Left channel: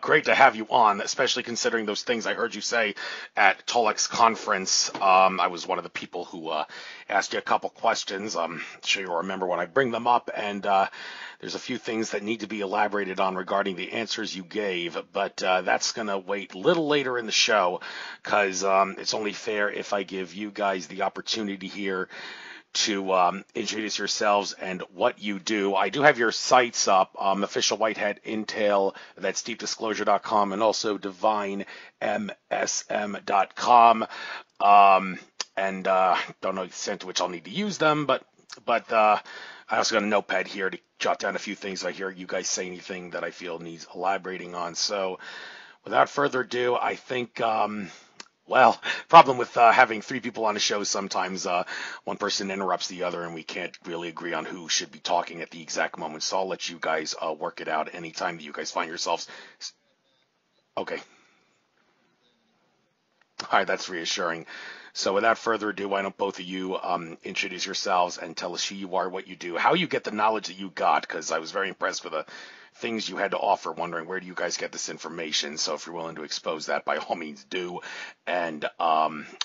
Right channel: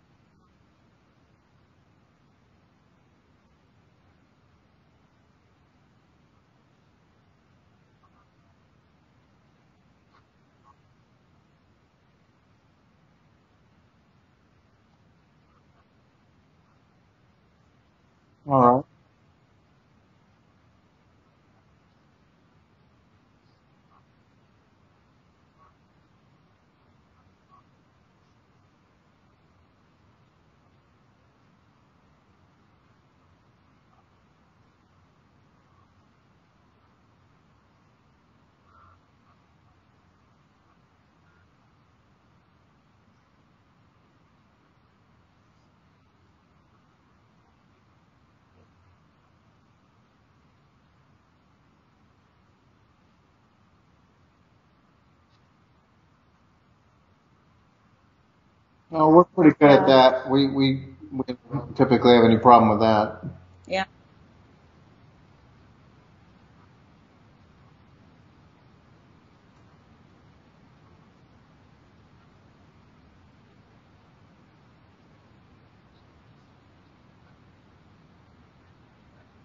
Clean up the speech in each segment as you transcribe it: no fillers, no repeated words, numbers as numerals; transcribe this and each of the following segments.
Great to have you on, especially considering those things I heard you say at Tolec's conference. I was one of the people who asked you a couple questions. I'm sure you'll remember when I bring them up, and there's a few things that need to be elaborated on regarding the answers you gave, but that's going to wait a little later in the show because All right. it's only fair if I give you guys the opportunity here to introduce yourselves and what you do. I do have your sites up, Official Whitehead Intel, that's deepdisclosure.com, and also divinemsm.com. And don't know the extent to which I'll need to use them, but I also got a notepad here to jot down a few things. I hear you guys say anything that I feel needs elaborating on. So without further ado, I think well, problem with having three people on a show, sometimes one person interrupts the other and we can't really agree on who should be talking at the exact moment. So I'll let you guys work it out anytime that you guys find No, we're yourselves. pretty good at that. Okay, We don't typically have any problem with that. all right, Yeah. that's reassuring. So without further ado, why don't both of you introduce yourselves and tell us who you are, what you do, how you get the knowledge that you got, because I was very impressed with the things you had to offer, wondering where do you guys get this information. So if you're willing to expose that, by all means do. And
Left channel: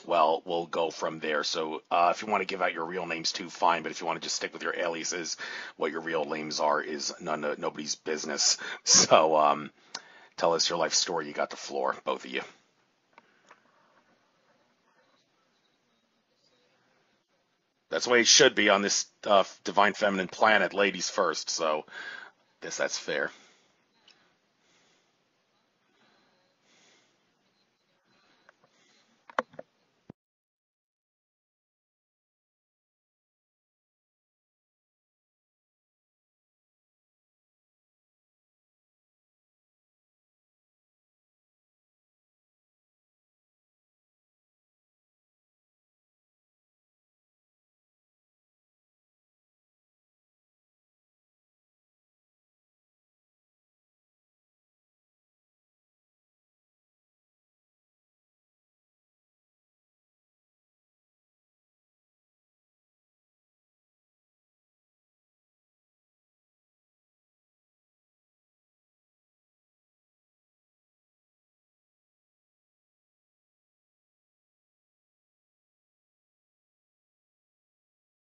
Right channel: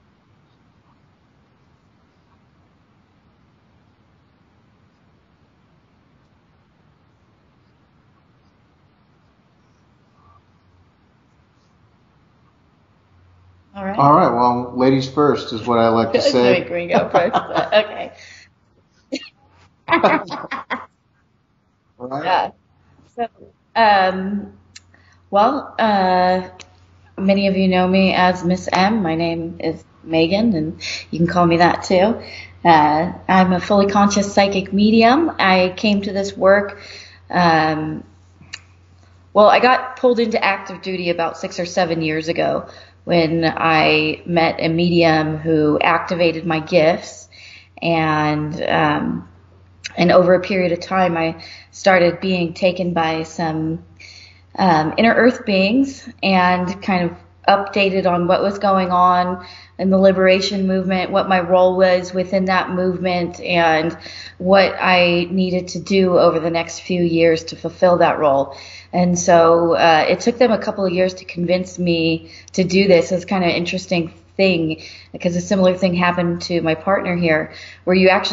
well, we'll go from there. So if you want to give out your real names too, fine. But if you want to just stick with your aliases, what your real names are is nobody's business. So tell us your life story. You got the floor, both of you. All right. All right. Well, ladies first is what I like to say. Make me go first. That's the Okay. way it should be on this divine feminine planet, ladies first. So All right. Yeah. I guess that's So, fair. um, well, many of you know me as Miss M. My name is Megan, and you can call me that too. I'm a fully conscious psychic medium. I came to this work. Um, well, I got pulled into active duty about 6 or 7 years ago when I met a medium who activated my gifts, and and over a period of time, I started being taken by some inner earth beings and kind of updated on what was going on in the liberation movement, what my role was within that movement, and what I needed to do over the next few years to fulfill that role. And so it took them a couple of years to convince me to do this. It's kind of an interesting thing because a similar thing happened to my partner here, where you have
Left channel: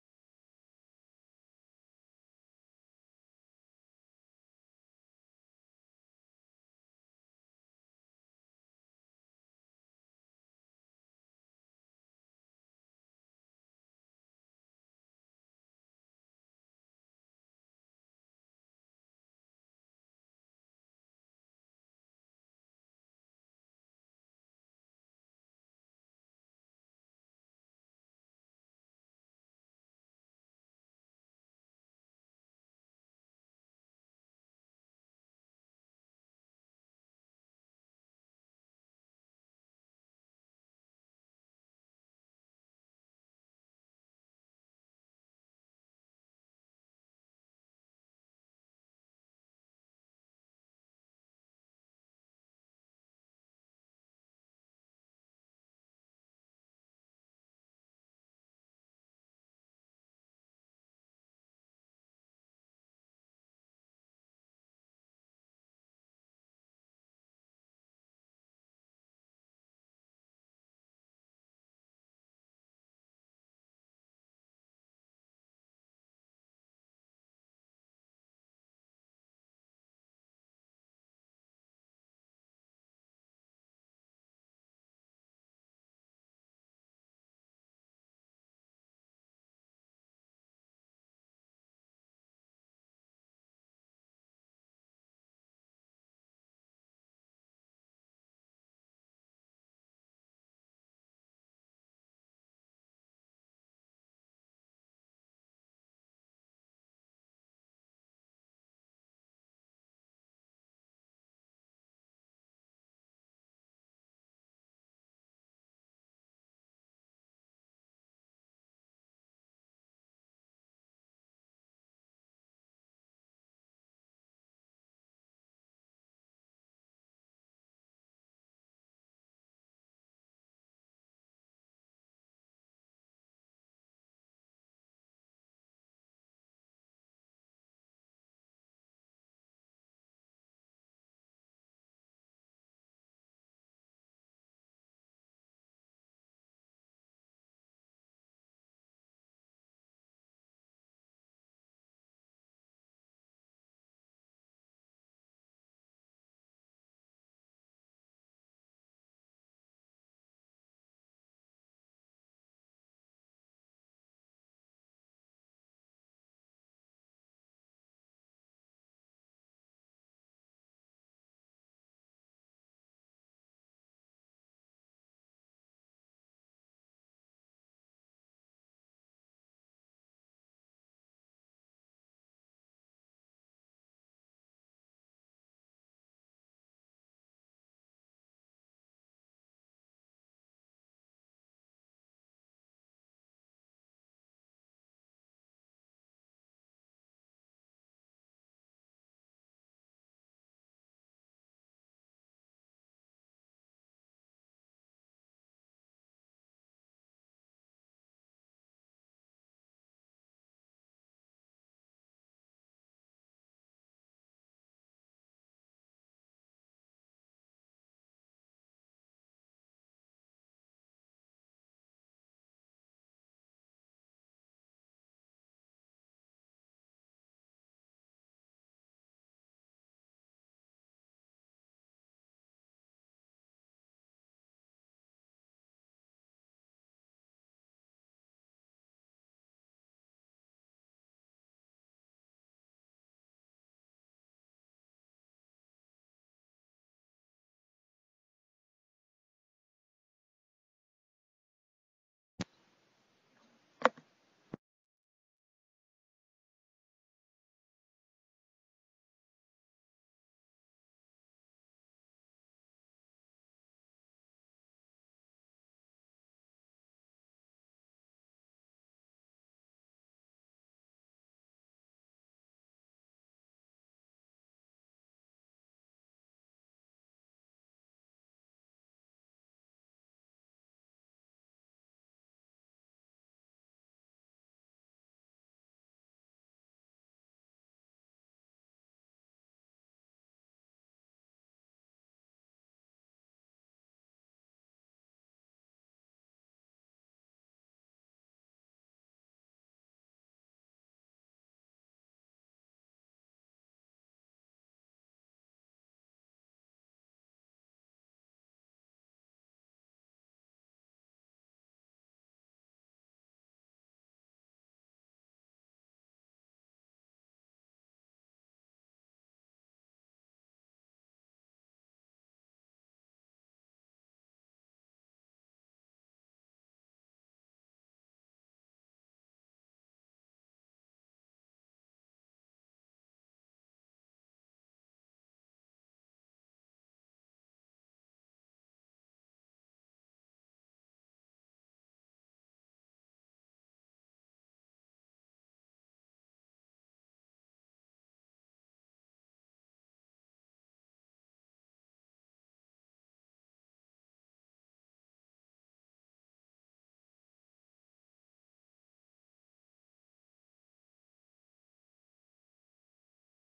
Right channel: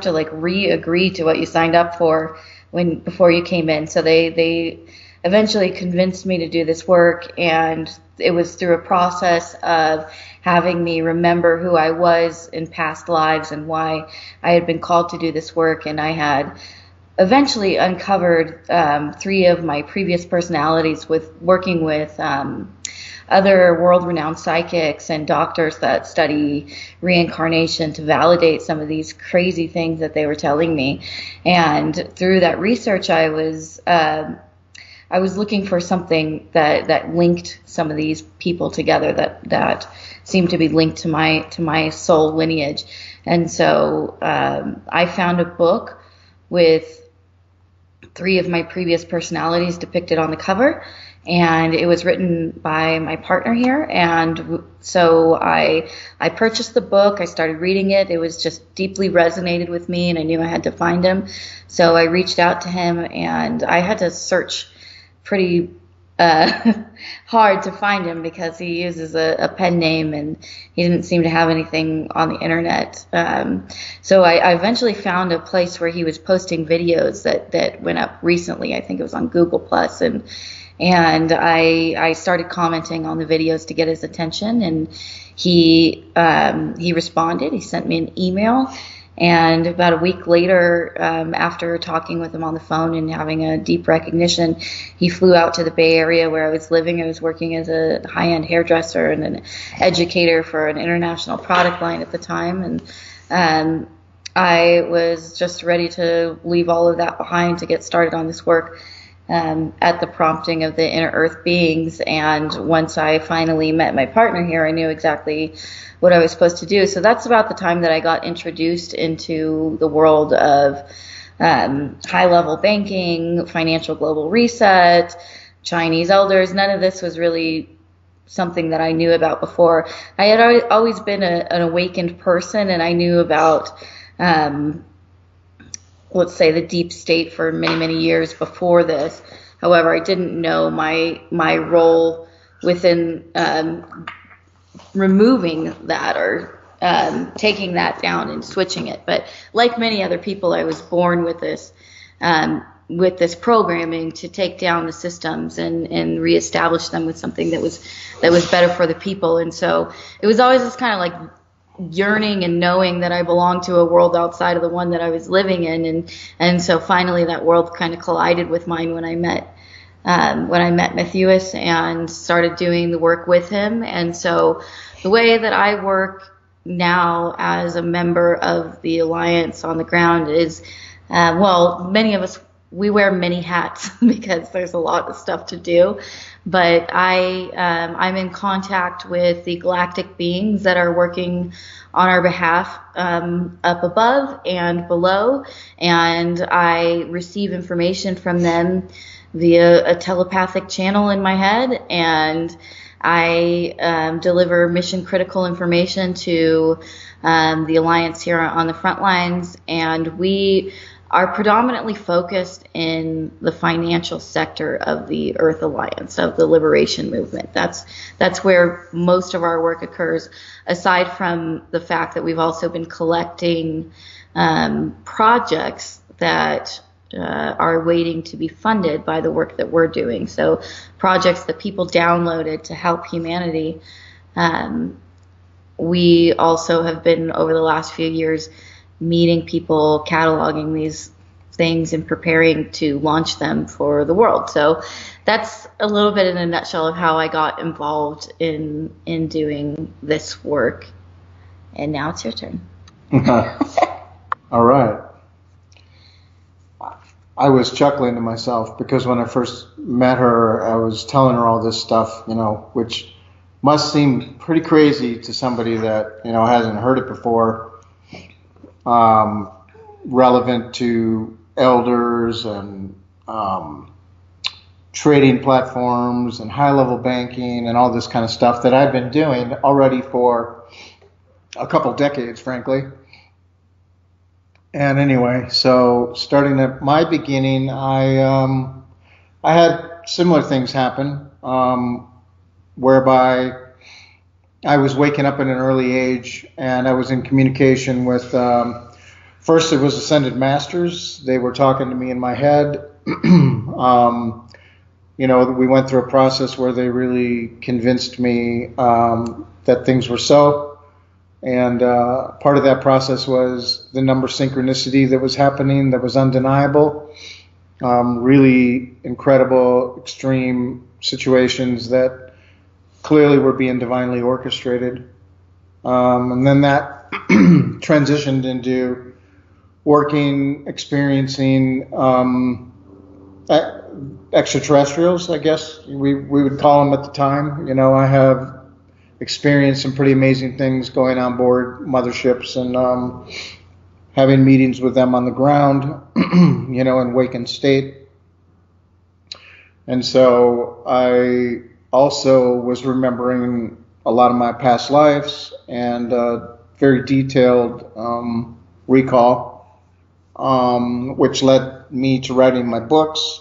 to like re-agree to what you signed up for when before you came in. So they eventually convinced me to do this work, and it was through a process of having me remember who I was in past lives and why I had been called to do this work. And I had eventually uncovered three of my previous personalities with working with other world-renowned psychics and doctors that study reincarnation to validate some of these crazy things that they were telling me. And through that research, I was looking for something that linked some of these people together that seemed to be linked to my soul lineage. And so I found a book with three of my previous personalities depicted on the cover, and it was written by my partner here. And so I purchased the book. I started reading it. It was just deeply resonated with me, and I knew I had to find him. So I reached out to him, and I had to search pretty uh, hard to find him because he uses a pen name and he didn't seem to have anything on the internet. So I eventually found a place where he was posting videos that went up recently. I think it was on Google Plus, and I started commenting on the videos to get his attention, and he responded. He sent me an email, and about a week later, after talking with him on the phone and having a deep recognition, he flew out to the Bay Area where I was living. I was working as a high-end hairdresser and an educator for an international product line at the time, and I was just ready to leave all of that behind to get started on this work at the prompting of the inner earth beings. And once I finally met my partner here, I knew exactly what I was supposed to do. So that's about the time that I got introduced into the world of high level banking, financial global reset, Chinese elders. None of this was really something that I knew about before. I had always been an awakened person, and I knew about um, let's say the deep state for many, many years before this. However, I didn't know my role within removing that or taking that down and switching it. But like many other people, I was born with this programming to take down the systems and reestablish them with something that was better for the people. And so it was always this kind of like yearning and knowing that I belonged to a world outside of the one that I was living in. And so finally that world kind of collided with mine when I met Matthewis and started doing the work with him. And so the way that I work now as a member of the Alliance on the ground is, many of us, we wear many hats because there's a lot of stuff to do. But I'm in contact with the galactic beings that are working on our behalf up above and below, and I receive information from them via a telepathic channel in my head, and I deliver mission critical information to the Alliance here on the front lines, and we are predominantly focused in the financial sector of the Earth Alliance, of the liberation movement. That's where most of our work occurs, aside from the fact that we've also been collecting projects that are waiting to be funded by the work that we're doing. So projects that people downloaded to help humanity. We also have been, over the last few years, meeting people, cataloging these things and preparing to launch them for the world. So that's a little bit in a nutshell of how I got involved in doing this work. And now it's your turn. All right. I was chuckling to myself because when I first met her, I was telling her all this stuff, which must seem pretty crazy to somebody that, hasn't heard it before. Relevant to elders and trading platforms and high-level banking and all this kind of stuff that I've been doing already for a couple decades, frankly. And anyway, so starting at my beginning, I had similar things happen, whereby I was waking up at an early age and I was in communication with, first it was Ascended Masters. They were talking to me in my head. We went through a process where they really convinced me that things were so. And part of that process was the number synchronicity that was happening that was undeniable. Really incredible, extreme situations that clearly were being divinely orchestrated. And then that transitioned into working, experiencing extraterrestrials, I guess we would call them at the time. I have experienced some pretty amazing things going on board motherships and having meetings with them on the ground, in wakened state. And so I also was remembering a lot of my past lives and very detailed recall, which led me to writing my books,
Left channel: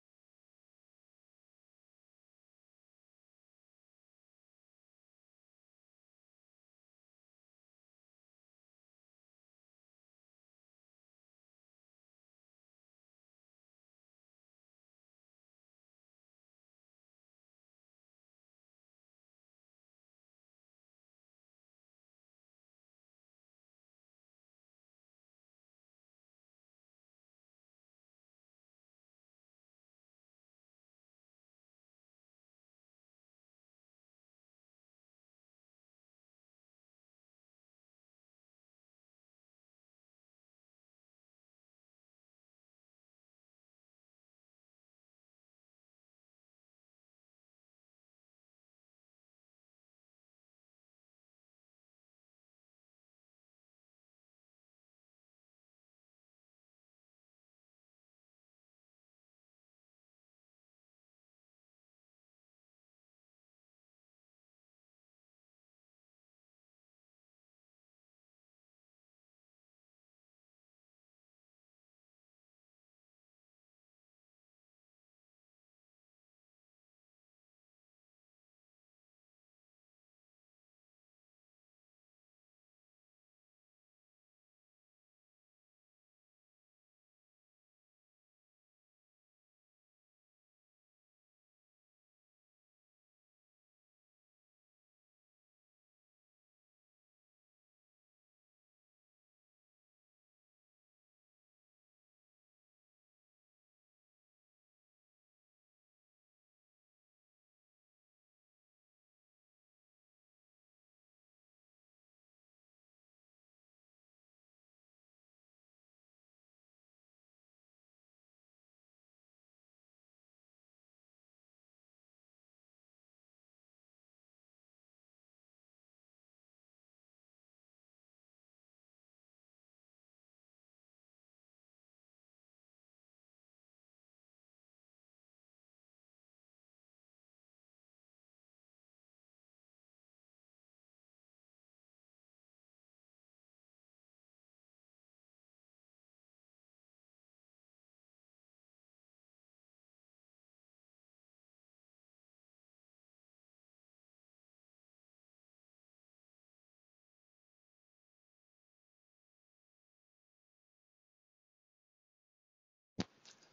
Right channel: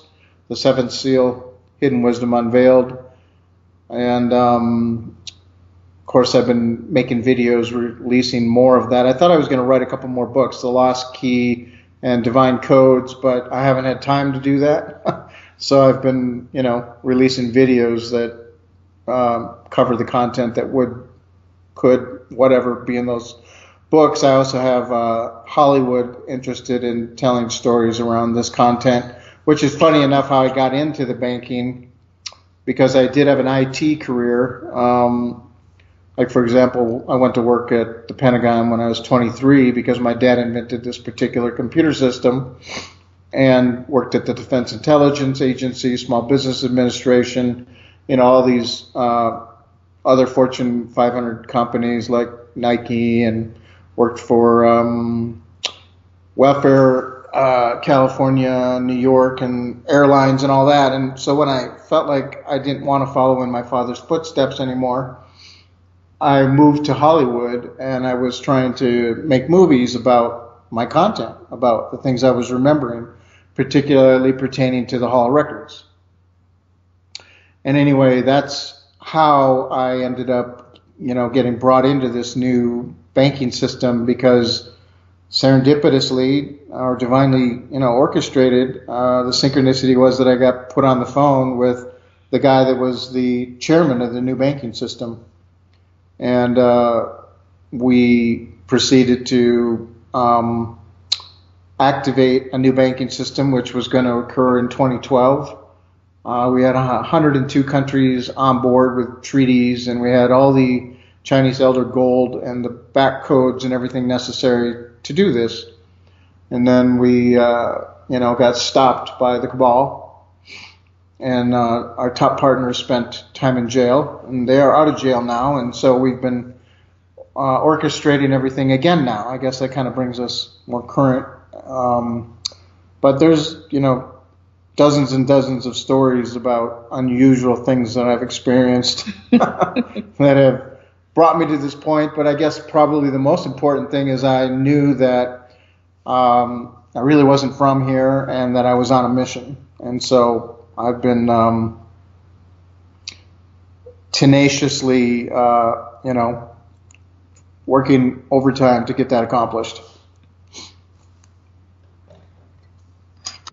The Seventh Seal, Hidden Wisdom Unveiled. And of course, I've been making videos, releasing more of that. I thought I was going to write a couple more books, The Lost Key and Divine Codes, but I haven't had time to do that. So I've been, releasing videos that cover the content that could, whatever, be in those books. I also have Hollywood interested in telling stories around this content, which is funny enough how I got into the banking, because I did have an IT career. Like, for example, I went to work at the Pentagon when I was 23 because my dad invented this particular computer system, and worked at the Defense Intelligence Agency, Small Business Administration, all these other Fortune 500 companies like Nike, and worked for Welfare California, New York, and airlines and all that. And so when I felt like I didn't want to follow in my father's footsteps anymore, I moved to Hollywood, and I was trying to make movies about my content, about the things I was remembering, particularly pertaining to the Hall of Records. And anyway, that's how I ended up, getting brought into this new banking system because serendipitously or divinely, orchestrated, the synchronicity was that I got put on the phone with the guy that was the chairman of the new banking system. And we proceeded to activate a new banking system, which was going to occur in 2012. We had 102 countries on board with treaties, and we had all the Chinese Elder Gold and the back codes and everything necessary to do this. And then we, got stopped by the cabal, and our top partners spent time in jail, and they are out of jail now. And so we've been orchestrating everything again now. I guess that kind of brings us more current. But there's, dozens and dozens of stories about unusual things that I've experienced that have brought me to this point. But I guess probably the most important thing is I knew that I really wasn't from here and that I was on a mission. And so I've been tenaciously, working overtime to get that accomplished.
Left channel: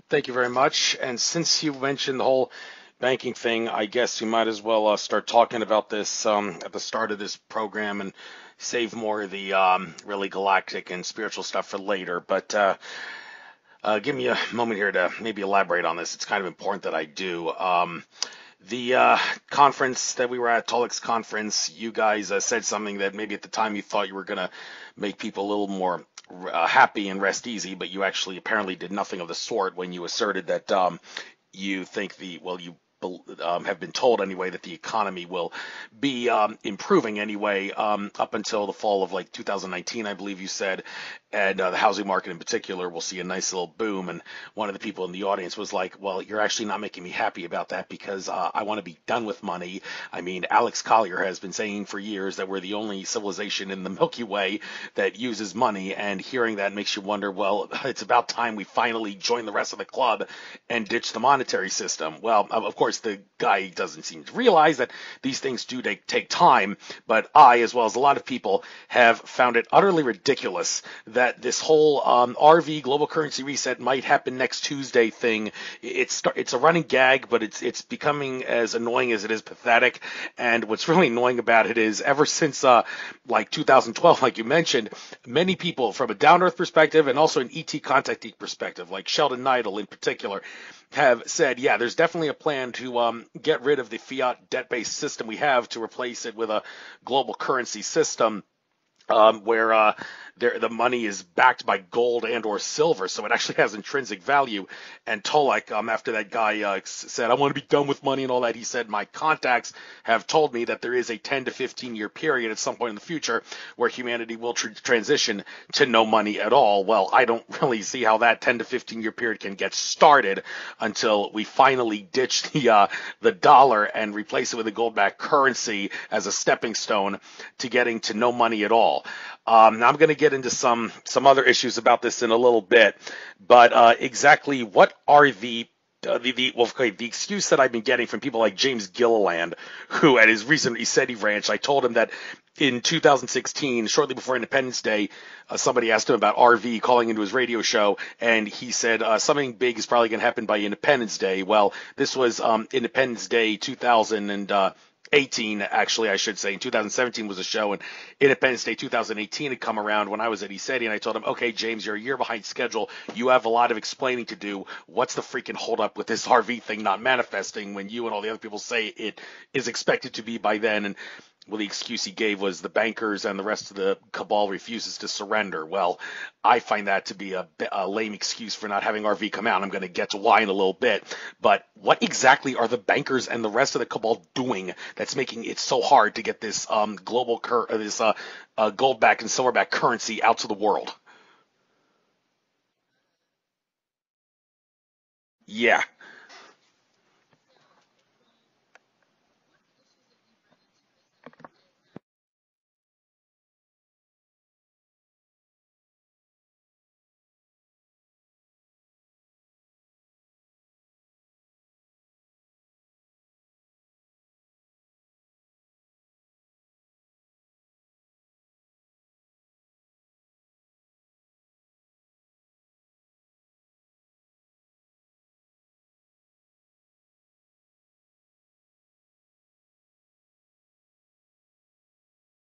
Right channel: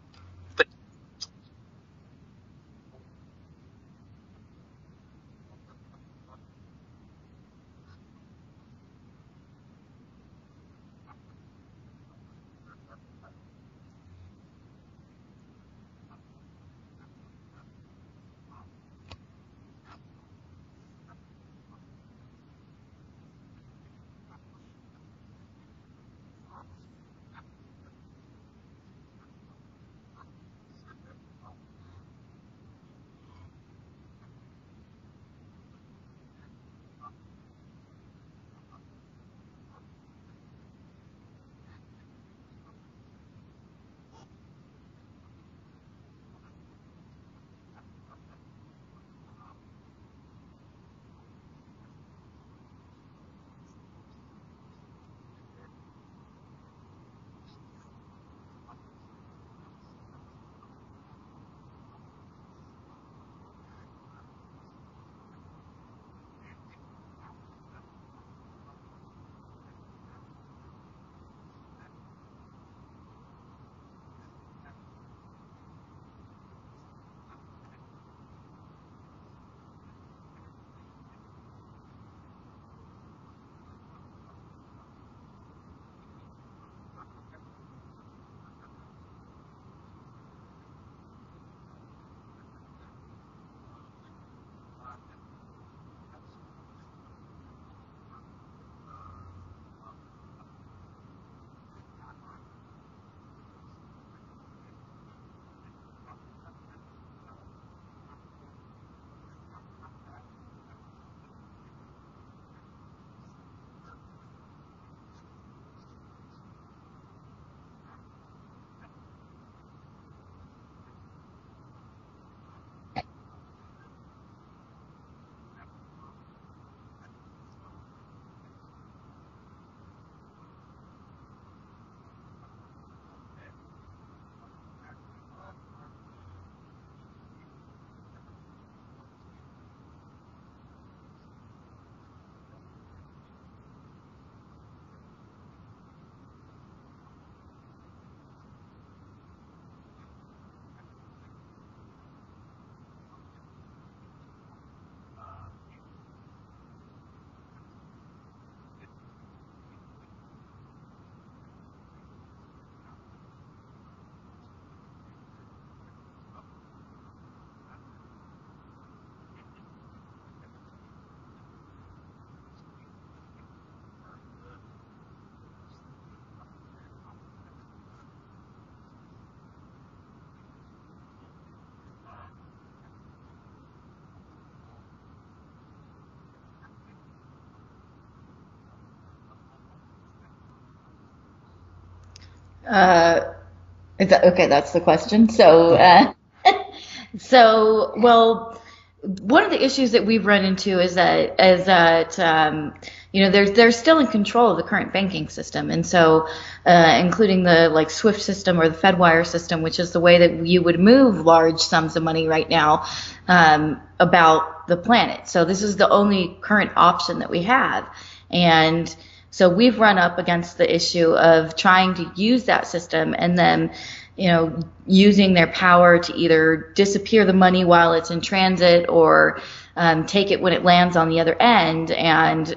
Thank you very much. And since you mentioned the whole banking thing, I guess we might as well start talking about this at the start of this program and save more of the really galactic and spiritual stuff for later. But give me a moment here to maybe elaborate on this. It's kind of important that I do. The conference that we were at, Tolec's conference, you guys said something that maybe at the time you thought you were going to make people a little more happy and rest easy, but you actually apparently did nothing of the sort when you asserted that you think you have been told anyway that the economy will be improving anyway up until the fall of like 2019, I believe you said, and the housing market in particular will see a nice little boom. And one of the people in the audience was like, well, you're actually not making me happy about that because I want to be done with money. I mean, Alex Collier has been saying for years that we're the only civilization in the Milky Way that uses money, and hearing that makes you wonder, well, it's about time we finally join the rest of the club and ditch the monetary system. Well, of course, the guy doesn't seem to realize that these things do take time, but I, as well as a lot of people, have found it utterly ridiculous that this whole RV global currency reset might happen next Tuesday thing. It's a running gag, but it's becoming as annoying as it is pathetic. And what's really annoying about it is ever since like 2012, like you mentioned, many people from a down-earth perspective and also an ET contactee perspective, like Sheldon Neidl in particular, have said, yeah, there's definitely a plan to get rid of the fiat debt-based system we have to replace it with a global currency system where the money is backed by gold and or silver, so it actually has intrinsic value. And Tolec, after that guy said, I want to be done with money and all that, he said, my contacts have told me that there is a 10 to 15 year period at some point in the future where humanity will transition to no money at all. Well, I don't really see how that 10 to 15 year period can get started until we finally ditch the dollar and replace it with a gold-backed currency as a stepping stone to getting to no money at all. Now I'm going to get into some other issues about this in a little bit, but exactly what are the excuse that I've been getting from people like James Gilliland, who at his recent ESETI ranch, I told him that in 2016, shortly before Independence Day, somebody asked him about RV calling into his radio show, and he said something big is probably going to happen by Independence Day. Well, this was Independence Day 2018, actually, I should say. In 2017 was a show, and Independence Day 2018 had come around when I was at ESETI, and I told him, okay, James, you're a year behind schedule. You have a lot of explaining to do. What's the freaking holdup with this RV thing not manifesting when you and all the other people say it is expected to be by then? And well, the excuse he gave was the bankers and the rest of the cabal refuses to surrender. Well, I find that to be a lame excuse for not having RV come out. I'm going to get to why in a little bit. But what exactly are the bankers and the rest of the cabal doing that's making it so hard to get this gold-backed and silver-backed currency out to the world? Is that okay? That's the question. So, yeah. Well, one of the issues that we've run into is that they're still in control of the current banking system, and so including the like SWIFT system or the FedWire system, which is the way that you would move large sums of money right now about the planet. So this is the only current option that we have, and so we've run up against the issue of trying to use that system and then using their power to either disappear the money while it's in transit or take it when it lands on the other end and,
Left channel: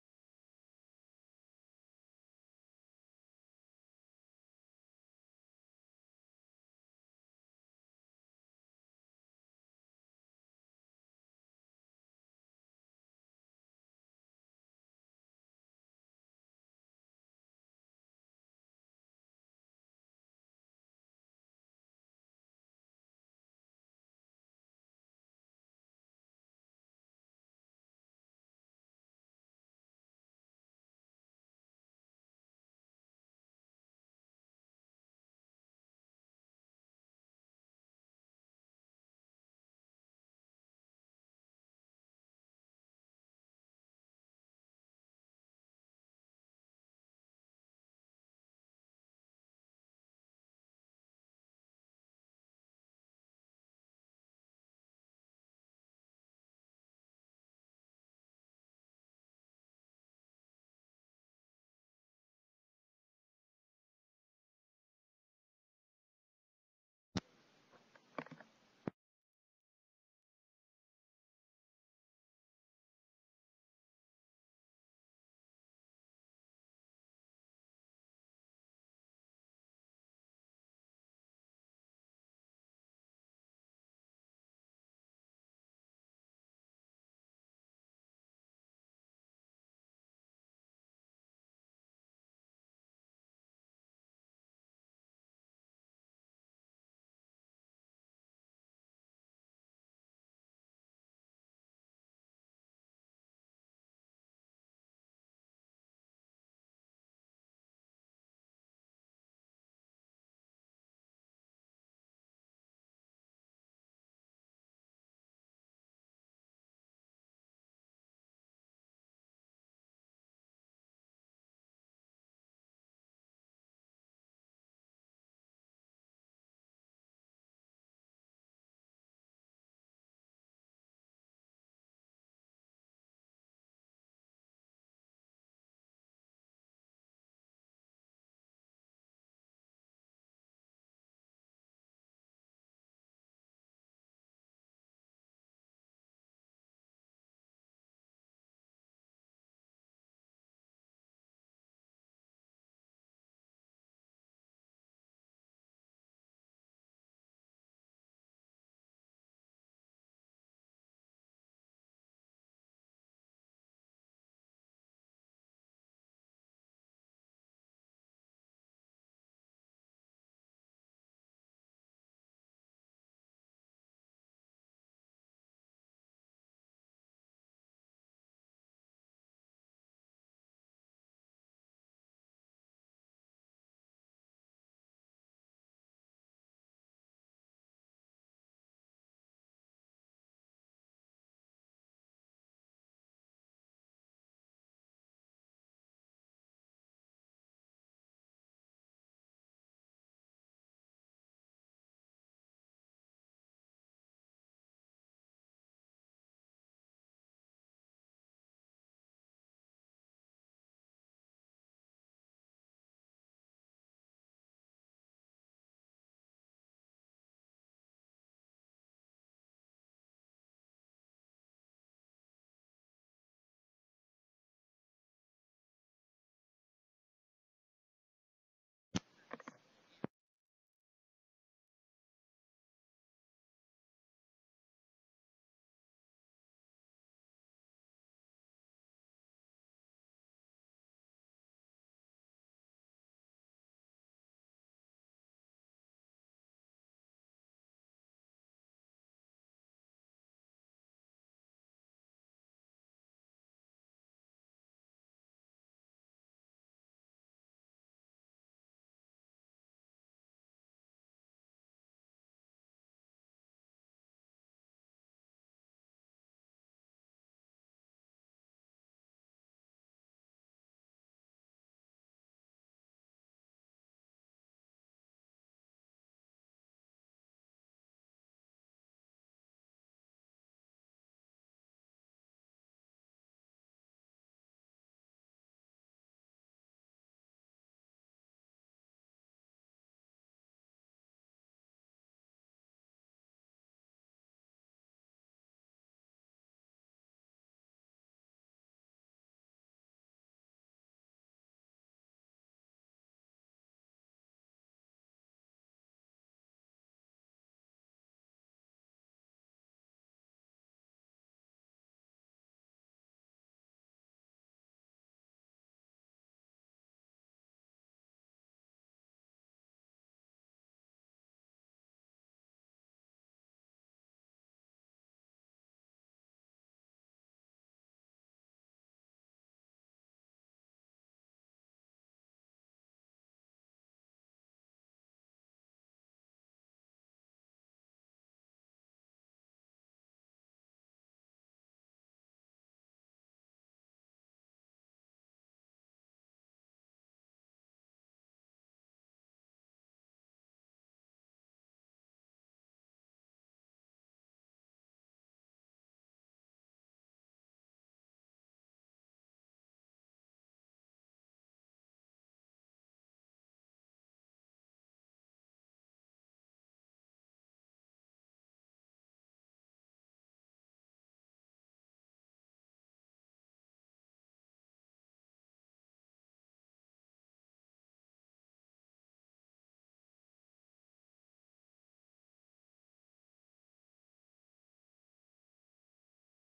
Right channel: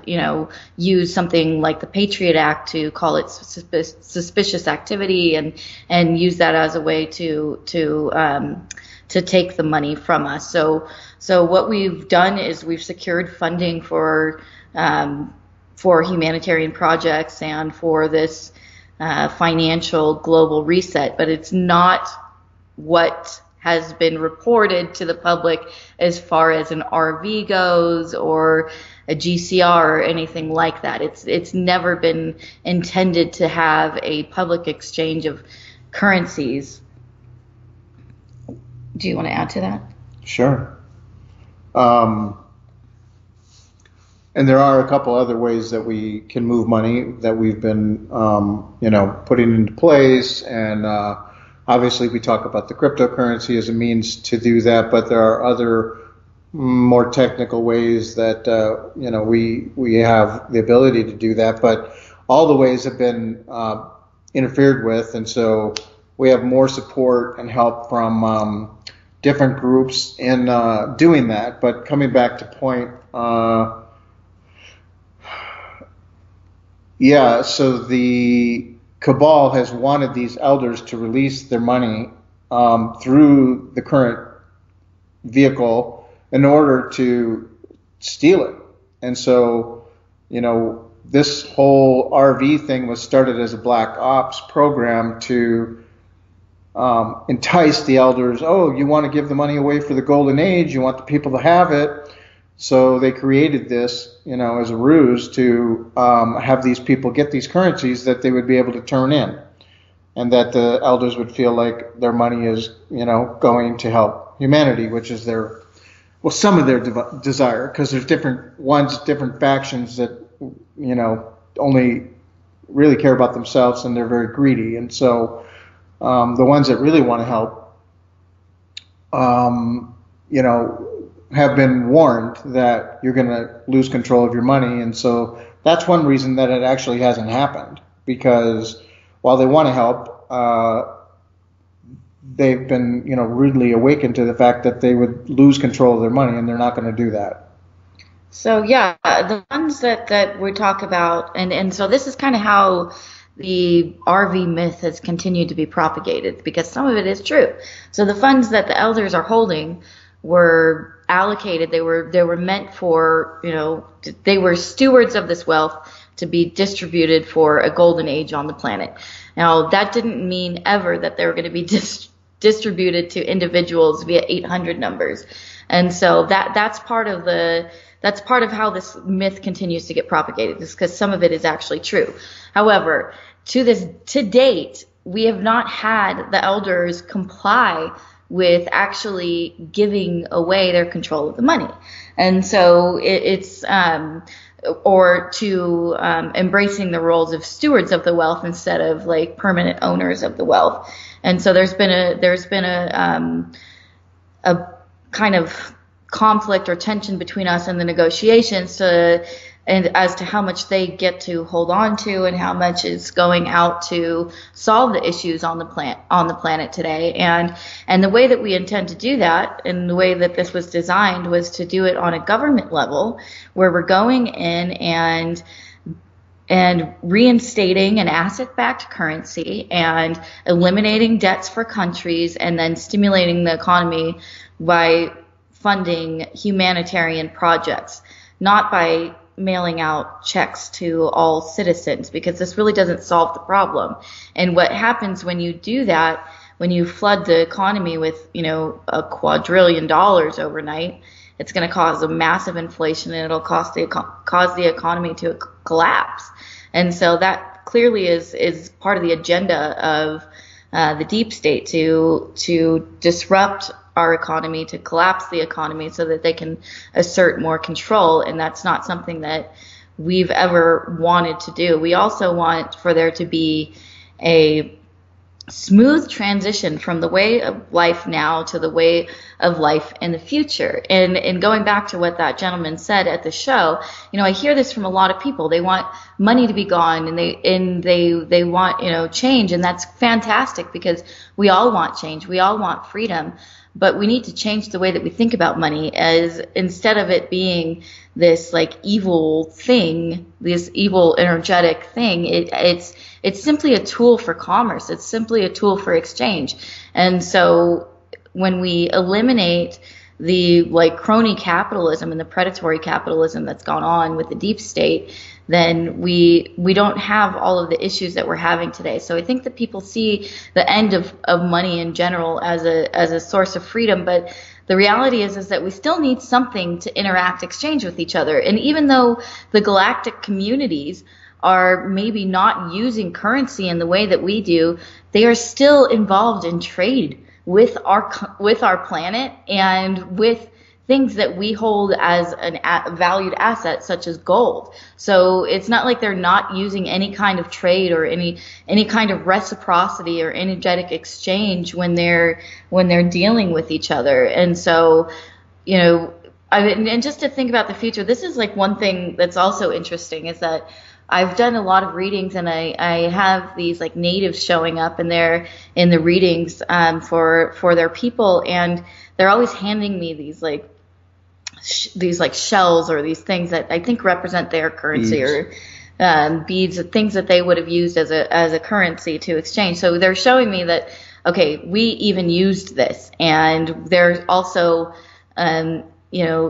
use something like the Patriot Act to call it suspicious activity and use that as a way to take the money from us. So what we've done is we've secured funding for humanitarian projects and for this financial global reset, but it's not what has been reported to the public as far as an RV goes or a GCR or anything like that. It's never been intended to have a public exchange of currencies. Do you want to add to that? Sure. And there are a couple other ways that we can move money that we've been, putting into place. And obviously, we talk about the cryptocurrency as a means to do that, but there are other more technical ways that we have the ability to do that. But all the ways have been interfered with, and so we have more support and help from different groups in doing that. But coming back to point. So the cabal has wanted these elders to release their money through the current vehicle in order to steal it. And so, this whole RV thing was started as a black ops program to entice the elders. Oh, you want to give the money away for the golden age? You want the people to have it? So they created this, as a ruse to have these people get these currencies that they would be able to turn in, and that the elders would feel like their money is, going to help humanity, which is some of their desire, because there's different factions that, only really care about themselves, and they're very greedy. And so the ones that really want to help, have been warned that you're going to lose control of your money. And so that's one reason that it actually hasn't happened, because while they want to help, they've been, rudely awakened to the fact that they would lose control of their money, and they're not going to do that. So yeah, the ones that we talk about, and so this is kind of how the RV myth has continued to be propagated, because some of it is true. So the funds that the elders are holding were allocated, they were meant for, they were stewards of this wealth to be distributed for a golden age on the planet. Now, that didn't mean ever that they were going to be distributed to individuals via 800 numbers. And so that's part of how this myth continues to get propagated, is because some of it is actually true. However, to date, we have not had the elders comply with actually giving away their control of the money. And so it's embracing the roles of stewards of the wealth instead of like permanent owners of the wealth. And so there's been a kind of conflict or tension between us and the negotiations as to how much they get to hold on to and how much is going out to solve the issues on the planet today. And the way that we intend to do that, and the way that this was designed, was to do it on a government level, where we're going in and reinstating an asset-backed currency and eliminating debts for countries, and then stimulating the economy by funding humanitarian projects, not by mailing out checks to all citizens, because this really doesn't solve the problem. And what happens when you do that, when you flood the economy with, a quadrillion dollars overnight, it's going to cause a massive inflation, and it'll cause the economy to collapse. And so that clearly is part of the agenda of the deep state, to disrupt our economy, to collapse the economy so that they can assert more control. And that's not something that we've ever wanted to do. We also want for there to be a smooth transition from the way of life now to the way of life in the future. And going back to what that gentleman said at the show, I hear this from a lot of people. They want money to be gone, and they want, change, and that's fantastic, because we all want change. We all want freedom. But we need to change the way that we think about money, as instead of it being this like evil thing, this evil energetic thing, it's simply a tool for commerce. It's simply a tool for exchange. And so when we eliminate the like crony capitalism and the predatory capitalism that's gone on with the deep state, then we don't have all of the issues that we're having today. So I think that people see the end of money in general as a source of freedom, but the reality is that we still need something to interact, exchange with each other. And even though the galactic communities are maybe not using currency in the way that we do, they are still involved in trade with our planet and with things that we hold as a valued asset, such as gold. So it's not like they're not using any kind of trade or any kind of reciprocity or energetic exchange when they're dealing with each other. And so, and just to think about the future, this is like one thing that's also interesting, is that I've done a lot of readings, and I have these like natives showing up, and they're in the readings for their people, and they're always handing me these like shells or these things that I think represent their currency, beads. Or beads, things that they would have used as a currency to exchange. So they're showing me that, okay, we even used this, and they're also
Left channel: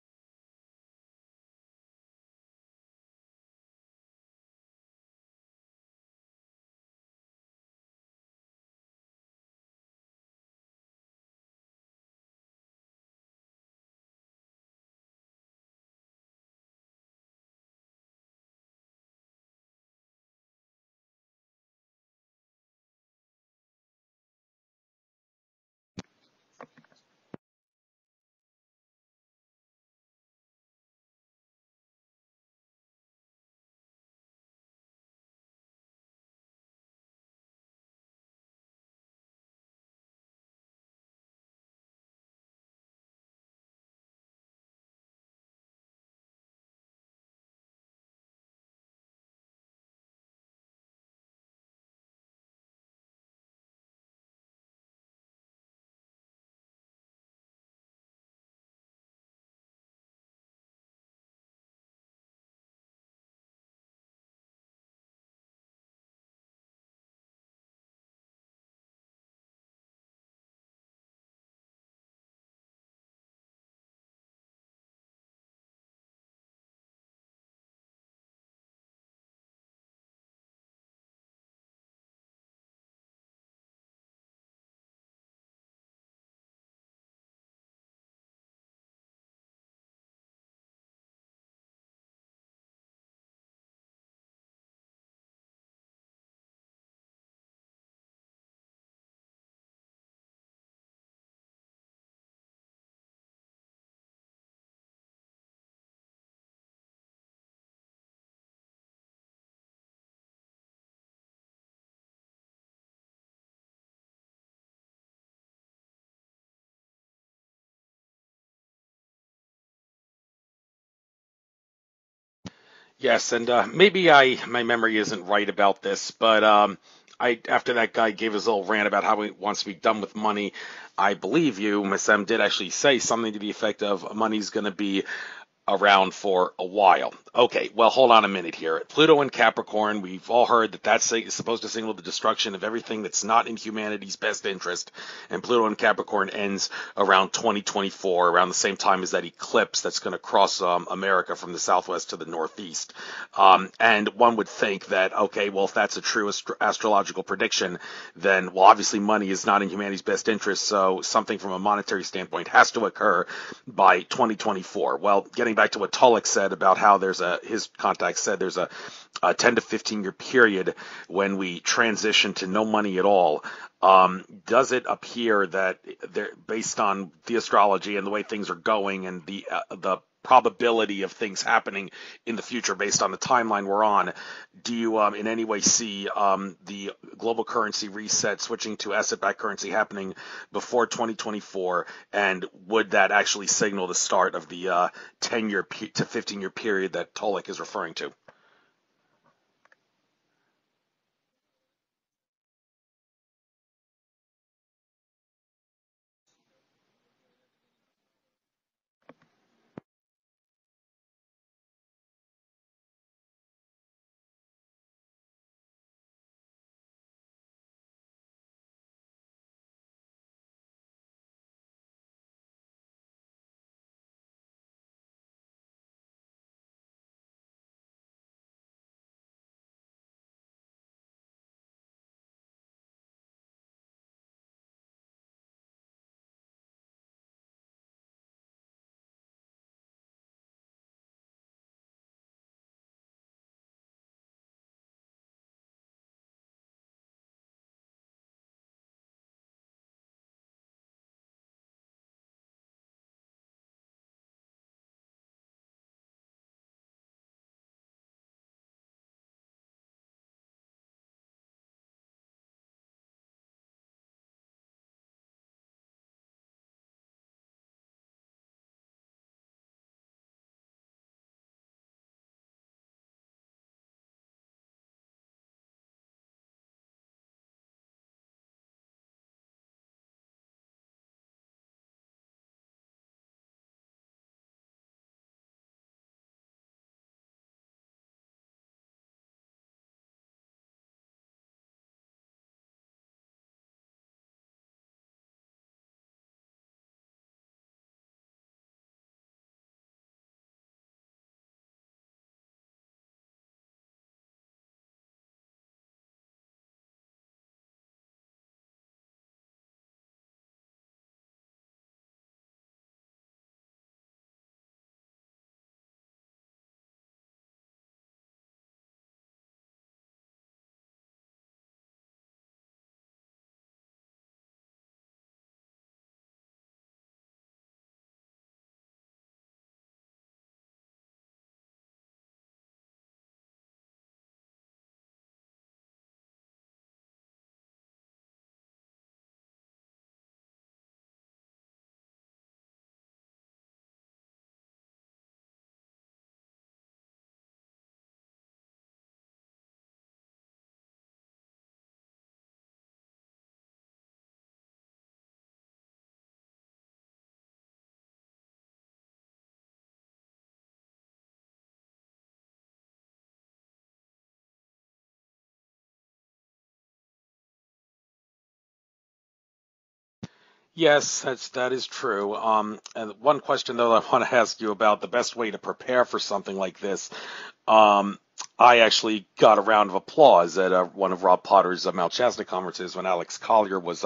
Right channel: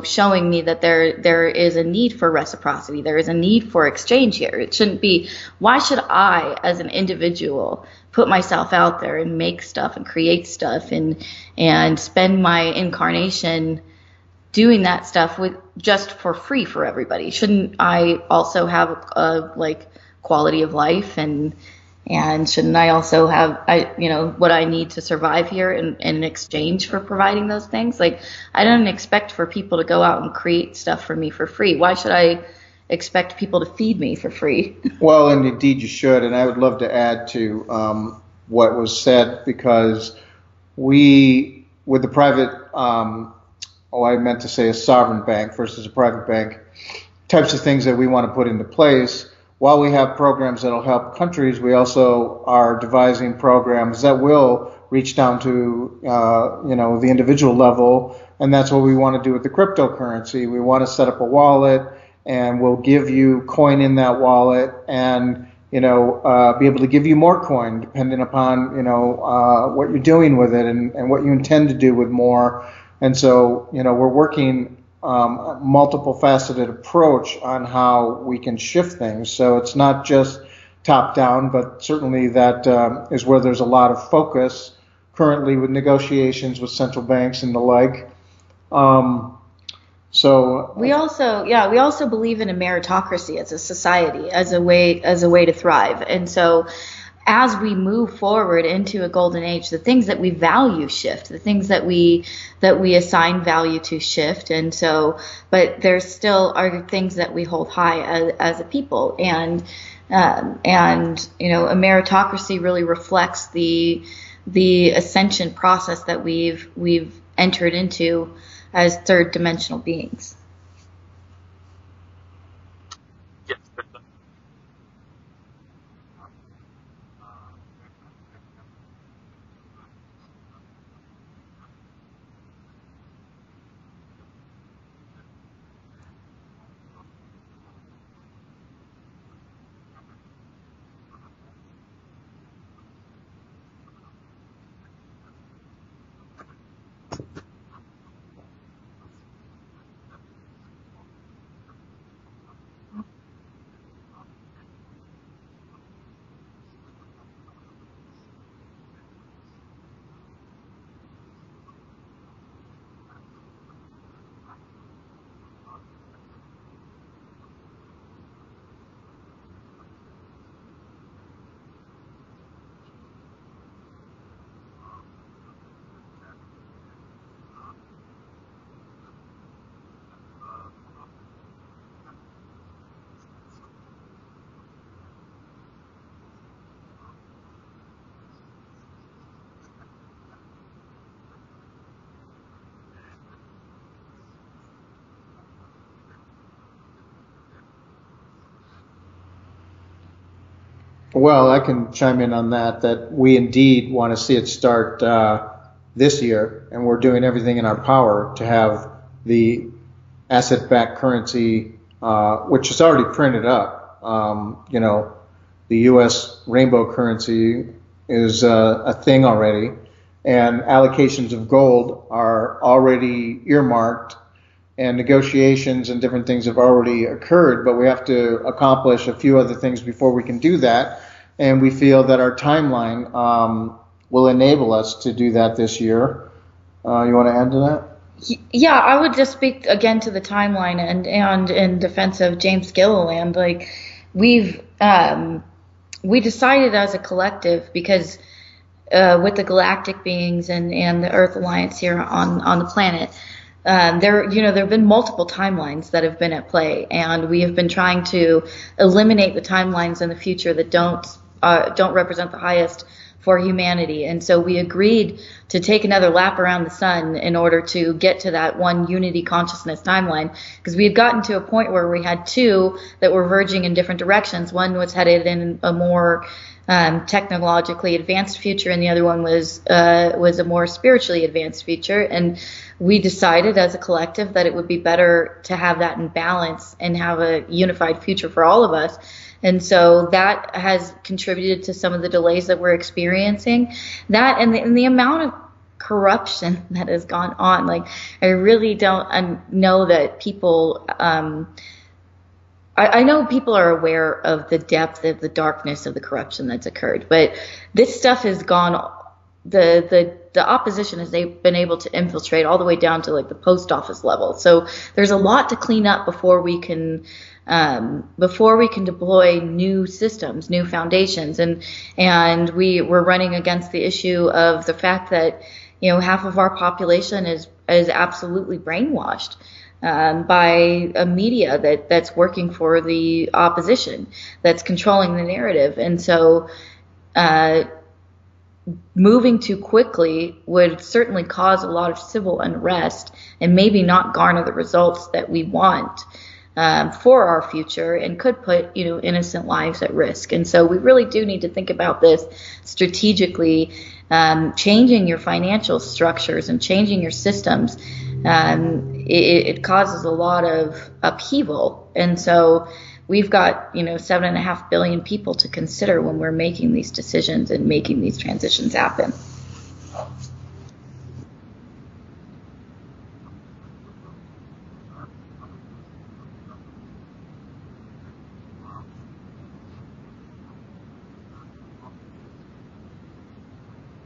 showing me that there is a need for reciprocity. There is a need for exchange here. It shouldn't be, why should I as an individual put myself out there and make stuff and create stuff and spend my incarnation doing that stuff with just for free for everybody? Shouldn't I also have a like quality of life, and shouldn't I also have what I need to survive here in exchange for providing those things? Like, I don't expect for people to go out and create stuff for me for free. Why should I expect people to feed me for free? Well, and indeed you should. And I would love to add to what was said, because we, with the private I meant to say a sovereign bank versus a private bank, types of things that we want to put into place. While we have programs that will help countries, we also are devising programs that will reach down to, the individual level. And that's what we want to do with the cryptocurrency. We want to set up a wallet, and we'll give you coin in that wallet, and, be able to give you more coin depending upon, what you're doing with it and what you intend to do with more. And so, we're working a multiple faceted approach on how we can shift things. So it's not just top down, but certainly that is where there's a lot of focus currently with negotiations with central banks and the like. So we also believe in a meritocracy as a society, as a way to thrive. And so as we move forward into a golden age, the things that we value shift, the things that we assign value to shift. And so, but there still are things that we hold high as a people. And a meritocracy really reflects the ascension process that we've entered into as third dimensional beings. Yes, and maybe my memory isn't right about this, but after that guy gave his little rant about how he wants to be done with money, I believe you, Miss M, did actually say something to the effect of money's going to be around for a while. Okay, well, hold on a minute here. Pluto and Capricorn, we've all heard that that's supposed to signal the destruction of everything that's not in humanity's best interest. And Pluto and Capricorn ends around 2024, around the same time as that eclipse that's going to cross America from the southwest to the northeast. And one would think that, okay, well, if that's a true astrological prediction, then, well, obviously money is not in humanity's best interest, so something from a monetary standpoint has to occur by 2024. Well, getting back to what Tolec said about how his contact said there's a 10 to 15 year period when we transition to no money at all, does it appear that based on the astrology and the way things are going and the probability of things happening in the future based on the timeline we're on, do you in any way see the global currency reset switching to asset-backed currency happening before 2024? And would that actually signal the start of the 10-year to 15-year period that Tolec is referring to? Well, I can chime in on that we indeed want to see it start this year, and we're doing everything in our power to have the asset-backed currency, which is already printed up. The U.S. rainbow currency is a thing already, and allocations of gold are already earmarked, and negotiations and different things have already occurred, but we have to accomplish a few other things before we can do that, and we feel that our timeline will enable us to do that this year. You want to add to that? Yeah, I would just speak again to the timeline and in defense of James Gilliland. Like, we decided as a collective, because with the galactic beings and the Earth Alliance here on the planet, there have been multiple timelines that have been at play, and we have been trying to eliminate the timelines in the future that don't represent the highest for humanity. And so we agreed to take another lap around the sun in order to get to that one unity consciousness timeline, because we had gotten to a point where we had two that were verging in different directions. One was headed in a more technologically advanced future, and the other one was a more spiritually advanced future. And we decided as a collective that it would be better to have that in balance and have a unified future for all of us. And so that has contributed to some of the delays that we're experiencing. That and the amount of corruption that has gone on. Like, I really don't know that people. I know people are aware of the depth of the darkness of the corruption that's occurred, but this stuff has gone. The opposition has been able to infiltrate all the way down to like the post office level. So there's a lot to clean up before we can deploy new systems, new foundations, and we're running against the issue of the fact that half of our population is absolutely brainwashed by a media that's working for the opposition, that's controlling the narrative. And so moving too quickly would certainly cause a lot of civil unrest and maybe not garner the results that we want for our future, and could put innocent lives at risk. And so we really do need to think about this strategically, changing your financial structures and changing your systems. It causes a lot of upheaval, and so we've got 7.5 billion people to consider when we're making these decisions and making these transitions happen. Yes, that is true. And one question, though, I want to ask you about the best way to prepare for something like this. I actually got a round of applause at one of Rob Potter's Mount Shasta conferences when Alex Collier was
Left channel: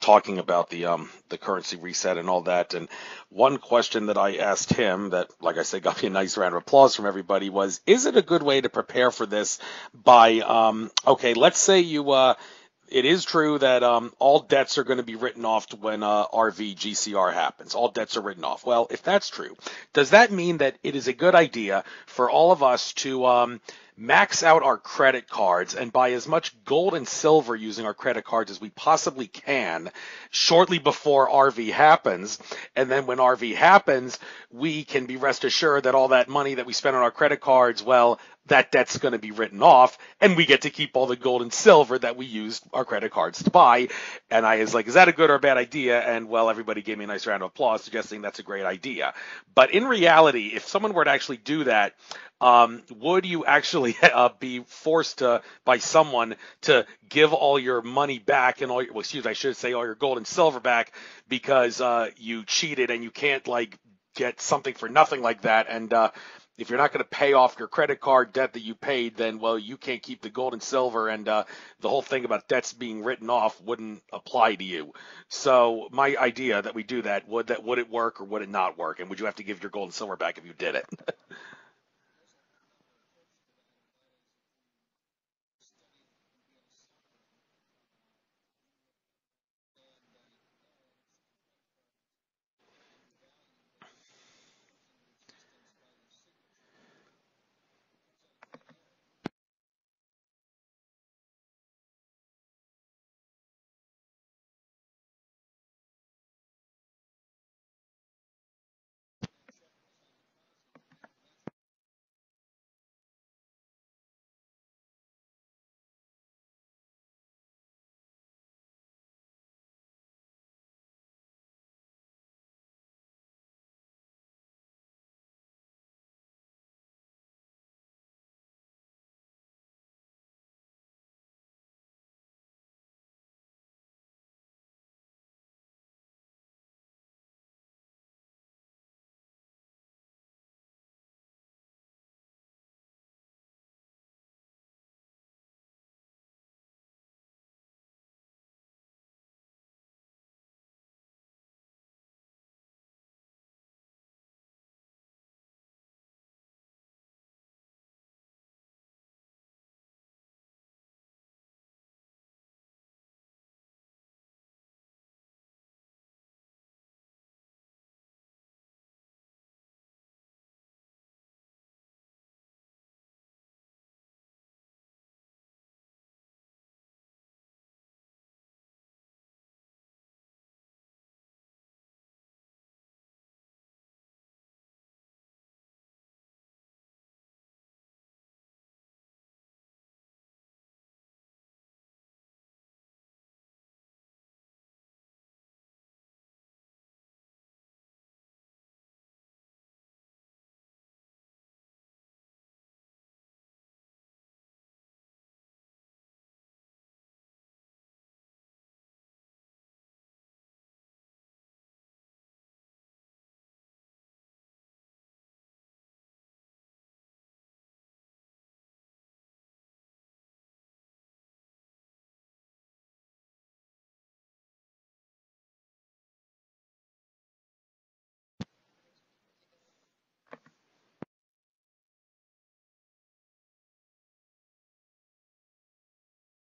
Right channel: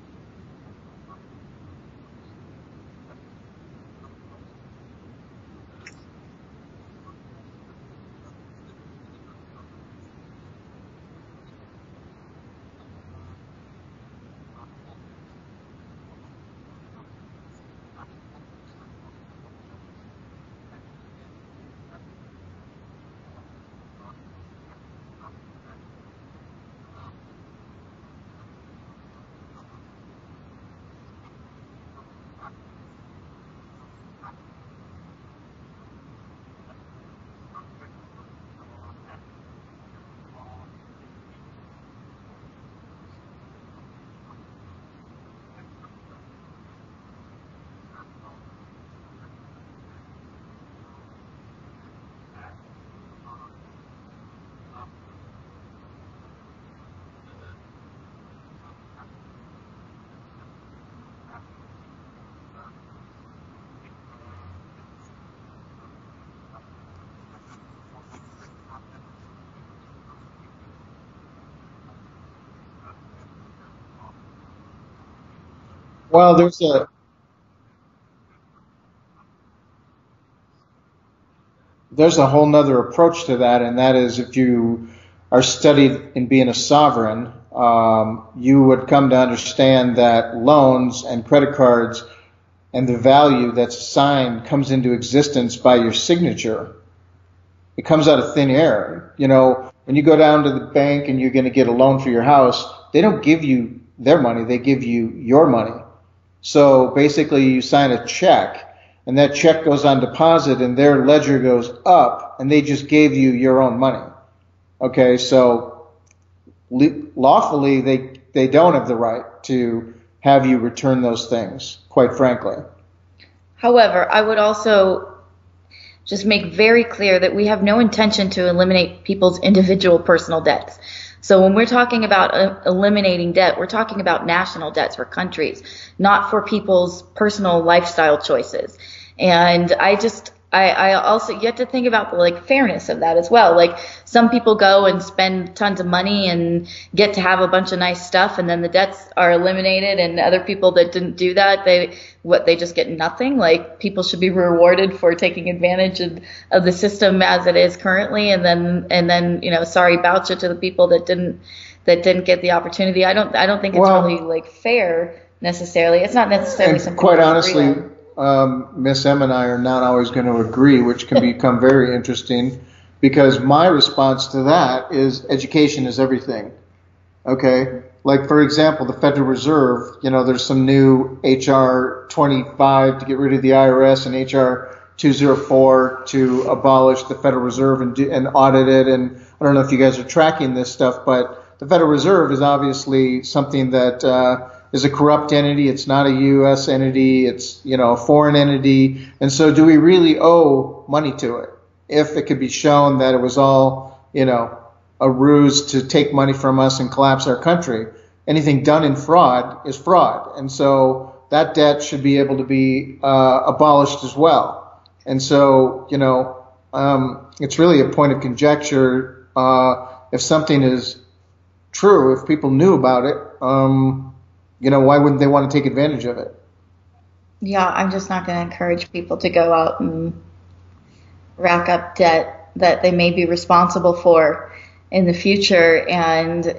talking about the currency reset and all that. And one question that I asked him that, like I said, got me a nice round of applause from everybody was, is it a good way to prepare for this by, okay, let's say it is true that all debts are going to be written off when RV GCR happens. All debts are written off. Well, if that's true, does that mean that it is a good idea for all of us to max out our credit cards and buy as much gold and silver using our credit cards as we possibly can shortly before RV happens? And then when RV happens, we can be rest assured that all that money that we spend on our credit cards, well, that debt's going to be written off, and we get to keep all the gold and silver that we used our credit cards to buy. And I was like, is that a good or a bad idea? And, well, everybody gave me a nice round of applause suggesting that's a great idea. But in reality, if someone were to actually do that, would you actually be forced by someone to give all your money back and all your, I should say all your gold and silver back because you cheated, and you can't get something for nothing like that? And if you're not going to pay off your credit card debt that you paid, then, well, you can't keep the gold and silver, and the whole thing about debts being written off wouldn't apply to you. So my idea that we do that, would it work or would it not work? And would you have to give your gold and silver back if you did it? there's a whole nother approach to that, and that is if you are studied in being a sovereign, you would come to understand that loans and credit cards and the value that's assigned comes into existence by your signature. It comes out of thin air. You know, when you go down to the bank and you're going to get a loan for your house, they don't give you their money, they give you your money. So basically you sign a check and that check goes on deposit and their ledger goes up and they just gave you your own money. Okay, so lawfully they don't have the right to have you return those things, quite frankly. However, I would also just make very clear that we have no intention to eliminate people's individual personal debts. So when we're talking about eliminating debt, we're talking about national debts for countries, not for people's personal lifestyle choices. And I also, you have to think about the like fairness of that as well. Like some people go and spend tons of money and get to have a bunch of nice stuff, and then the debts are eliminated, and other people that didn't do that, they just get nothing. Like people should be rewarded for taking advantage of the system as it is currently, and then sorry about you to the people that didn't get the opportunity. I don't think it's really like fair necessarily. It's not necessarily something. Quite honestly, Miss M and I are not always going to agree, which can become very interesting, because my response to that is education is everything. Okay, like for example, the Federal Reserve. You know, there's some new HR 25 to get rid of the IRS and HR 204 to abolish the Federal Reserve and audit it. And I don't know if you guys are tracking this stuff, but the Federal Reserve is obviously something that is a corrupt entity. It's not a U.S. entity. It's, a foreign entity. And so do we really owe money to it? If it could be shown that it was all, a ruse to take money from us and collapse our country, anything done in fraud is fraud. And so that debt should be able to be abolished as well. And so, it's really a point of conjecture. If something is true, if people knew about it, why wouldn't they want to take advantage of it? Yeah, I'm just not going to encourage people to go out and rack up debt that they may be responsible for in the future, and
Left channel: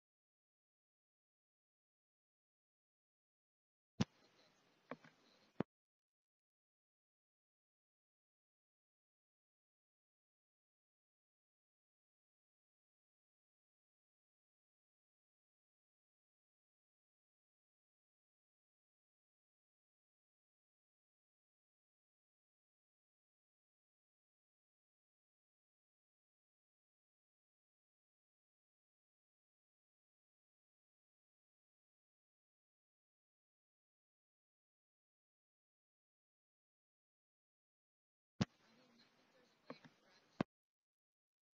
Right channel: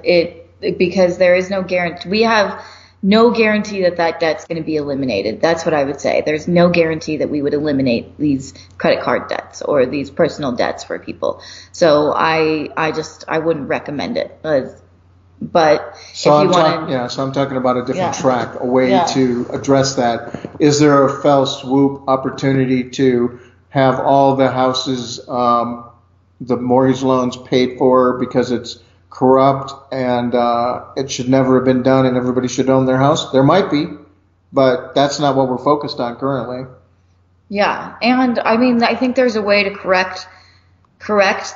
because there is no guarantee. We have no guarantee that debt's going to be eliminated. That's what I would say. There's no guarantee that we would eliminate these credit card debts or these personal debts for people. So I wouldn't recommend it. But so if you want to, so I'm talking about a different track, a way to address that. Is there a fell swoop opportunity to have all the houses, the mortgage loans paid for because it's corrupt and it should never have been done and everybody should own their house? There might be, but that's not what we're focused on currently. Yeah, and I mean, I think there's a way to correct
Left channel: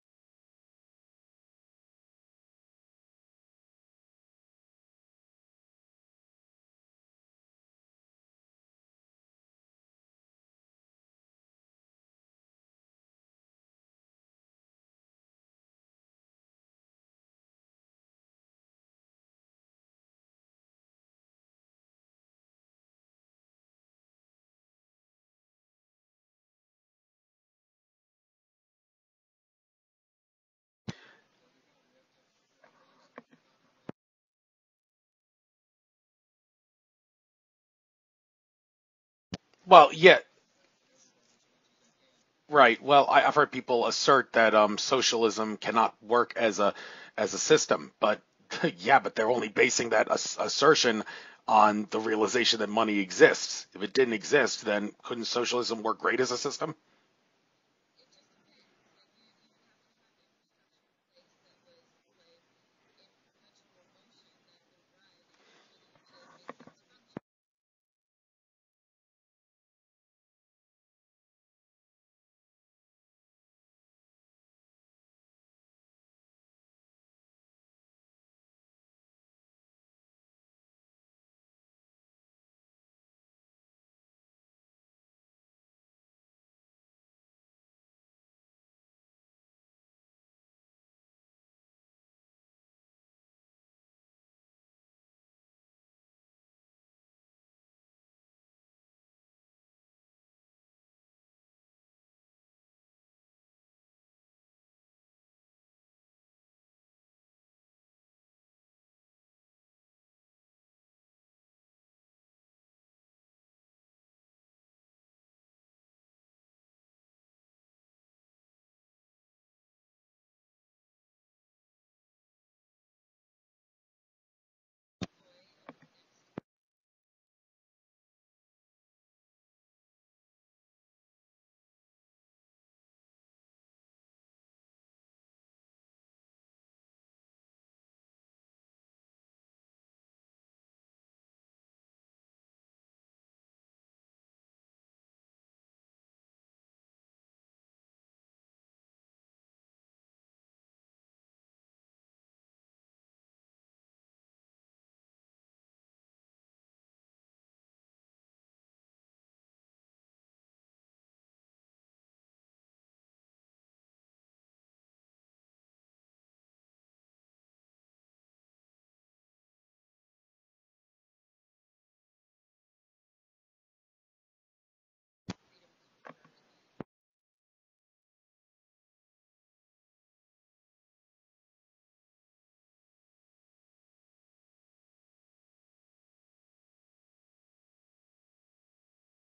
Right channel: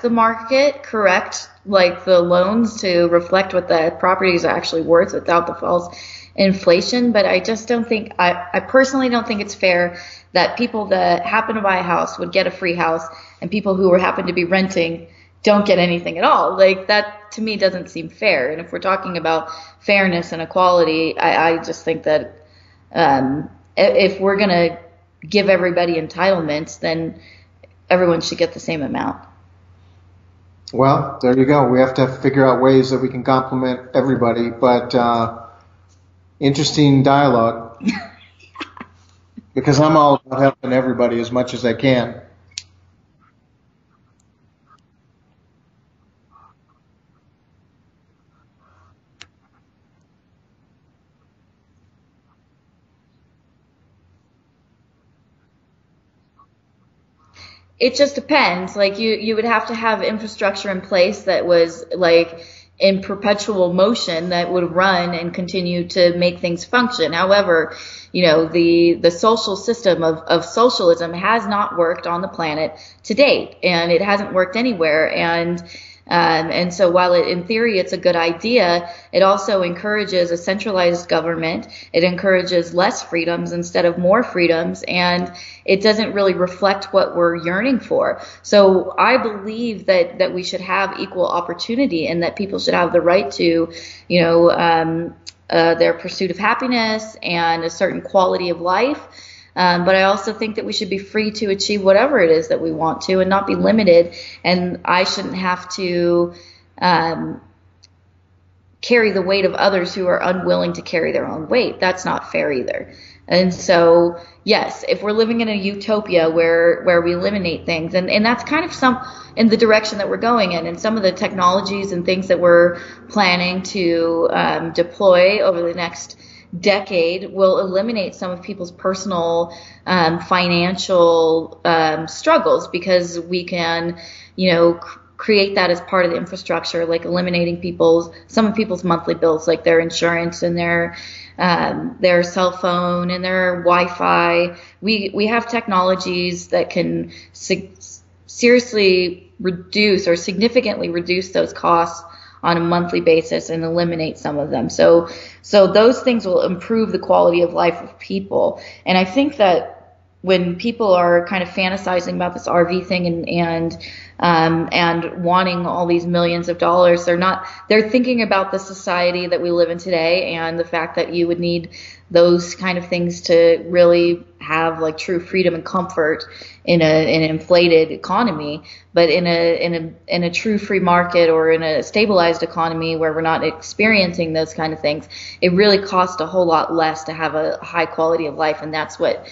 the market, correct like the loans to reflect what the property is actually worth without the false inflation. But I just don't think, I personally don't think it's fair that people that happen to buy a house would get a free house and people who happen to be renting don't get anything at all. Like that to me doesn't seem fair. And if we're talking about fairness and equality, I just think that if we're going to give everybody entitlements, then everyone should get the same amount. Well, there you go. We have to figure out ways that we can complement everybody, but interesting dialogue. Because I'm all about helping everybody as much as I can. Right. Well, I've heard people assert that socialism cannot work as a system, but but they're only basing that assertion on the realization that money exists. If it didn't exist, then couldn't socialism work great as a system? It just depends. Like you would have to have infrastructure in place that was like in perpetual motion that would run and continue to make things function. However, the social system of socialism has not worked on the planet to date, and it hasn't worked anywhere. And so while in theory it's a good idea, it also encourages a centralized government. It encourages less freedoms instead of more freedoms, and it doesn't really reflect what we're yearning for. So I believe that we should have equal opportunity and that people should have the right to, their pursuit of happiness and a certain quality of life. But I also think that we should be free to achieve whatever it is that we want to and not be limited. And I shouldn't have to um, carry the weight of others who are unwilling to carry their own weight. That's not fair either. And so, yes, if we're living in a utopia where we eliminate things, and that's kind of some in the direction that we're going in, and some of the technologies and things that we're planning to deploy over the next decade will eliminate some of people's personal financial struggles, because we can, create that as part of the infrastructure, like eliminating some of people's monthly bills, like their insurance and their cell phone and their Wi-Fi. We have technologies that can seriously reduce or significantly reduce those costs on a monthly basis and eliminate some of them. So those things will improve the quality of life of people. And I think that when people are kind of fantasizing about this RV thing and wanting all these millions of dollars, they're thinking about the society that we live in today and the fact that you would need those kind of things to really have like true freedom and comfort in an inflated economy. But in a true free market or in a stabilized economy where we're not experiencing those kind of things, it really costs a whole lot less to have a high quality of life. And that's what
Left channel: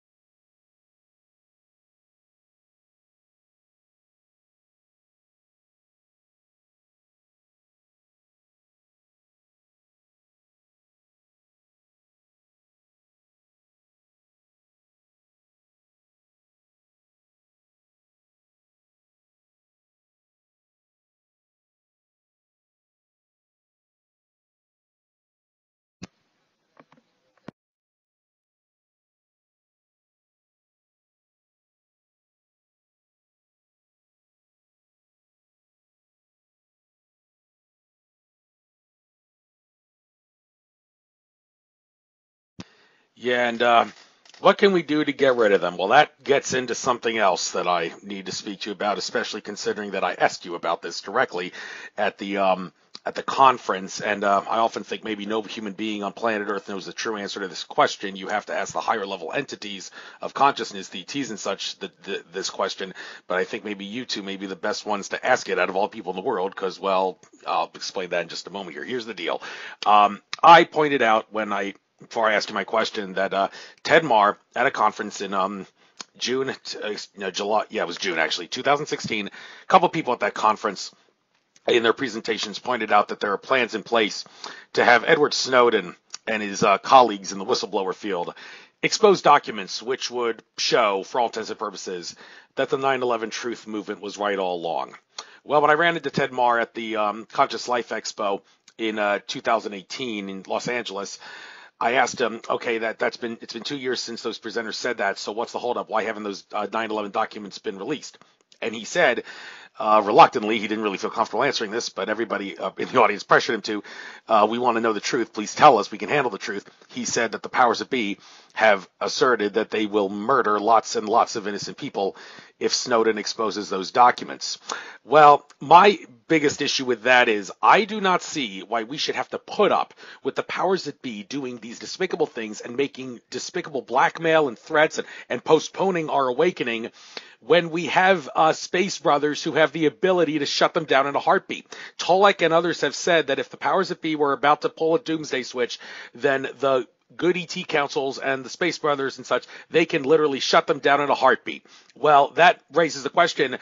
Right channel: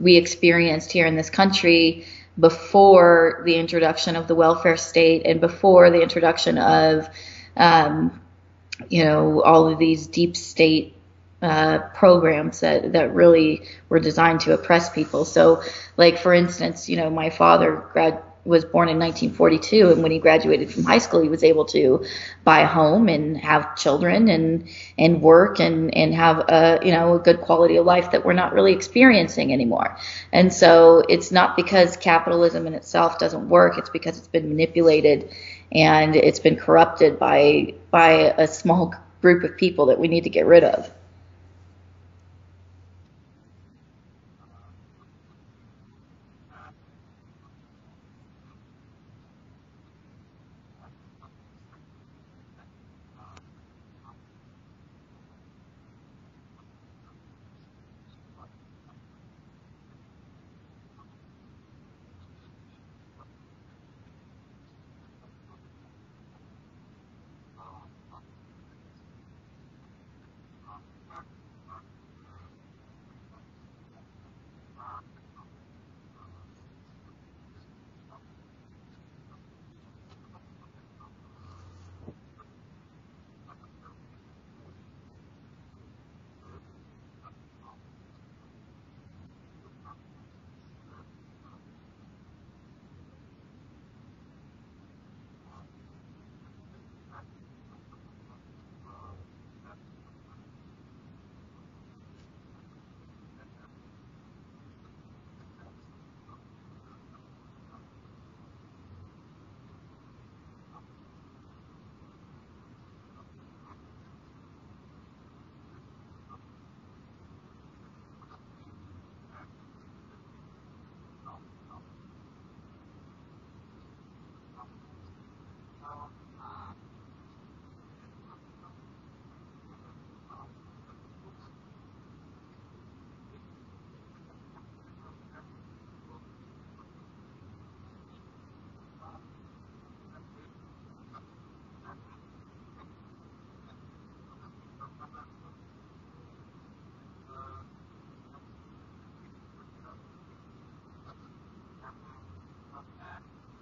we experienced here in this country before the introduction of the welfare state and before the introduction of, all of these deep state programs that really were designed to oppress people. So, like, for instance, my father was born in 1942, and when he graduated from high school, he was able to buy a home and have children and work and have a good quality of life that we're not really experiencing anymore. And so it's not because capitalism in itself doesn't work, it's because it's been manipulated and it's been corrupted by a small group of people that we need to get rid of. Yeah, and what can we do to get rid of them? Well, that gets into something else that I need to speak to you about, especially considering that I asked you about this directly at the conference. And I often think maybe no human being on planet Earth knows the true answer to this question. You have to ask the higher level entities of consciousness, the ETs and such, this question. But I think maybe you two may be the best ones to ask it out of all people in the world, because, well, I'll explain that in just a moment here. Here's the deal. I pointed out before I asked you my question, that Ted Marr at a conference in July, it was June actually, 2016, a couple of people at that conference in their presentations pointed out that there are plans in place to have Edward Snowden and his colleagues in the whistleblower field expose documents which would show, for all intents and purposes, that the 9/11 truth movement was right all along. Well, when I ran into Ted Marr at the Conscious Life Expo in 2018 in Los Angeles, I asked him, okay, it's been 2 years since those presenters said that, so what's the holdup? Why haven't those 9/11 documents been released? And he said, reluctantly, he didn't really feel comfortable answering this, but everybody in the audience pressured him to, we want to know the truth, please tell us, we can handle the truth. He said that the powers that be have asserted that they will murder lots and lots of innocent people if Snowden exposes those documents. Well, my biggest issue with that is I do not see why we should have to put up with the powers that be doing these despicable things and making despicable blackmail and threats and postponing our awakening when we have space brothers who have the ability to shut them down in a heartbeat. Tolec and others have said that if the powers that be were about to pull a doomsday switch, then the good ET councils and the space brothers and such, they can literally shut them down in a heartbeat. Well, that raises the question,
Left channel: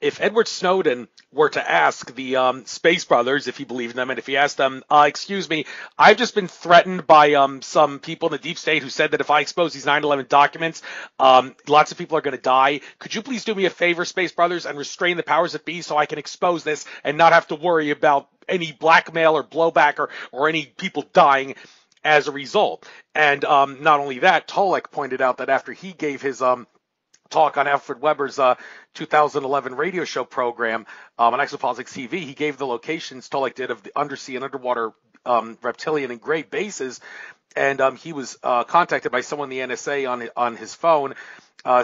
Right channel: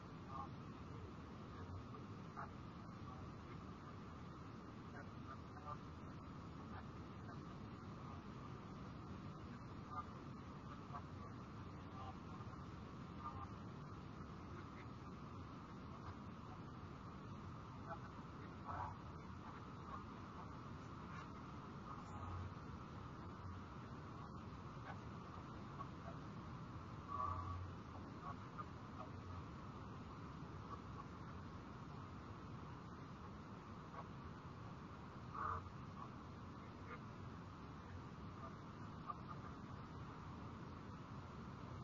if Edward Snowden were to ask the space brothers if he believed in them, and if he asked them, excuse me, I've just been threatened by some people in the deep state who said that if I expose these 9/11 documents, lots of people are going to die. Could you please do me a favor, space brothers, and restrain the powers that be so I can expose this and not have to worry about any blackmail or blowback or any people dying as a result? And not only that, Tolec pointed out that after he gave his talk on Alfred Weber's 2011 radio show program on Exopolitics TV, he gave the locations, Tolec did, of the undersea and underwater reptilian and gray bases, and he was contacted by someone in the NSA on his phone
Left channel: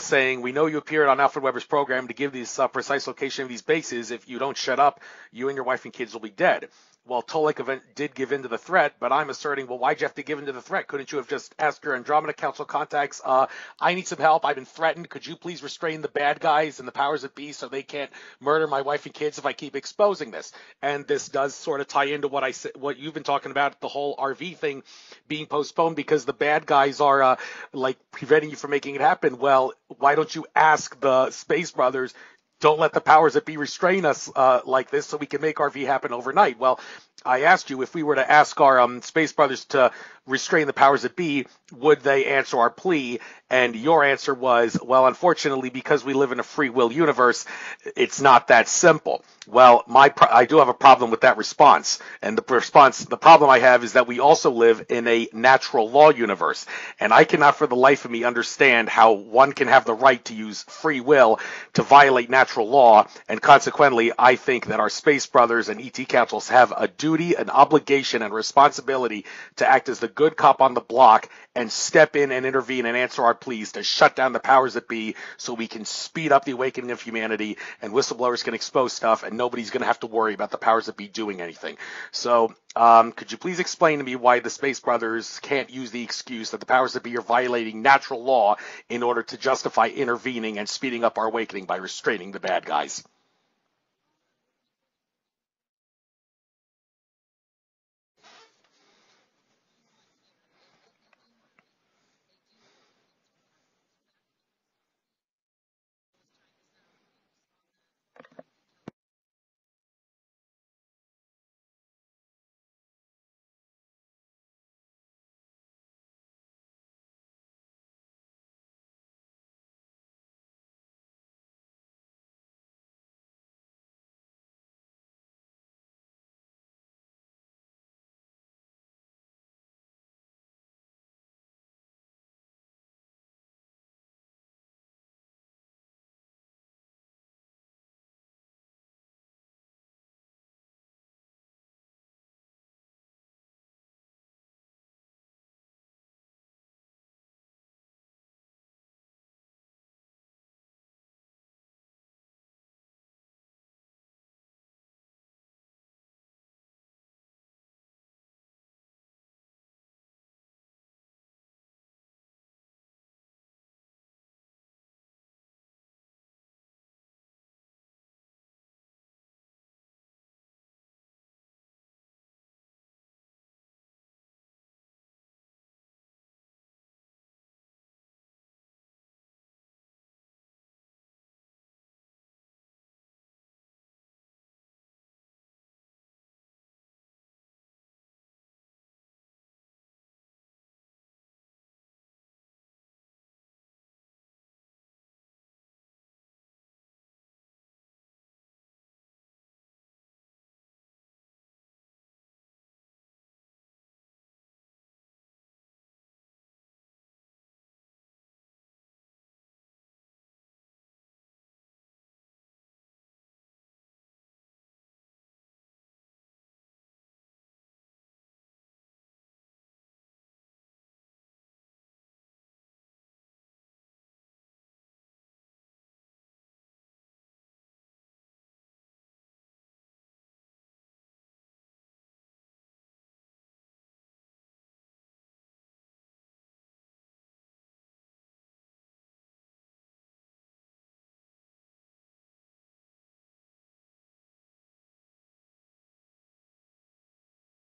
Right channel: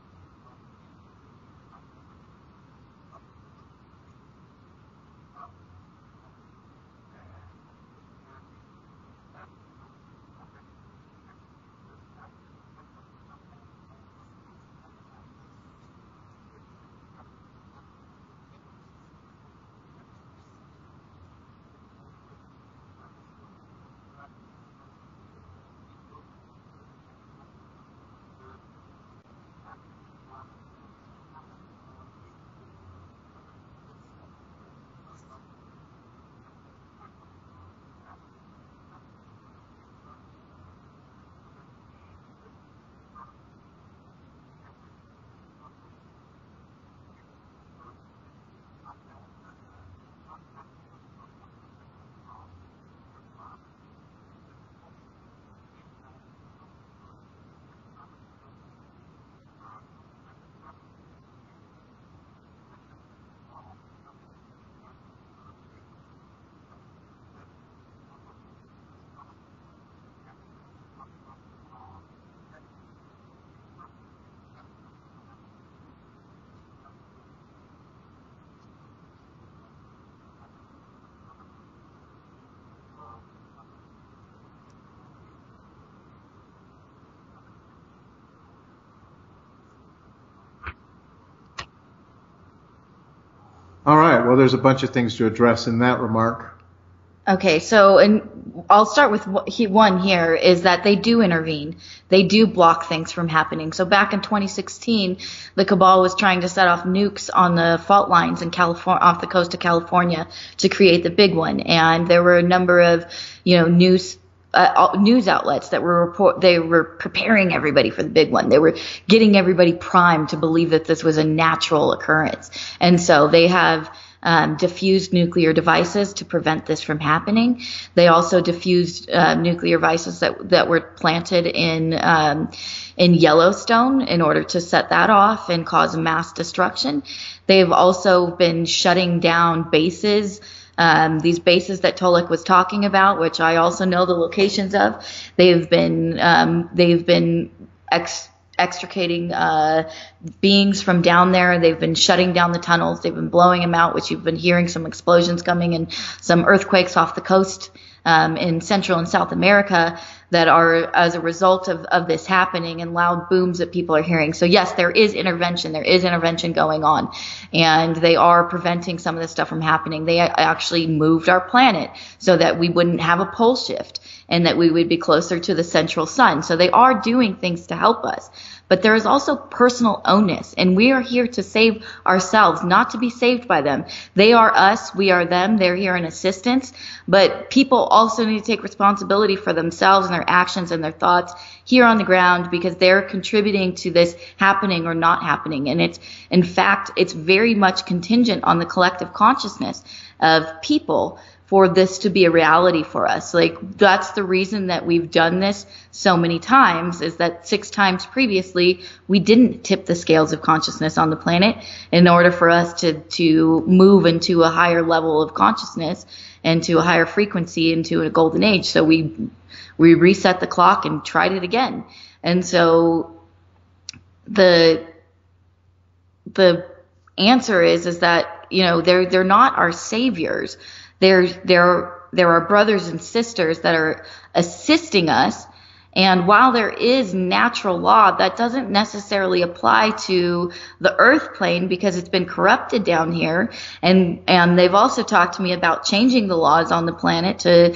saying, we know you appeared on Alfred Weber's program to give these precise location of these bases. If you don't shut up, you and your wife and kids will be dead. well, Tolec did give in to the threat, but I'm asserting, well, why'd you have to give in to the threat? Couldn't you have just asked your Andromeda Council contacts, I need some help, I've been threatened, could you please restrain the bad guys and the powers that be so they can't murder my wife and kids if I keep exposing this? And this does sort of tie into what you've been talking about, the whole RV thing being postponed because the bad guys are like preventing you from making it happen. Well, why don't you ask the Space Brothers, don't let the powers that be restrain us like this so we can make RV happen overnight? Well, I asked you if we were to ask our Space Brothers to restrain the powers that be, would they answer our plea? And your answer was, well, unfortunately, because we live in a free will universe, it's not that simple. Well, I do have a problem with that response. And the problem I have is that we also live in a natural law universe. And I cannot for the life of me understand how one can have the right to use free will to violate natural law. And consequently, I think that our Space Brothers and ET Councils have a duty, an obligation, and responsibility to act as the good cop on the block and step in and intervene and answer our pleas to shut down the powers that be so we can speed up the awakening of humanity and whistleblowers can expose stuff and nobody's going to have to worry about the powers that be doing anything. So could you please explain to me why the Space Brothers can't use the excuse that the powers that be are violating natural law in order to justify intervening and speeding up our awakening by restraining the bad guys? All right. Well, there's a bunch of things to address in that remark. Okay, so and I'll start with one here is that they do intervene. They do block things from happening. So back in 2016, the Cabal was trying to set off nukes on the fault lines in California, off the coast of California, to create the big one. And there were a number of, news outlets that they were preparing everybody for the big one. They were getting everybody primed to believe that this was a natural occurrence. And so they have diffused nuclear devices to prevent this from happening. They also diffused nuclear devices that were planted in Yellowstone in order to set that off and cause mass destruction. They've also been shutting down bases. These bases that Tolec was talking about, which I also know the locations of, they've been extricating beings from down there. They've been shutting down the tunnels. They've been blowing them out, which you've been hearing some explosions coming and some earthquakes off the coast in Central and South America that are as a result of this happening and loud booms that people are hearing. So yes, there is intervention. There is intervention going on, and they are preventing some of this stuff from happening. They actually moved our planet so that we wouldn't have a pole shift and that we would be closer to the central sun. So they are doing things to help us. But there is also personal onus, and we are here to save ourselves, not to be saved by them. They are us, we are them, they're here in assistance, but people also need to take responsibility for themselves and their actions and their thoughts here on the ground because they're contributing to this happening or not happening. And in fact, it's very much contingent on the collective consciousness of people for this to be a reality for us. Like, that's the reason that we've done this so many times, is that 6 times previously we didn't tip the scales of consciousness on the planet in order for us to move into a higher level of consciousness and to a higher frequency into a golden age. So we reset the clock and tried it again. And so the answer is that, they're not our saviors. There are brothers and sisters that are assisting us. And while there is natural law, that doesn't necessarily apply to the earth plane because it's been corrupted down here. And they've also talked to me about changing the laws on the planet to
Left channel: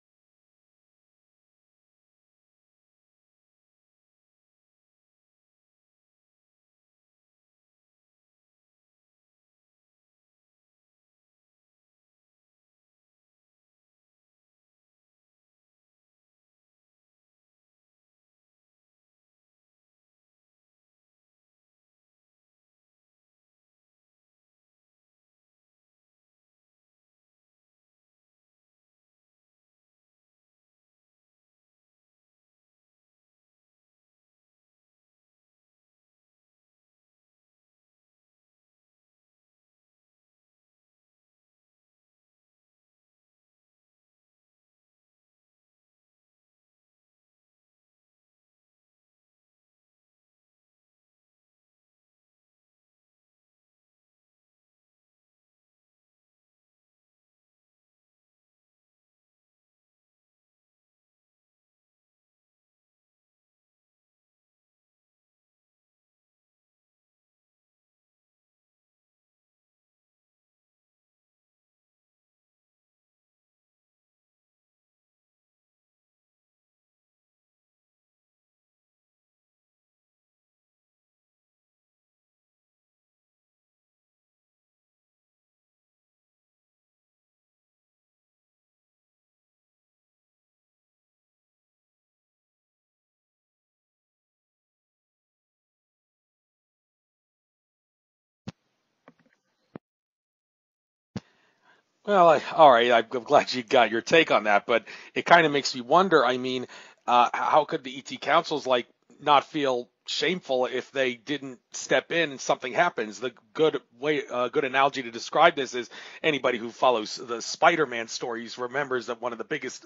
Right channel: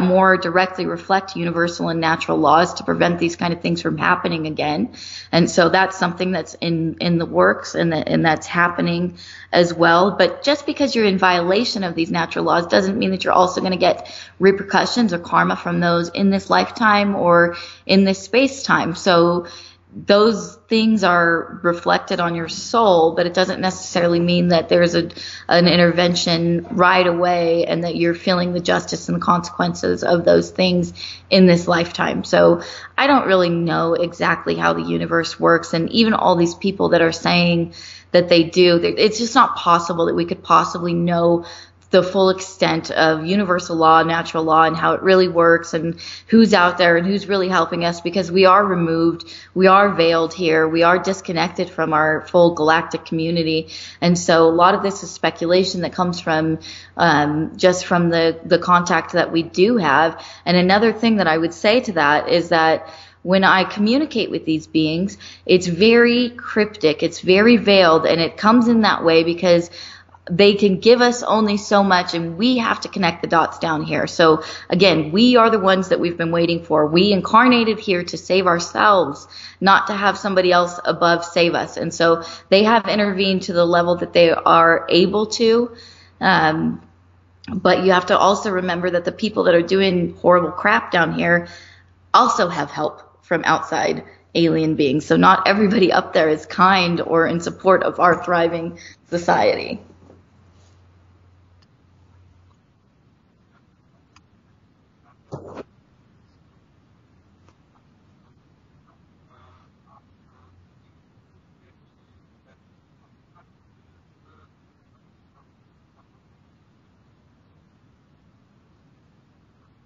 more directly reflect universal and natural laws to prevent these kind of things from happening again. And so that's something that's in the works and that's happening as well. But just because you're in violation of these natural laws doesn't mean that you're also going to get repercussions or karma from those in this lifetime or in this space time. So those things are reflected on your soul, but it doesn't necessarily mean that there's an intervention right away and that you're feeling the justice and the consequences of those things in this lifetime. So I don't really know exactly how the universe works. And even all these people that are saying that they do, it's just not possible that we could possibly know the full extent of universal law, natural law, and how it really works, and who's out there and who's really helping us, because we are removed, we are veiled here, we are disconnected from our full galactic community. And so a lot of this is speculation that comes from just from the contact that we do have. And another thing that I would say to that is that when I communicate with these beings, it's very cryptic, it's very veiled, and it comes in that way because they can give us only so much, and we have to connect the dots down here. So again, we are the ones that we've been waiting for. We incarnated here to save ourselves, not to have somebody else above save us. And so they have intervened to the level that they are able to. But you have to also remember that the people that are doing horrible crap down here also have help from outside alien beings. So not everybody up there is kind or in support of our thriving society. Well, all right. I'm glad you got your take on that, but it kind of makes me wonder. I mean, how could the ET councils not feel shameful if they didn't step in and something happens? The good analogy to describe this is anybody who follows the Spider-Man stories remembers that one of the biggest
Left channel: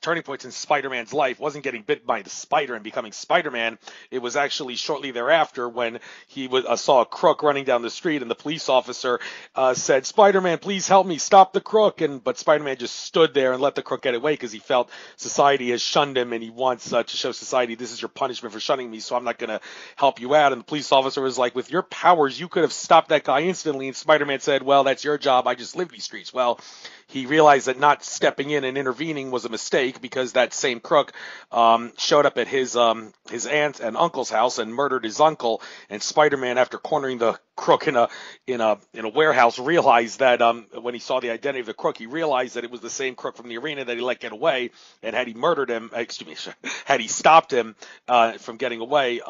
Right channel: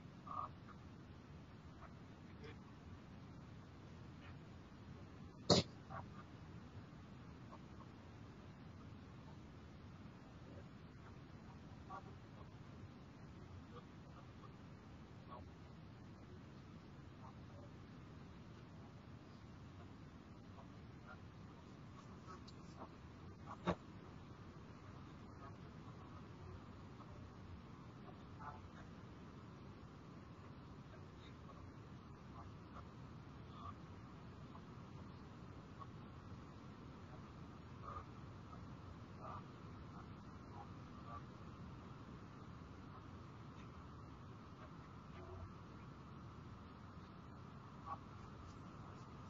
turning points in Spider-Man's life wasn't getting bit by the spider and becoming Spider-Man. It was actually shortly thereafter when he saw a crook running down the street, and the police officer said, "Spider-Man, please help me, stop the crook." But Spider-Man just stood there and let the crook get away because he felt society has shunned him, and he wants to show society, this is your punishment for shunning me, so I'm not going to help you out. And the police officer was like, with your powers, you could have stopped that guy instantly. And Spider-Man said, "Well, that's your job. I just live these streets." Well, he realized that not stepping in and intervening was a mistake, because that same crook showed up at his aunt and uncle's house and murdered his uncle. And Spider-Man, after cornering the crook in a warehouse, realized that when he saw the identity of the crook, he realized that it was the same crook from the arena that he let get away. And had he murdered him, had he stopped him from getting away,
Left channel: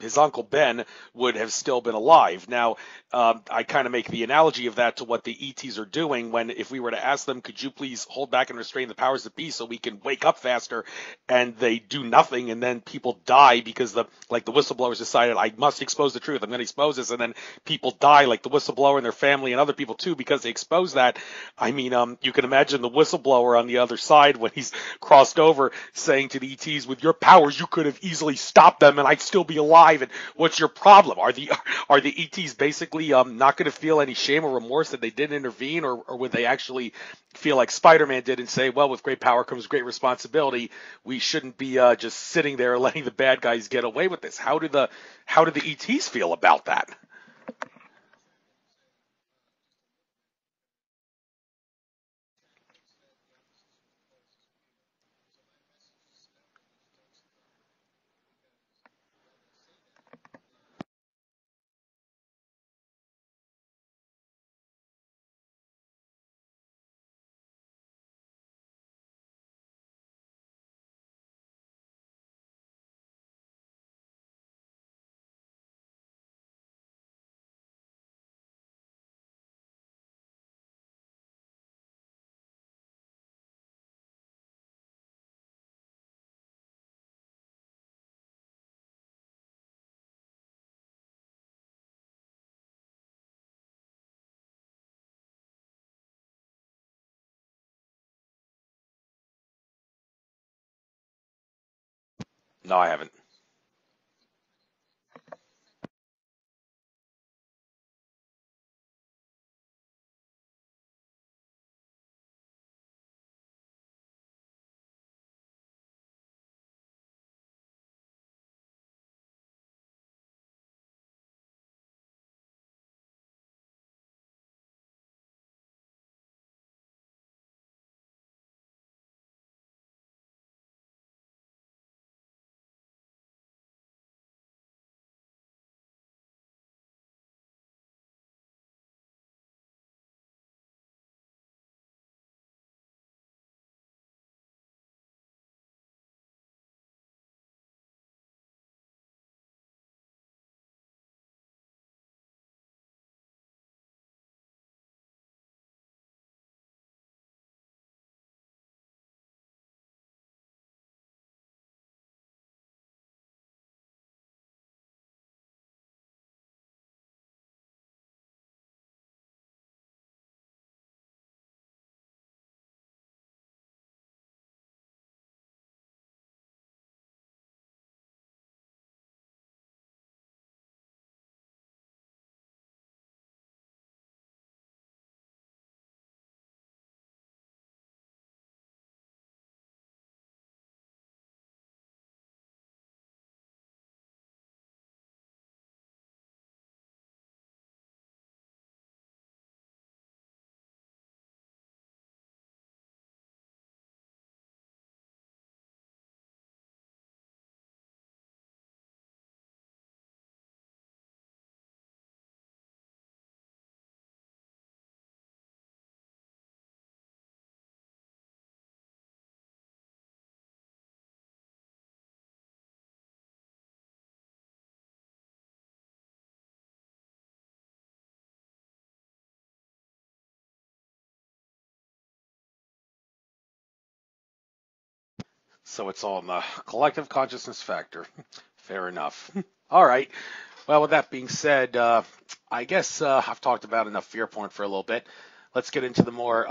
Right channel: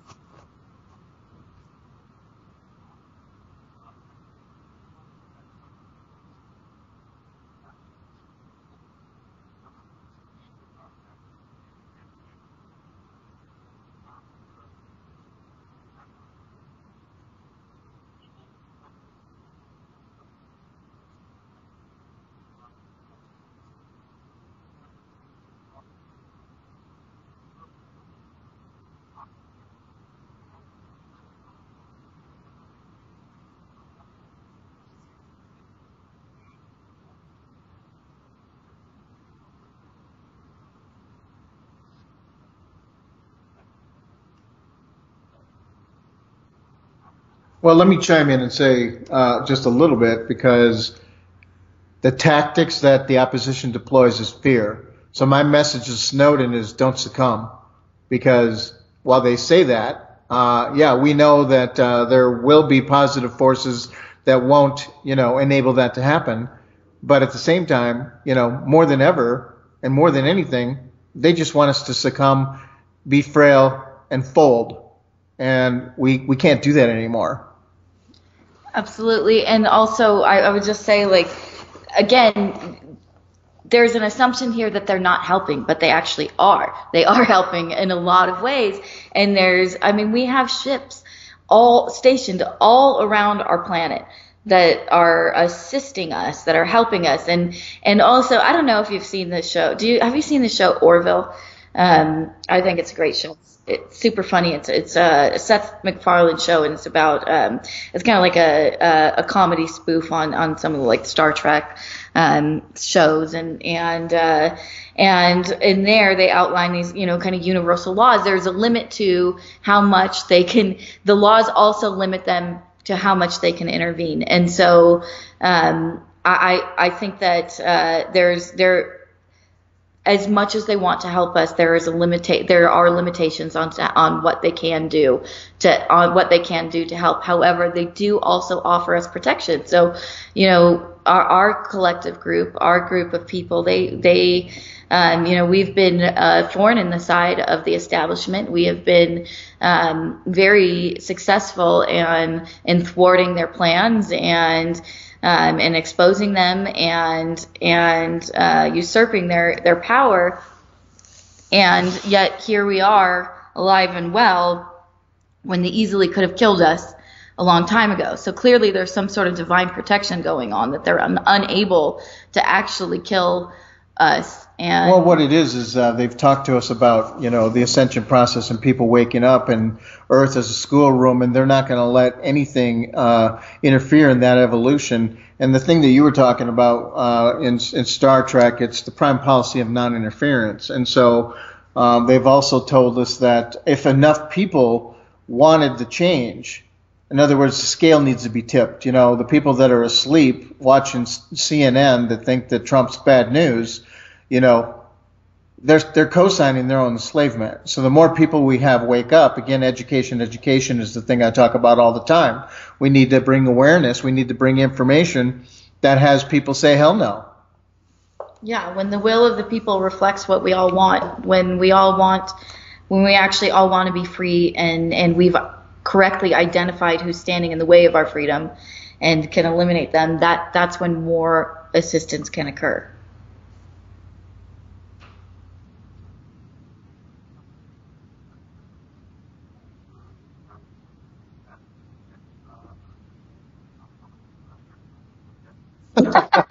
his uncle Ben would have still been alive. Now, I kind of make the analogy of that to what the ETs are doing. When if we were to ask them, could you please hold back and restrain the powers that be so we can wake up faster, and they do nothing, and then people die because the whistleblowers decided, I must expose the truth, I'm going to expose this, and then people die, like the whistleblower and their family and other people too, because they expose that. I mean, you can imagine the whistleblower on the other side when he's crossed over saying to the ETs, with your powers you could have easily stopped them and I'd still be alive, and what's your problem? Are the ETs basically not going to feel any shame or remorse that they didn't intervene, or would they actually feel like Spider-Man did and say, well, with great power comes great responsibility, we shouldn't be just sitting there letting the bad guys get away with this? How do the ETs feel about that? Well, let me chime in and say just a little bit, because the tactics that the opposition deploys is fear. So my message to Snowden is don't succumb, because while they say that, we know that there will be positive forces that won't, enable that to happen. But at the same time, more than ever and more than anything, they just want us to succumb, be frail, and fold. And we can't do that anymore. Absolutely. And also, I would just say, again, there's an assumption here that they're not helping, but they actually are. They are helping in a lot of ways. And we have ships all stationed all around our planet that are assisting us, that are helping us. And also, I don't know if you've seen this show. Have you seen the show Orville? I think it's a great show. It's super funny. It's a Seth MacFarlane show, and it's about it's kind of like a comedy spoof on some of the Star Trek shows, and in there they outline these kind of universal laws. There's a limit to how much they can. The laws also limit them to how much they can intervene, and so I think that there. As much as they want to help us, there are limitations on what they can do to help. However, they do also offer us protection. So, our collective group, our group of people, we've been thorn in the side of the establishment. We have been very successful in thwarting their plans and exposing them and usurping their power. And yet here we are, alive and well, when they easily could have killed us a long time ago. So clearly there's some sort of divine protection going on, that they're unable to actually kill us. And Well, what it is they've talked to us about, the ascension process and people waking up and Earth as a schoolroom, and they're not going to let anything interfere in that evolution. And the thing that you were talking about in Star Trek, it's the prime policy of non-interference. And so they've also told us that if enough people wanted the change, in other words, the scale needs to be tipped. The people that are asleep watching CNN that think that Trump's bad news, they're co-signing their own enslavement. So the more people we have wake up, again, education is the thing I talk about all the time. We need to bring awareness. We need to bring information that has people say, hell no. Yeah, when the will of the people reflects what we all want, when we actually all want to be free, and we've correctly identified who's standing in the way of our freedom and can eliminate them, that's when more assistance can occur. So it's all in the collective consciousness factor. Fair enough. All right. Well, with that being said, I guess I've talked about enough fear porn for a little bit. Let's get into the more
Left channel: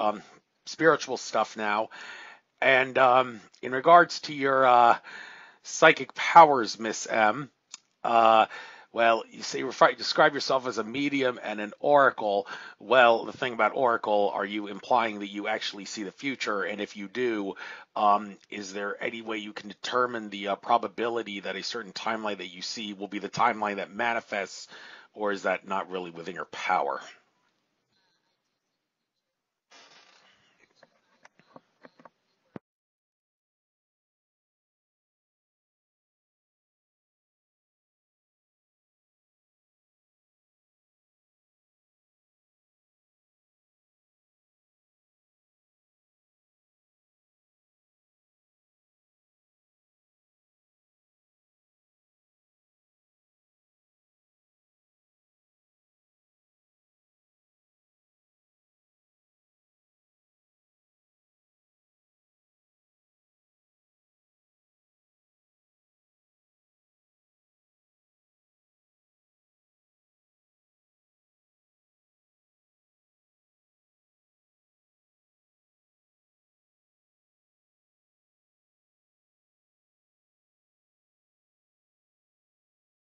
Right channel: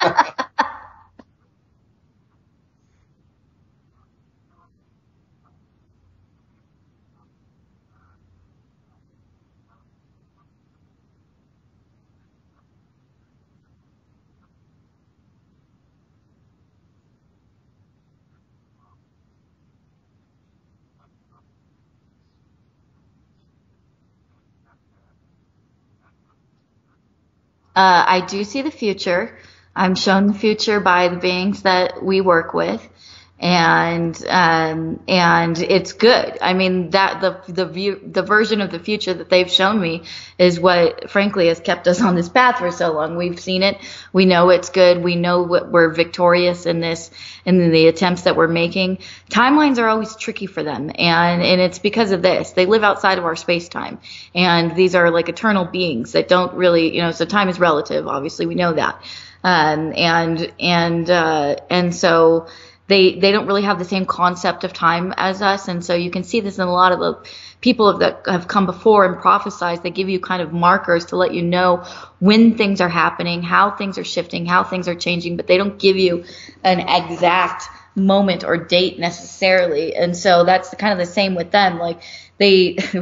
spiritual stuff now. And in regards to your psychic powers, Miss M, well, you say you describe yourself as a medium and an oracle. Well, the thing about oracle, are you implying that you actually see the future? And if you do, is there any way you can determine the probability that a certain timeline that you see will be the timeline that manifests, or is that not really within your power? I do see the future. I'm shown the future by the beings that we work with. And it's good. I mean, that the version of the future that they've shown me is what, frankly, has kept us on this path for so long. We've seen it. We know it's good. We know we're victorious in this, in the attempts that we're making. Timelines are always tricky for them, and it's because of this. They live outside of our space time, and these are like eternal beings that don't really, so time is relative. Obviously, we know that, and so. They don't really have the same concept of time as us, and so you can see this in a lot of the people that have come before and prophesized. They give you kind of markers to let you know when things are happening, how things are shifting, how things are changing, but they don't give you an exact moment or date necessarily. And so that's kind of the same with them. Like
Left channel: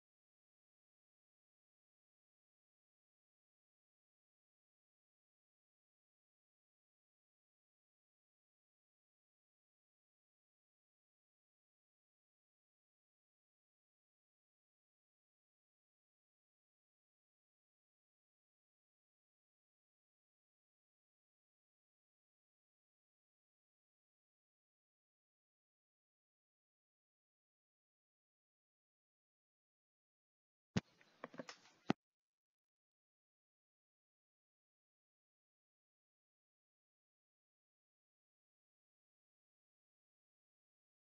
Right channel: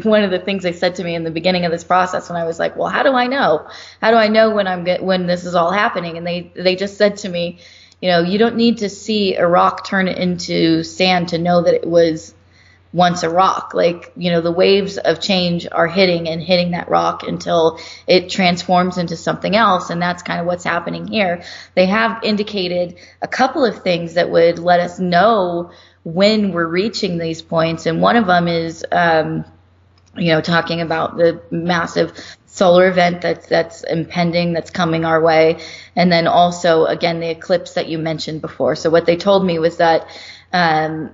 one of the things they said to me in the beginning of this process, when I was like, well, how do I know? How do I know when this is all happening? And they just said to me, you don't need to see a rock turn into sand to know that it was once a rock. Like, the waves of change are hitting that rock until it transforms into something else. And that's kind of what's happening here. They have indicated a couple of things that would let us know when we're reaching these points. And one of them is, talking about the massive solar event that's impending, that's coming our way. And then also, again, the eclipse that you mentioned before. So what they told me was that when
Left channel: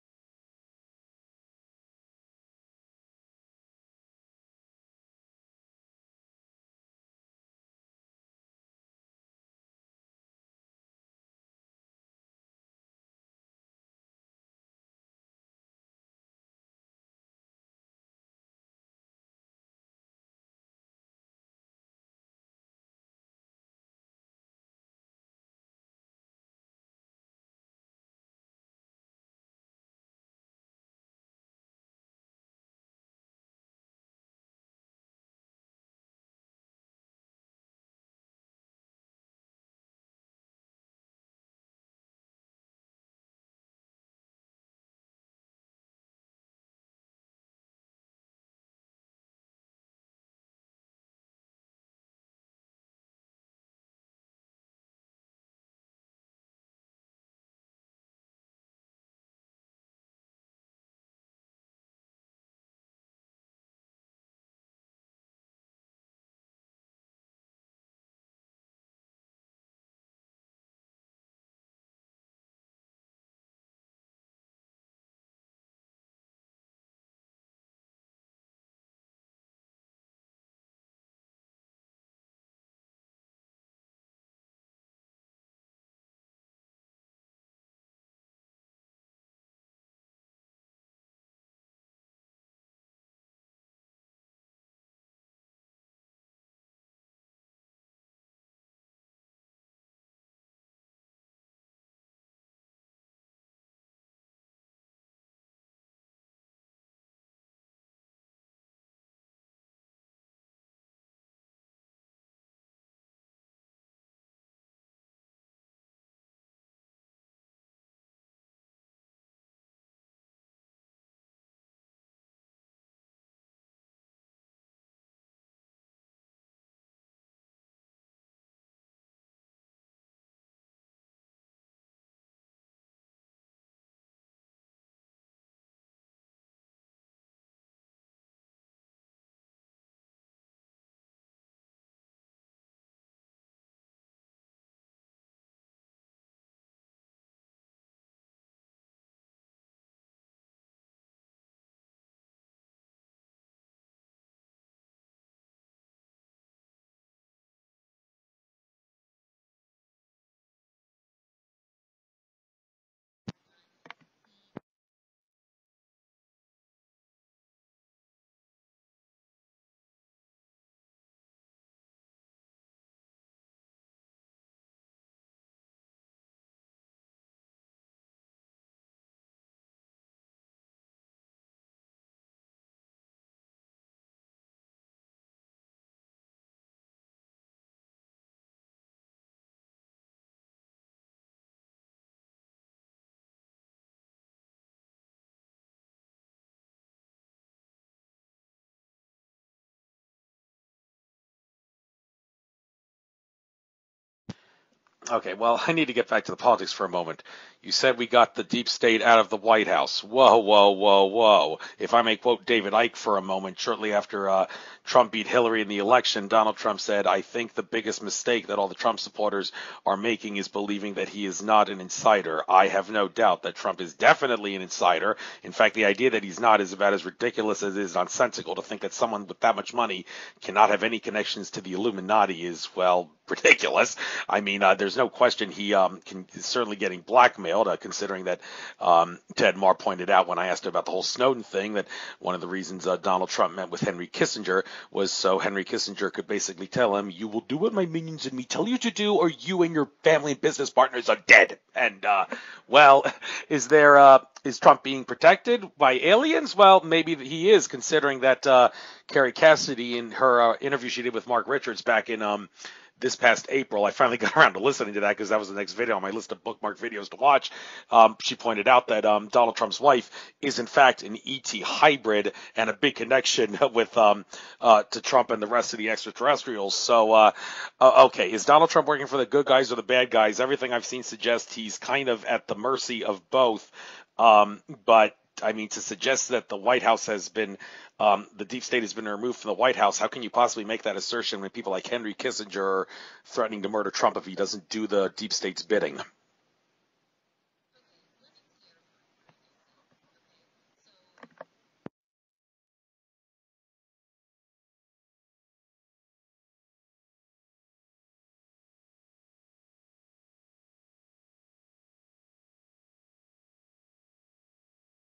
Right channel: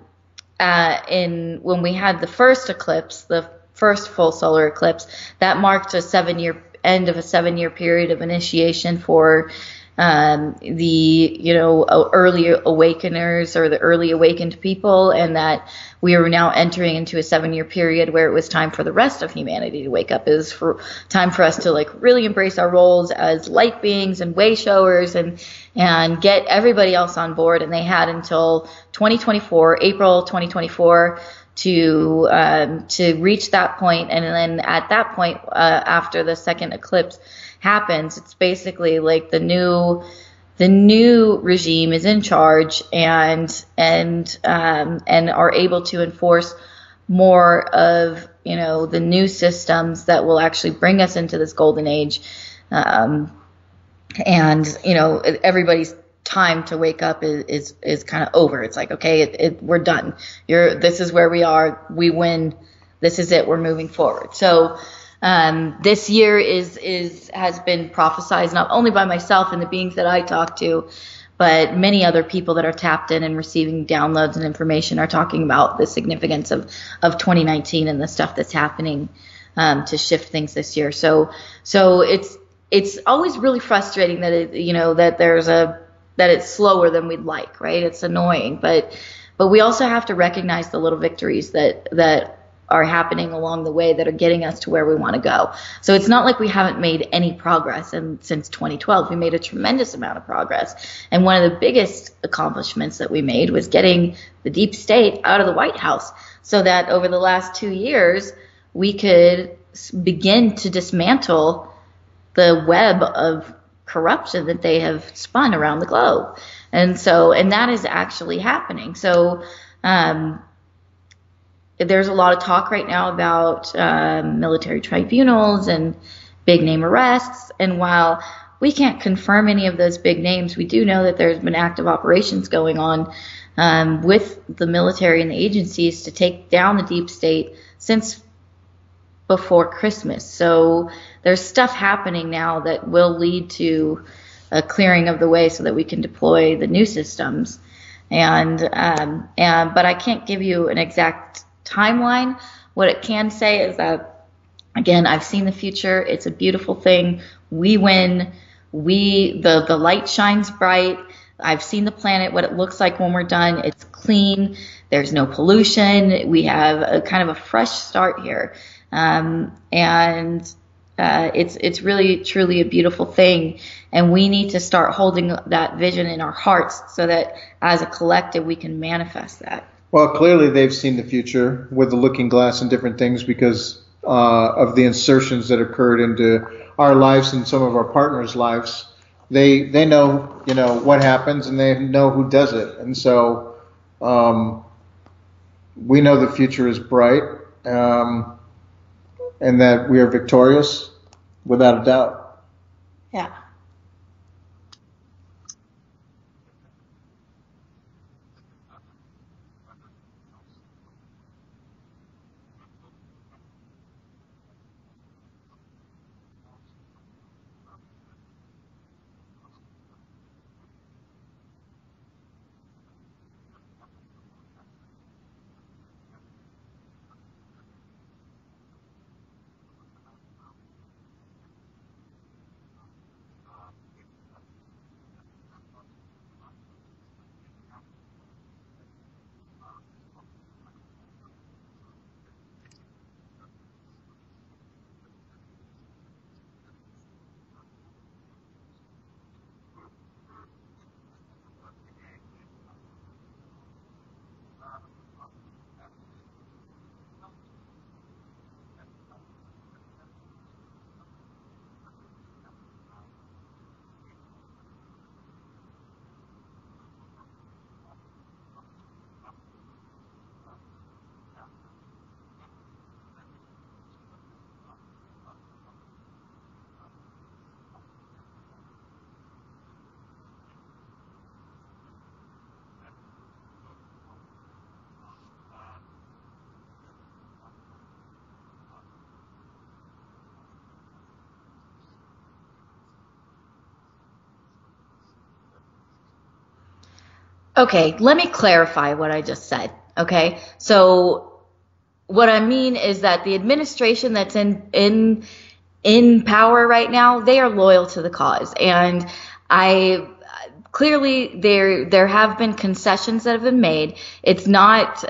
we had the first eclipse, the first full solar eclipse, that marked a end of a 7-year period of initiation for the early awakeners or the early awakened people, and that we were now entering into a 7-year period where it was time for the rest of humanity to wake up. It was time for us to really embrace our roles as light beings and way showers and get everybody else on board. And they had until 2024, April 2024, to reach that point. And then at that point, after the second eclipse happens, it's basically like the new regime is in charge and are able to enforce more of the new systems that will actually bring us into this golden age, and everybody's time to wake up is kind of over. It's like, okay, we're done. This is where we are. We win. This is it. We're moving forward. So this year has been prophesized not only by myself and the beings that I talk to, but many other people that are tapped in and receiving downloads and information are talking about the significance of 2019 and the stuff that's happening to shift things this year. So it's always really frustrating that that it's slower than we'd like, right? It's annoying, but we also have to recognize the little victories that are happening along the way that are getting us to where we want to go. So it's not like we haven't made any progress. And since 2012, we made a tremendous amount of progress. And one of the biggest accomplishments that we made was getting the deep state out of the White House, so that over the last 2 years, we could begin to dismantle the web of corruption that they have spun around the globe. And that is actually happening. So, there's a lot of talk right now about military tribunals and big name arrests. And while we can't confirm any of those big names, we do know that there's been active operations going on with the military and the agencies to take down the deep state since before Christmas. So there's stuff happening now that will lead to a clearing of the way so that we can deploy the new systems. But I can't give you an exact timeline. What it can say is that, again, I've seen the future. It's a beautiful thing. We win. The light shines bright. I've seen the planet, what it looks like when we're done. It's clean. There's no pollution. We have a kind of a fresh start here. It's really, truly a beautiful thing. And we need to start holding that vision in our hearts so that as a collective, we can manifest that. Well, clearly they've seen the future with the looking glass and different things because of the insertions that occurred into our lives and some of our partners' lives. They know, what happens, and they know who does it. And so we know the future is bright, and that we are victorious without a doubt. Yeah. Okay, well, I need to get back to the politics for a moment. You said we got the deep state out of the White House. Whoa, whoa, whoa, whoa. If I may quote David Icke for a moment, shortly after Trump beat Hillary in the election, Donald Trump said, "I think the biggest mistake that all the Trump supporters are making is believing that he is not an insider. I have no doubt that Trump is definitely an insider. In fact, the idea that he's not is about as ridiculous as it is nonsensical. To think that someone with that much money cannot have any connections to the Illuminati is, well, ridiculous. I mean, there's no question he is certainly getting blackmailed, considering that Ted Marr pointed out when I asked him about the whole Snowden thing that one of the reasons Donald Trump met with Henry Kissinger was so Henry Kissinger could basically tell him, you will do what my minions and me tell you to do, or you and your family and business partners are dead. And, is Trump being protected by aliens? Well, maybe he is, considering that Carrie Cassidy, in her interview she did with Mark Richards back in this past April, I finally got around to listening to that because that was the next video on my list of bookmark videos to watch. She pointed out that Donald Trump's wife is in fact an ET hybrid and a big connection with to Trump and the rest of the extraterrestrials. So, okay, is Donald Trump working for the good guys or the bad guys? Everything I've seen suggests he's kind of at the mercy of both. But I mean, to suggest that the White House has been the deep state has been removed from the White House, how can you possibly make that assertion when people like Henry Kissinger are threatening to murder Trump if he doesn't do the deep state's bidding? Okay, let me clarify what I just said. Okay, so what I mean is that the administration that's in power right now, they are loyal to the cause, and clearly there have been concessions that have been made. It's not,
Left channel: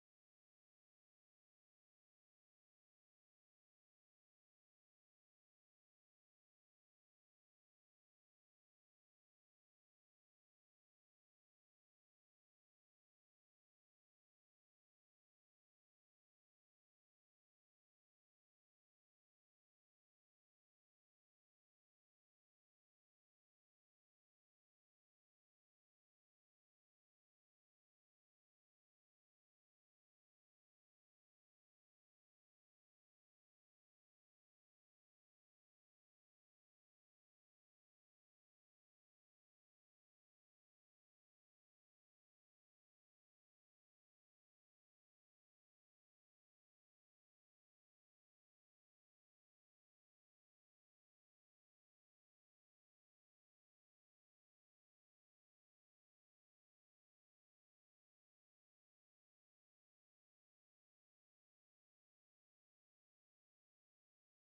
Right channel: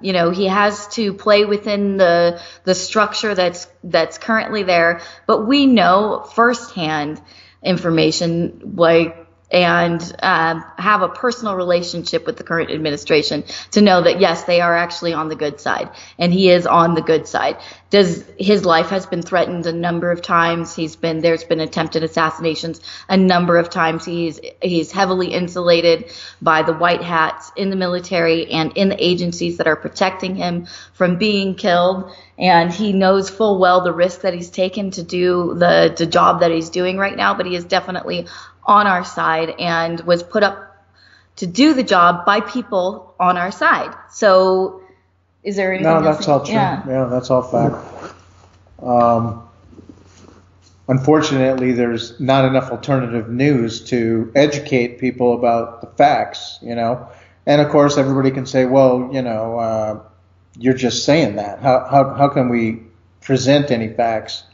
he has to play within the structure that's currently there, but we know firsthand information and have a personal relationship with the current administration to know that, yes, they are actually on the good side, and he is on the good side. His life has been threatened a number of times. There's been attempted assassinations a number of times. He's heavily insulated by the white hats in the military and in the agencies that are protecting him from being killed. And he knows full well the risk that he's taken to do the job that he's doing right now, but he is definitely on our side and was put up to do the job by people on our side. So is there anything else? No, that's all true. Yeah, that's all fact. Unfortunately, there's not enough alternative news to educate people about the facts, And of course, everybody can say, well, you're just saying that. How can we present any facts?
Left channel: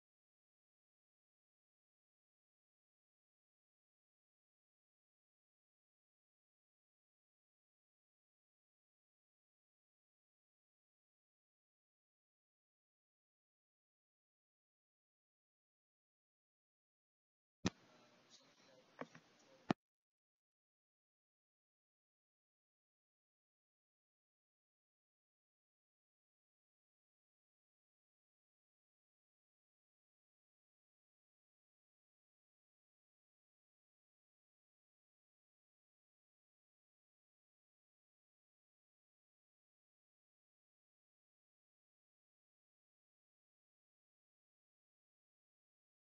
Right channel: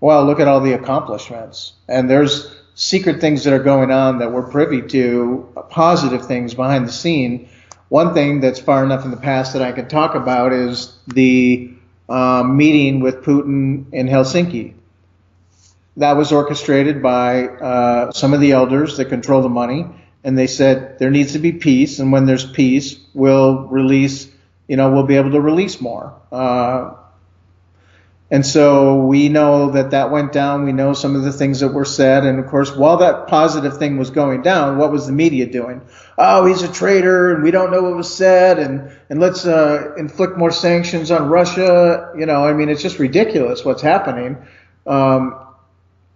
Well, look at all the accomplishments. And there's secret things that are going on that we're privy to, positive things behind the scene, One thing that's far enough in the past that I can talk about is the meeting with Putin in Helsinki. That was orchestrated by some of the elders that control the money, and they said there needs to be peace, and when there's peace, we'll release, we'll be able to release more. And so we know that went down. We know some of the things that were said. And of course, while that positive thing was going down, what was the media doing? Oh, he's a traitor and we don't know what was said. And let's inflict more sanctions on Russia. It's just ridiculous what's happening,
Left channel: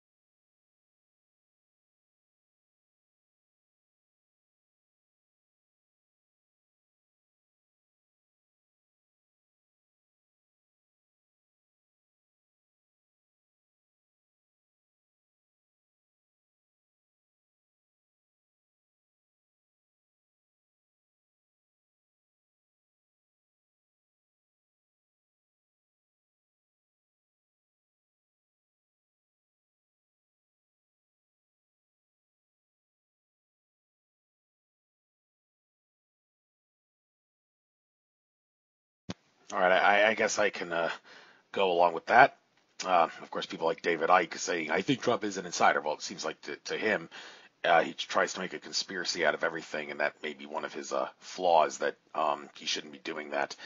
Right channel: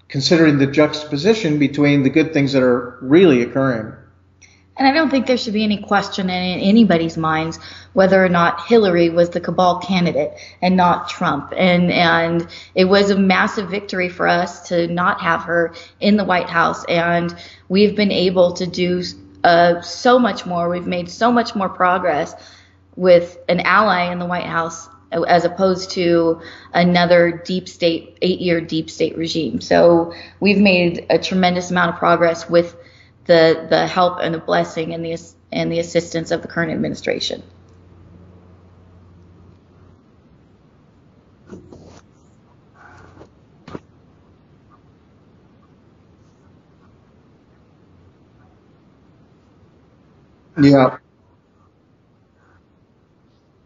considering the juxtaposition between the good things that are really occurring. And I don't think there should be any question in anybody's minds whether or not Hillary was the cabal candidate and not Trump. And it was a massive victory for us to not have her in the White House. And we've been able to do so much more. We've made so much more progress with an ally in the White House as opposed to another deep state, 8-year deep state regime. So we've made a tremendous amount of progress with the help and the blessing and the assistance of the current administration. All right, I guess I can go along with that. Of course, people like David Icke saying, I think Trump is an insider. Well, it seems like to him, he tries to make a conspiracy out of everything, and that may be one of his flaws, that he shouldn't be doing that.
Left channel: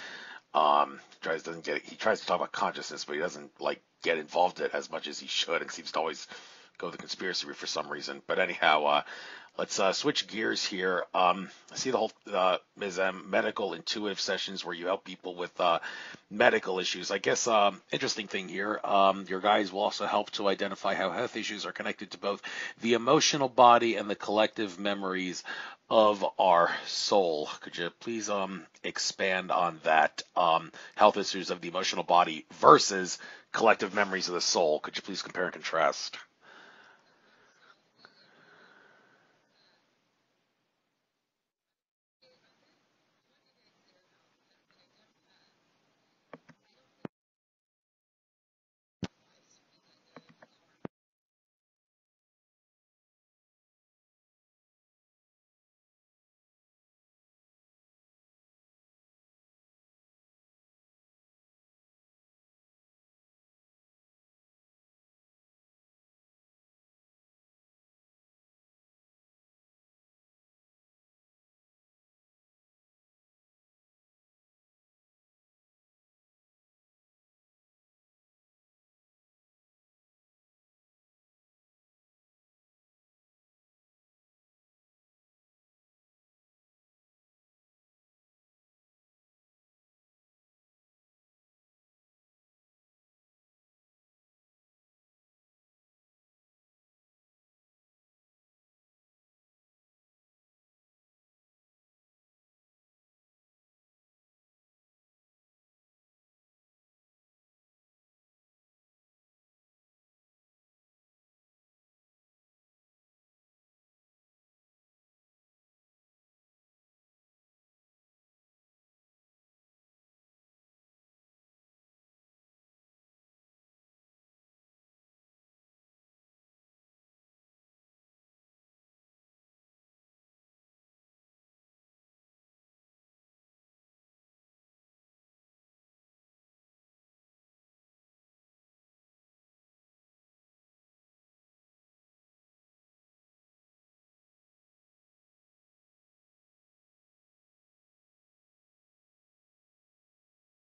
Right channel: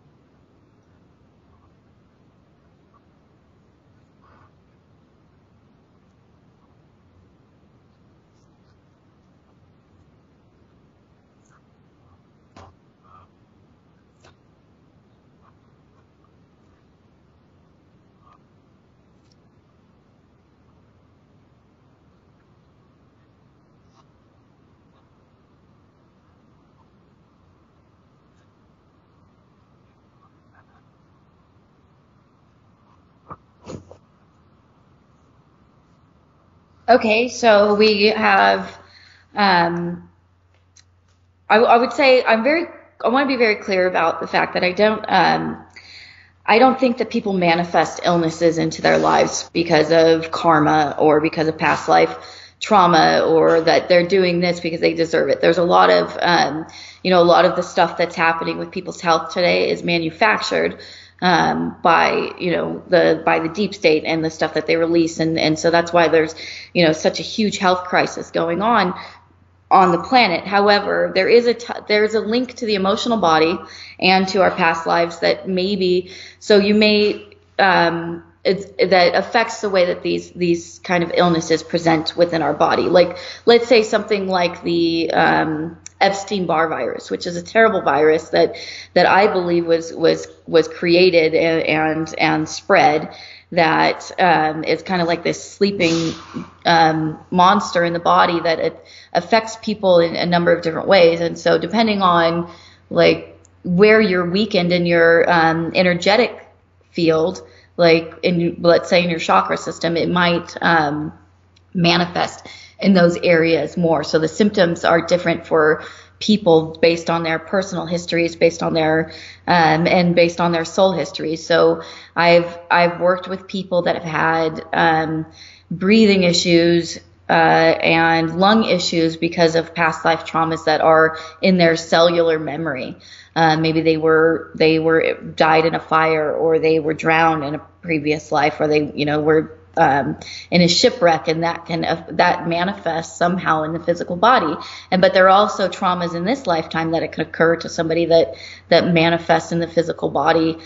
He tries to talk about consciousness, but he doesn't get involved in it as much as he should, and seems to always go the conspiracy route for some reason. But anyhow, let's switch gears here. I see the whole medical intuitive sessions where you help people with medical issues. I guess interesting thing here, your guys will also help to identify how health issues are connected to both the emotional body and the collective memories of our soul. Could you please expand on that? Health issues of the emotional body versus collective memories of the soul. Could you please compare and contrast? Okay, so we have, I would say I want to be very clear about the fact that I don't think that people manifest illnesses into their lives because of karma or because of past life trauma, or that they're doing this because they deserve it. There's a lot of, a lot of the stuff that's happening with people's health today is manufactured by the deep state and the stuff that they release, and so that's why there's such a huge health crisis going on the planet. However, there's a link to the emotional body and to our past lives that that affects the way that these kind of illnesses present within our body. Like, let's say something like the Epstein-Barr virus, which is a terrible virus that I believe was created and spread, that is kind of like this sleeping monster in the body that it affects people in a number of different ways. And so depending on where you're weakened in your energetic field, let's say in your chakra system, it might manifest in those areas more. So the symptoms are different for people based on their personal histories, based on their and based on their soul histories. So I've worked with people that have had breathing issues and lung issues because of past life traumas that are in their cellular memory. Maybe they died in a fire, or they were drowned in a previous life, or they were in a shipwreck, and that manifests somehow in the physical body. But there are also traumas in this lifetime that it could occur to somebody that manifests in the physical body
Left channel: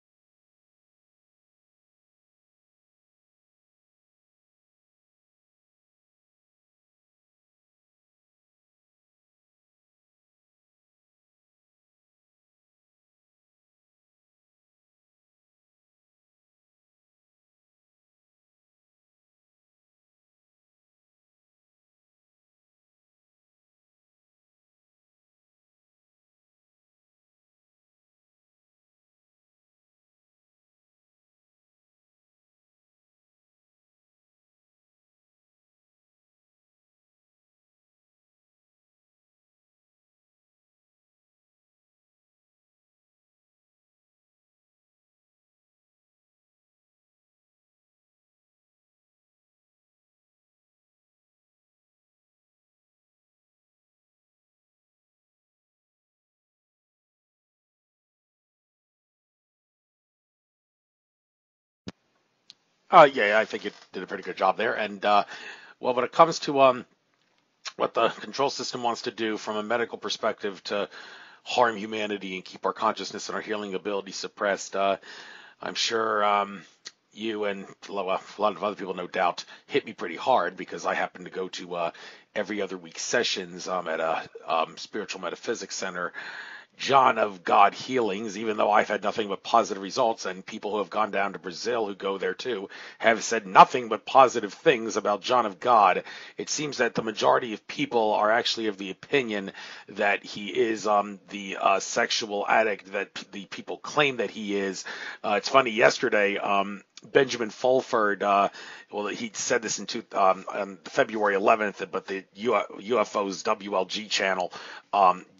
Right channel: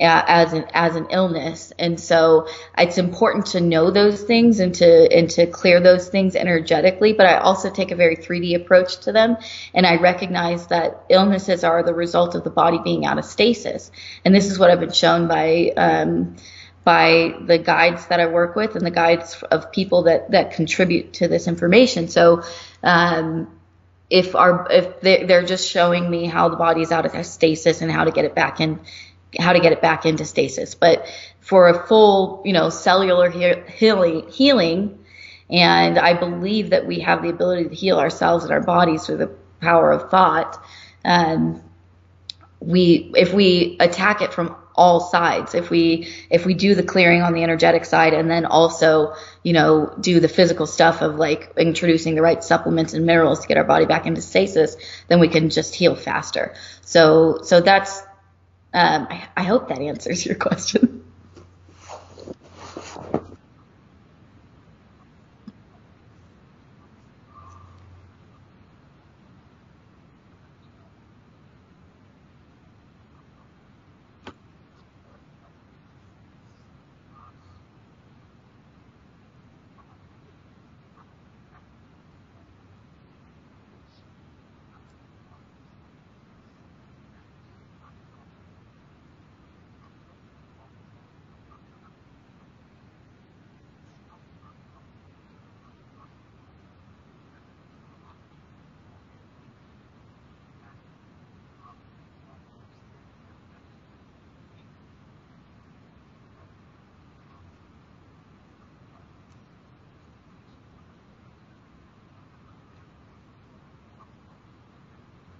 as an illness. And so it's important to know those things and to clear those things energetically. But I also take a very 3D approach to them, and I recognize that illnesses are the result of the body being out of stasis. And this is what I've been shown by the guides that I work with and the guides of people that contribute to this information. So if they're just showing me how the body is out of stasis and how to get it back into stasis. But for a full, cellular healing, and I believe that we have the ability to heal ourselves and our bodies through the power of thought. If we attack it from all sides. If we do the clearing on the energetic side, and then also, do the physical stuff of like introducing the right supplements and minerals to get our body back into stasis, then we can just heal faster. So that's, I hope that answers your question. Yeah, I think you did a pretty good job there. And well, when it comes to what the control system wants to do from a medical perspective to harm humanity and keep our consciousness and our healing ability suppressed, I'm sure you and a lot of other people, no doubt, hit me pretty hard, because I happen to go to every other week sessions at a spiritual metaphysics center, John of God healings, even though I've had nothing but positive results, and people who have gone down to Brazil who go there too have said nothing but positive things about John of God. It seems that the majority of people are actually of the opinion that he is the sexual addict that the people claim that he is. It's funny, yesterday, Benjamin Fulford, well, he said this on February 11th, but the UFO's WLG channel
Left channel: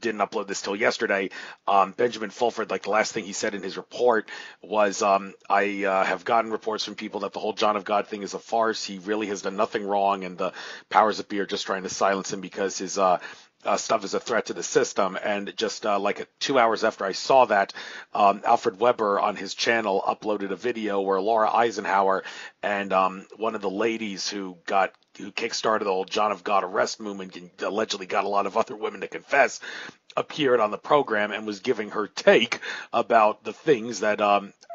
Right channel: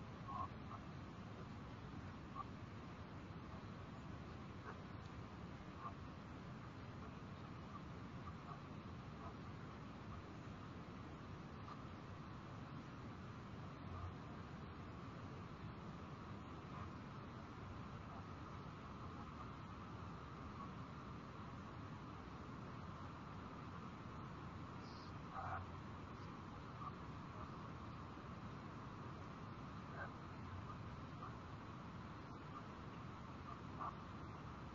didn't upload this till yesterday. Benjamin Fulford, like the last thing he said in his report was, I have gotten reports from people that the whole John of God thing is a farce. He really has done nothing wrong, and the powers that be are just trying to silence him because his stuff is a threat to the system. And just like 2 hours after I saw that, Alfred Weber on his channel uploaded a video where Laura Eisenhower and one of the ladies who kickstarted the whole John of God arrest movement and allegedly got a lot of other women to confess, appeared on the program and was giving her take about the things that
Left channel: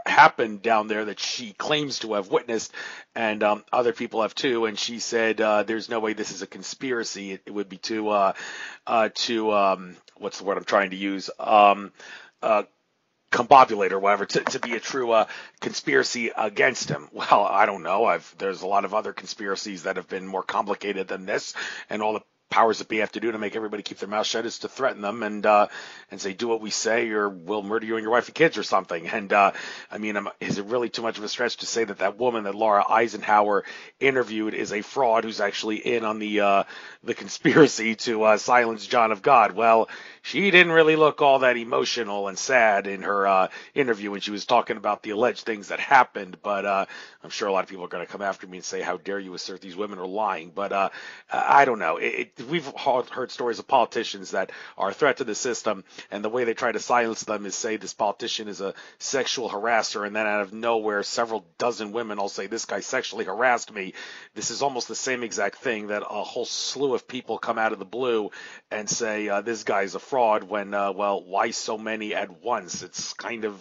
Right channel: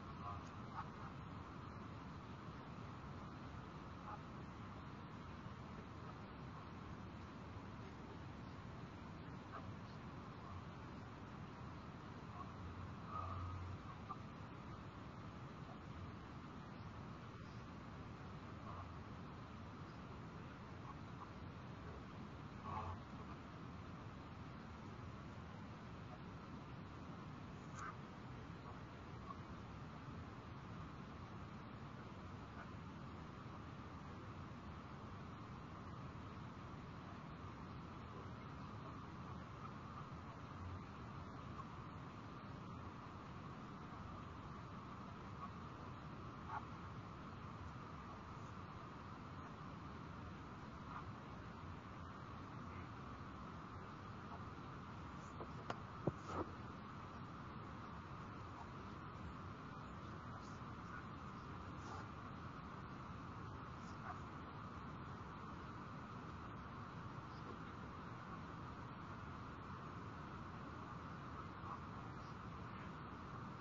happened down there that she claims to have witnessed, and other people have too. And she said, there's no way this is a conspiracy. It would be too what's the word I'm trying to use, combobulate or whatever, to be a true conspiracy against him. Well, I don't know. There's a lot of other conspiracies that have been more complicated than this, and all the powers that be have to do to make everybody keep their mouth shut is to threaten them and say, do what we say or we'll murder you and your wife and kids or something. And I mean, is it really too much of a stretch to say that that woman that Laura Eisenhower interviewed is a fraud who's actually in on the conspiracy to silence John of God? Well, she didn't really look all that emotional and sad in her interview when she was talking about the alleged things that happened, but I'm sure a lot of people are going to come after me and say, how dare you assert these women are lying. But I don't know. We've heard stories of politicians that are a threat to the system, and the way they try to silence them is say this politician is a sexual harasser, and then out of nowhere several dozen women will say, this guy sexually harassed me. This is almost the same exact thing that a whole slew of people come out of the blue and say, this guy's a fraud, when, well, why so many at once? It's kind of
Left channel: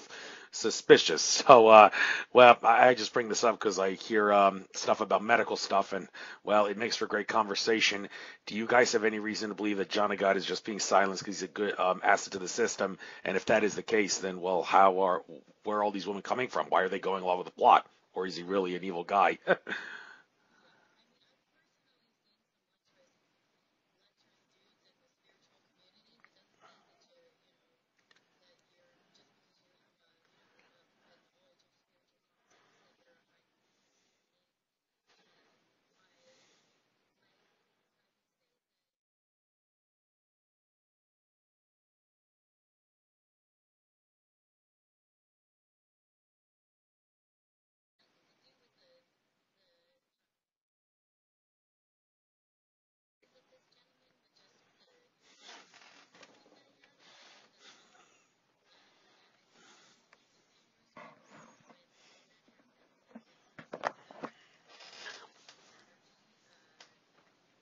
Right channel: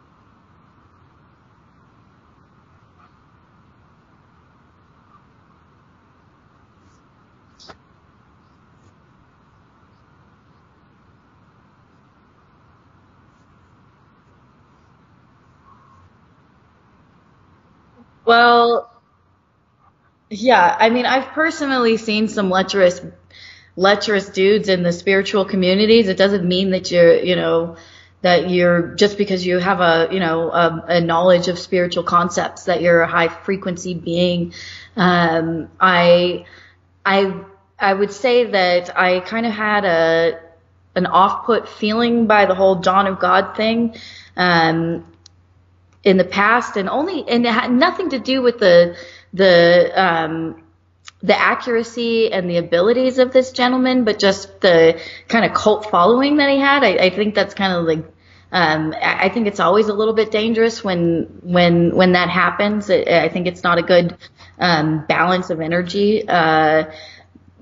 suspicious. So, well, I just bring this up because I hear stuff about medical stuff, and, well, it makes for great conversation. Do you guys have any reason to believe that John of God is just being silenced because he's a good asset to the system? And if that is the case, then, well, where are all these women coming from? Why are they going along with the plot? Or is he really an evil guy? Yeah, I mean, I've personally seen some lecherous dudes in the spiritual communities. It doesn't mean that you're just because you have a knowledge of spiritual concepts that you're a high frequency being. I would say that I kind of had an off-put feeling by the whole John of God thing in the past, and it had nothing to do with the accuracy and the abilities of this gentleman, but just the kind of cult following that he had. I think that's kind of like, I think it's always a little bit dangerous when that happens. I think it's not a good balance of energy.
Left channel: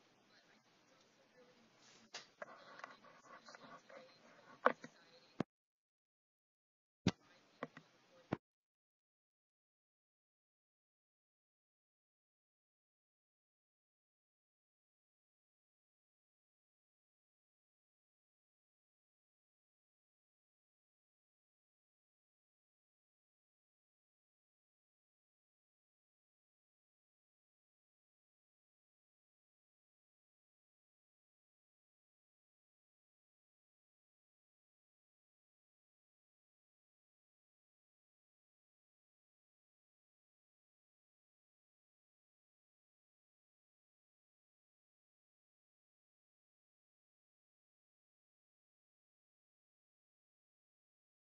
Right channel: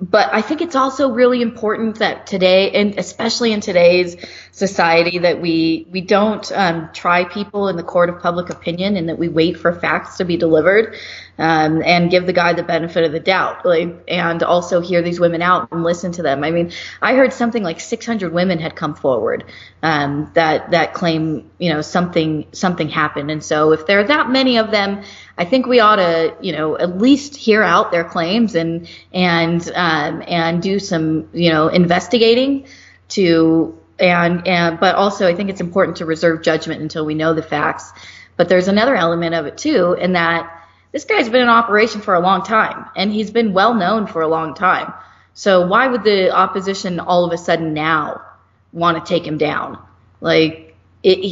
But I think it's also really important that today, and especially in today's society, that we don't try people in the court of public opinion, and that we wait for facts to be delivered, and give the guy the benefit of the doubt, and also hear these women out and listen to them. I mean, I heard something like 600 women had come forward that claim something happened, and so if there are that many of them, I think we ought to at least hear out their claims and do some investigating but also I think it's important to reserve judgment until we know the facts. But there's another element of it too, in that this guy's been in operation for a long time, and he's been well known for a long time. So why would the opposition all of a sudden now want to take him down?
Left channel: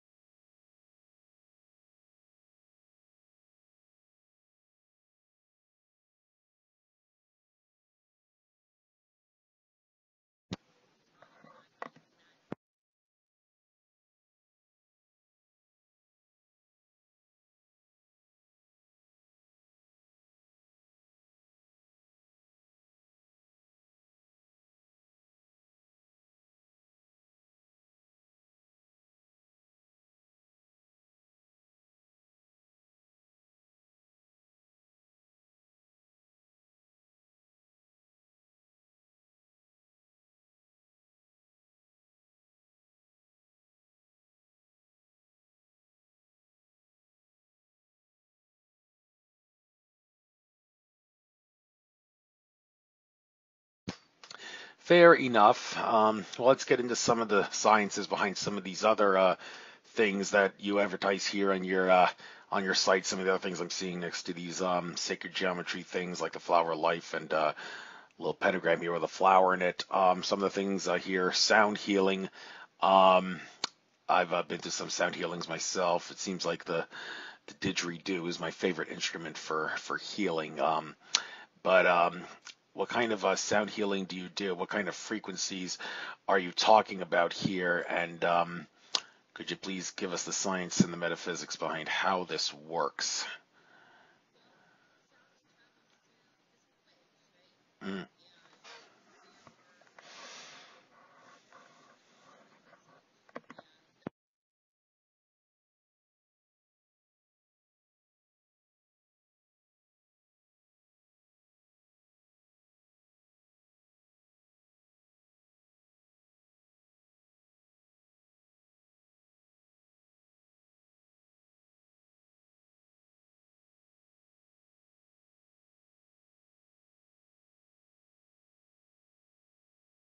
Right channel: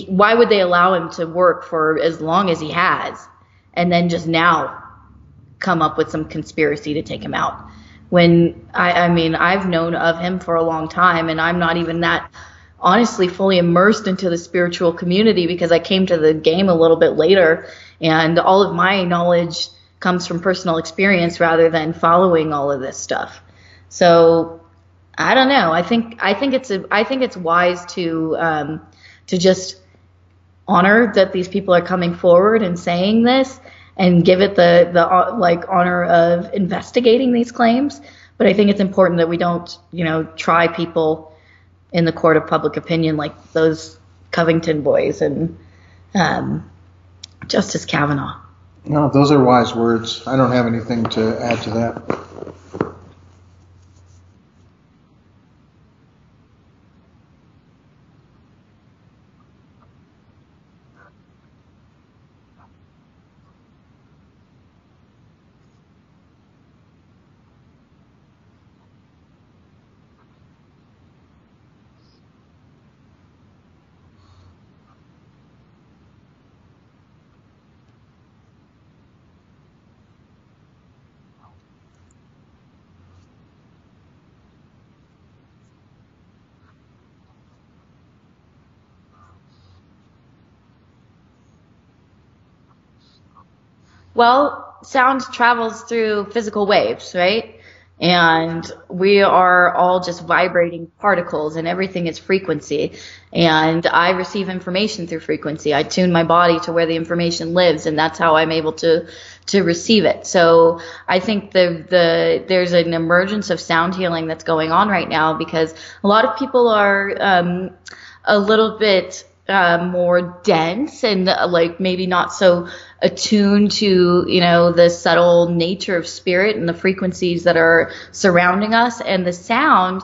why would they allow him to work for as long as he has, and then just now come up with some conspiracy to take him out? When I mean, I've known of him for a long time, and I'm not even that honestly fully immersed into the spiritual community because I came to the game a little bit later, and all of my knowledge comes from personal experience rather than following all of this stuff. So I don't know. I think it's wise to just honor that these people are coming forward and saying this, and give it the like honor of investigating these claims. But I think it's important that we don't, try people in the court of public opinion like those Covington boys and Justice Kavanaugh. No, those are wise words. I don't have anything to add to that. Fair enough. Well, let's get into some of the sciences behind some of these other things that you advertise here on your site. Some of the other things I'm seeing next to these sacred geometry things, like the flower of life and a little pentagram here with a flower in it. Some of the things here, sound healing. I've been to some sound healings myself. It seems like the didgeridoo is my favorite instrument for healing. But what kind of sound healing do you do? What kind of frequencies are you talking about here? And could you please give us the science and the metaphysics behind how this works? Well, sound travels through physical waves, right? And we are all just vibrating particles, and everything is frequency. And I receive information through frequency. I tune my body to where the information lives, and that's how I'm able to receive it. So I think there's an emergence of sound healing that's going on right now, because a lot of people are a little bit more dense and like maybe not so attuned to the subtle nature of spirit and the frequencies that are surrounding us, and the sound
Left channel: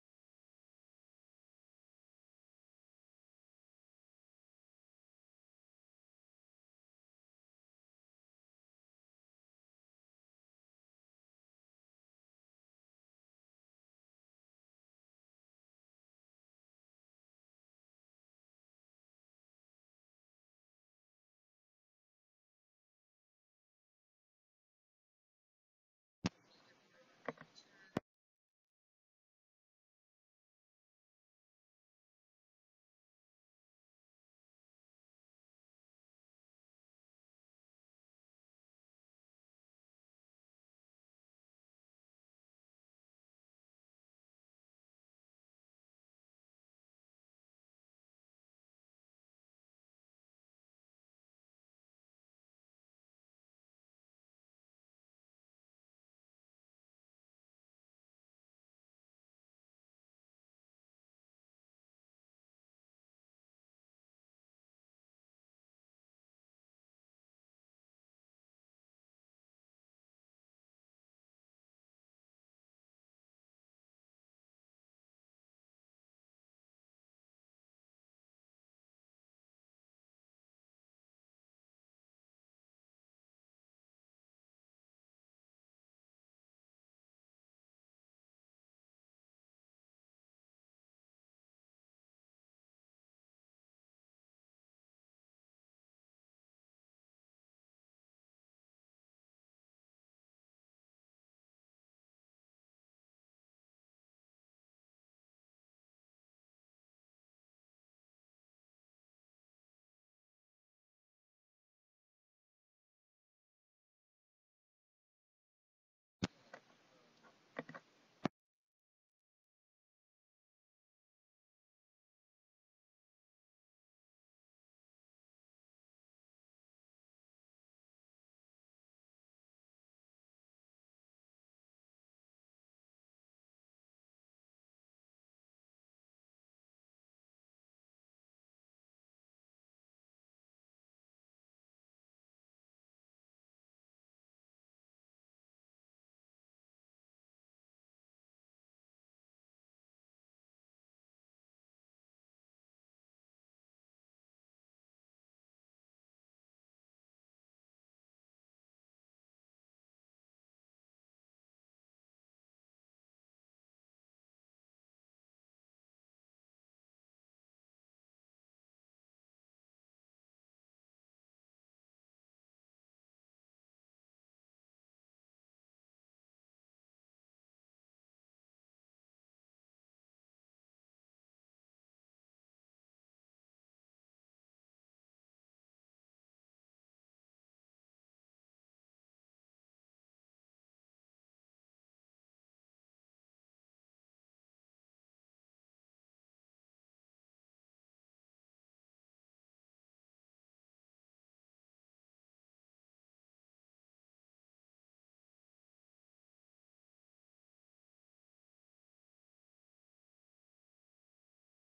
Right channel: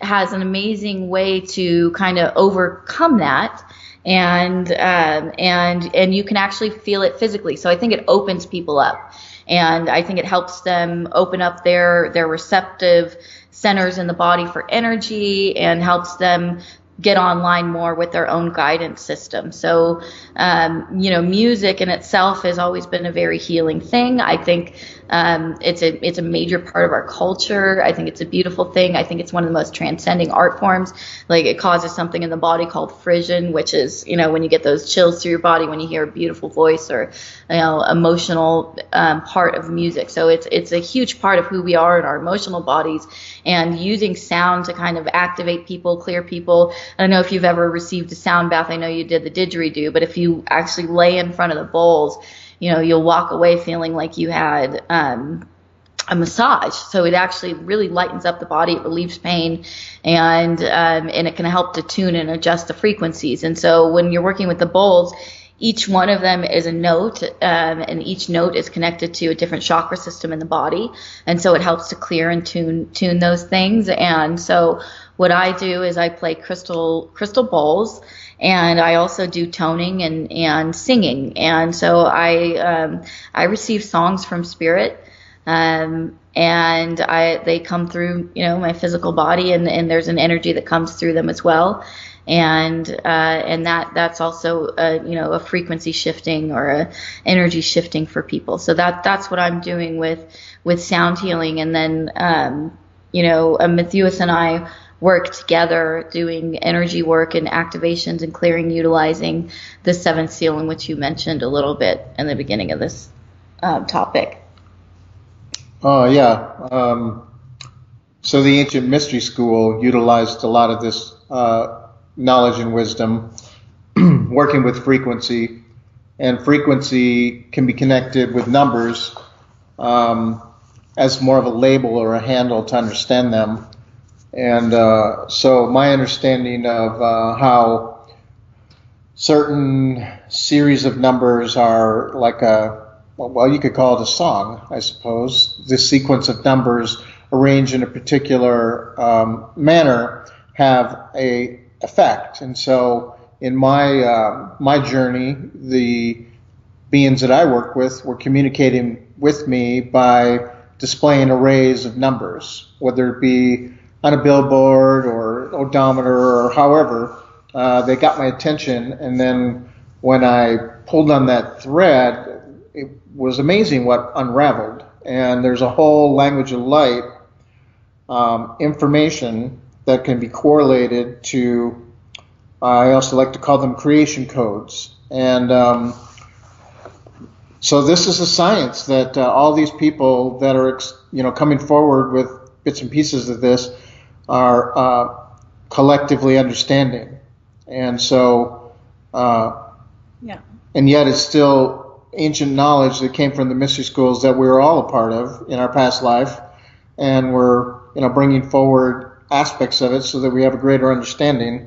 has an amazing way to kind of overcome that, and you can actually feel it physically. So I think it opens people up, and I think it helps them open up their receptive centers in the body for energy, and helps them get online more with their own guidance system. So, music in itself has always been a very healing thing. I think it's a major part of our culture. I think it's a beautiful thing. I think it's one of the most transcending art forms. Like, it causes something in the body called frisson, which is, when you get those chills through your body when you hear a beautiful voice or, emotional part of music. So it's a huge part of who we are in our emotional bodies, and using sound to kind of activate people, clear people. I don't know if you've ever received a sound bath. I know you did the didgeridoo, but if you actually lay in front of the bowls, you'll walk away feeling like you had a massage. So it actually really lightens up the body. It relieves pain, and it can help to tune and adjust the frequencies. And so when you're working with the bowls, each one of them is a note, and each note is connected to a different chakra system in the body. And so it helps to clear and tune those things. And so what I do is I play crystal bowls, and I also do toning and singing. And so I receive songs from spirit, and they come through, my physical body, and there's an energy that comes through them as well. And that's also a frequency shifting or a energy shifting for people. So that's what I'm doing with sound healing. And then Matthias and I work together doing energy work and activations and clearing, utilizing the seventh seal, in which you mentioned a little bit in the beginning of this topic. Oh, yeah. So the ancient mystery school utilized a lot of this knowledge and wisdom working with frequency, and frequency can be connected with numbers as more of a label or a handle to understand them. And so my understanding of how certain series of numbers are like you could call it a song, I suppose. This sequence of numbers arranged in a particular manner have a effect. And so in my journey, the beings that I work with were communicating with me by displaying arrays of numbers, whether it be on a billboard or odometer or however. They got my attention, and then when I pulled on that thread, it was amazing what unraveled. And there's a whole language of light information that can be correlated to, I also like to call them creation codes. And so this is a science that all these people that are, coming forward with bits and pieces of this are collectively understanding. And so, Yeah. and yet it's still ancient knowledge that came from the mystery schools that we were all a part of in our past life, and we're, bringing forward aspects of it so that we have a greater understanding.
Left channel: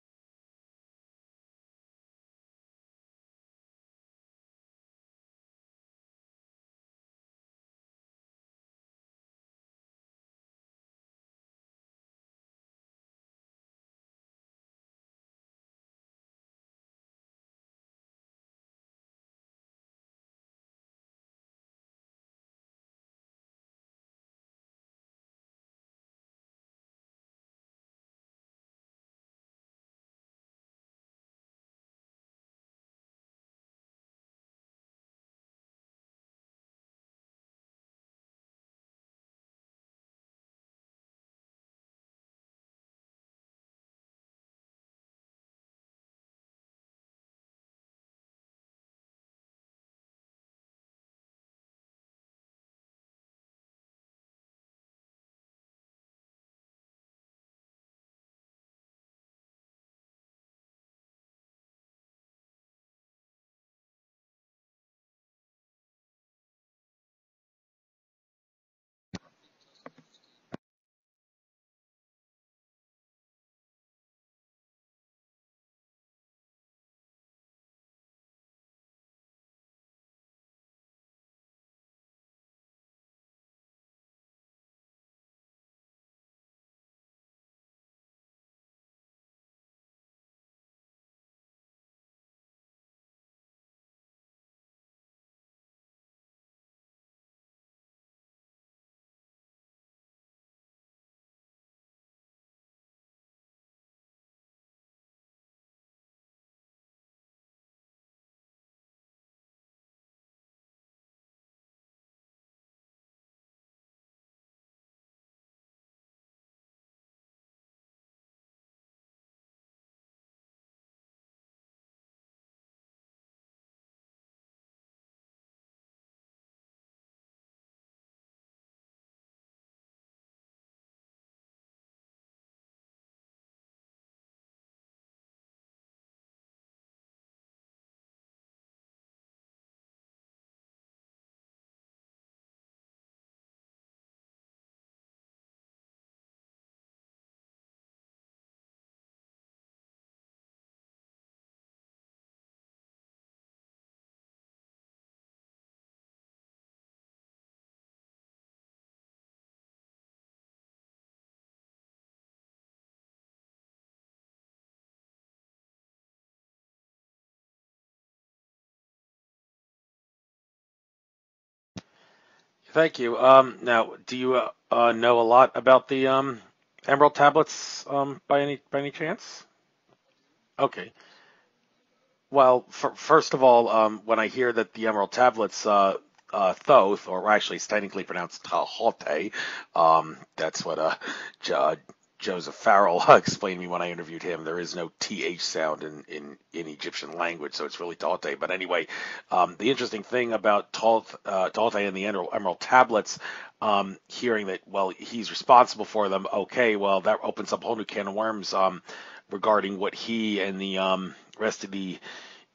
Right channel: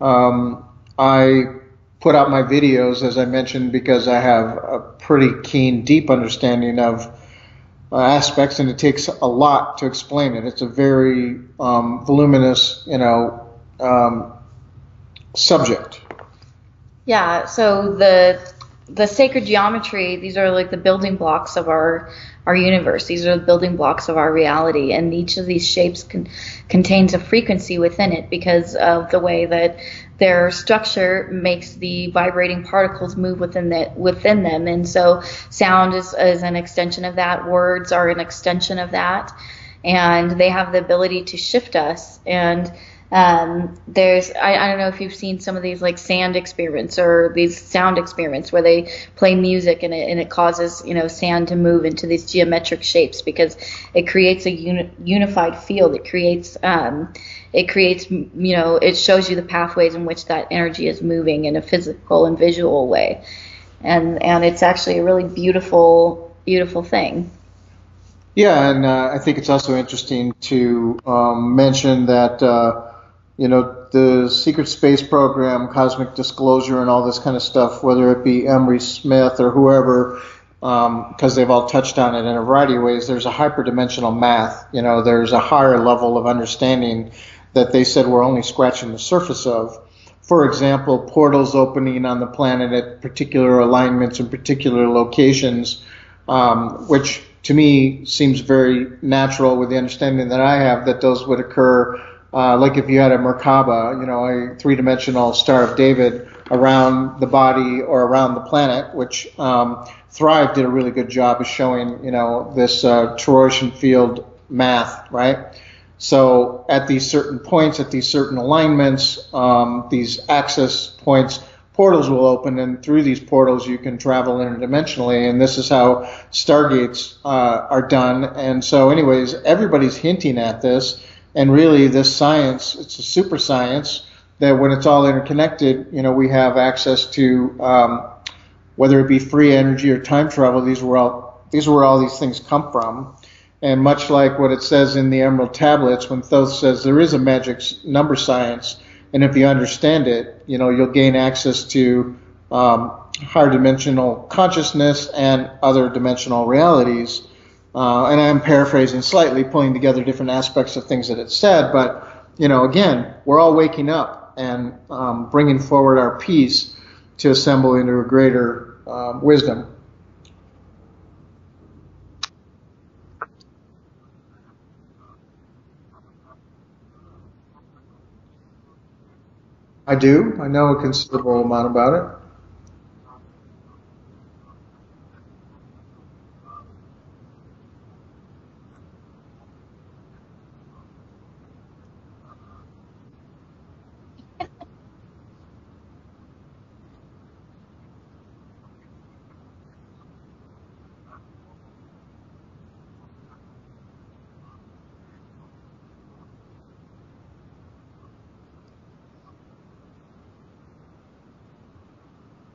I put out my videos, as I mentioned, because I have a pretty keen, deep understanding of aspects, and it takes a lot to explain it. It's a very voluminous, subject. Yeah, so the sacred geometry, these are like the building blocks of our universe. These are the building blocks of our reality, and each of these shapes contains a frequency within it because of the way that their structure makes the vibrating particles move within them. And so sound is an extension of that. Words are an extension of that, and they have the ability to shift us. And I don't know if you've seen some of these like sand experiments or these sound experiments where they play music and it causes, sand to move into these geometric shapes because it creates a unified field. It creates, it shows you the pathways in which that energy is moving in a physical and visual way. And it's actually a really beautiful, beautiful thing. Yeah, and I think it's also interesting to mention that the secret space program, cosmic disclosure, and all this kind of stuff, whether it be Emery Smith or whoever, because they've all touched on it in a variety of ways, there's a hyperdimensional math. There's a higher level of understanding that they said we're only scratching the surface of. For example, portals opening on the planet at particular alignments and particular locations, which to me seems very natural with the understanding that I have that those would occur. Like if you had a Merkaba, a three-dimensional Star of David around the body or around the planet, which Thrive did a really good job of showing, this toroidal field math, right? So at these certain points, at these certain alignments, these access points, portals will open, and through these portals you can travel interdimensionally, and this is how stargates are done. And so anyways, everybody's hinting at this. And really, this science, it's a super science that when it's all interconnected, we have access to, whether it be free energy or time travel. These are where all these things come from. And much like what it says in the Emerald Tablets, when Thoth says there is a magic number science, and if you understand it, you'll gain access to higher dimensional consciousness and other dimensional realities. And I'm paraphrasing slightly, pulling together different aspects of things that it said. But, again, we're all waking up and bringing forward our peace to assemble into a greater wisdom. Thank you. Now, do you know a lot about the Emerald Tablets by any chance? I do. I know a Okay. considerable amount about it. Well, first of all, when I hear that the Emerald Tablets, Thoth, or actually it's technically pronounced Tahote, that's what Joseph Farrell explained to me when I interviewed him. There is no TH sound in Egyptian language, so it's really Tahote. But anyway, the interesting thing about Tahote and the Emerald Tablets, hearing that, well, he's responsible for them, okay, well, that opens up a whole new can of worms regarding what he and the rest of the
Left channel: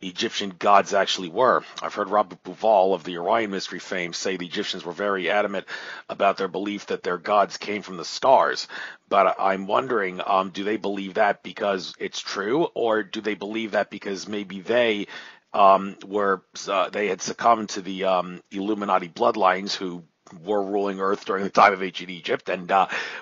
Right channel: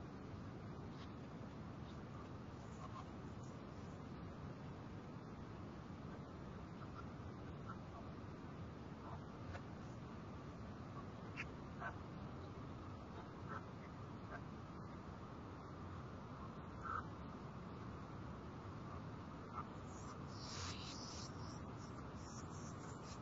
Egyptian gods actually were. I've heard Robert Bouval of the Orion Mystery fame say the Egyptians were very adamant about their belief that their gods came from the stars. But I'm wondering, do they believe that because it's true, or do they believe that because maybe they they had succumbed to the Illuminati bloodlines who were ruling Earth during the time of ancient Egypt, and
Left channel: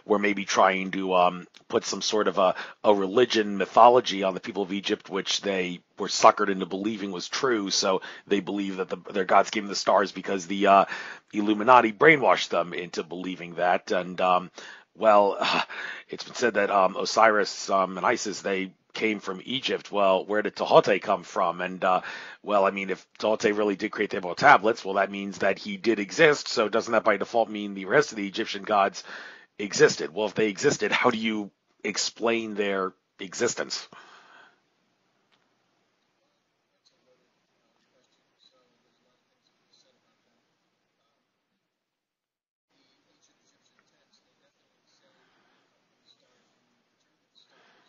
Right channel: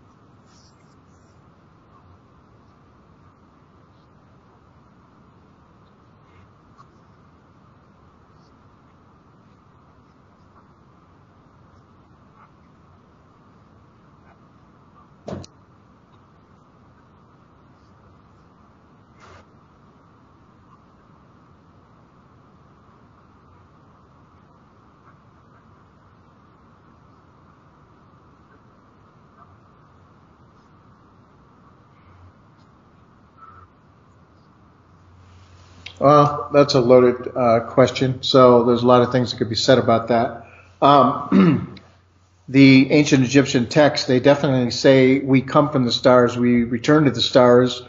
were maybe trying to put some sort of a religion mythology on the people of Egypt, which they were suckered into believing was true. So they believe that their gods came from the stars because the Illuminati brainwashed them into believing that. And well, it's been said that Osiris and Isis, they came from Egypt. Well, where did Tehote come from? And well, I mean, if Tehote really did create the Emerald Tablets, well, that means that he did exist. So doesn't that by default mean the rest of the Egyptian gods existed? Well, if they existed, how do you explain their existence? Well, that's a loaded question. So there's a lot of things that could be said about that. The ancient Egyptian texts, they definitely say we come from the stars, we return to the stars,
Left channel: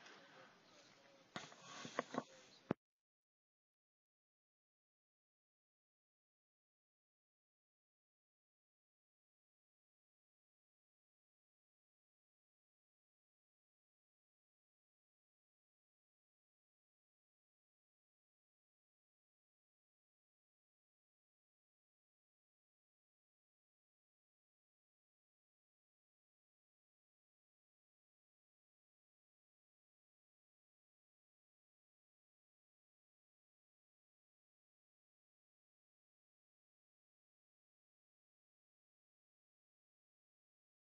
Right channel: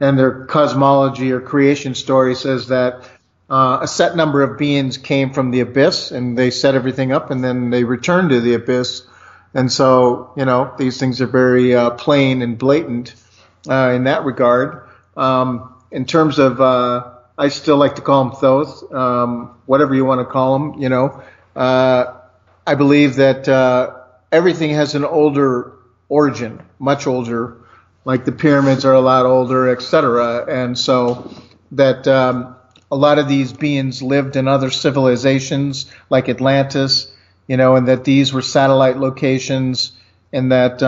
and their cosmology or creation story says that a set number of beings came from the abyss and they set everything up and then they returned to the abyss. And so, these things are very plain and blatant in that regard. In terms of, I still like to call them Thoth, whatever you want to call them, I believe that everything has an older origin, much older, like the pyramids are a lot older, etc. And so that a lot of these beings lived in other civilizations like Atlantis, and that these were satellite locations, and that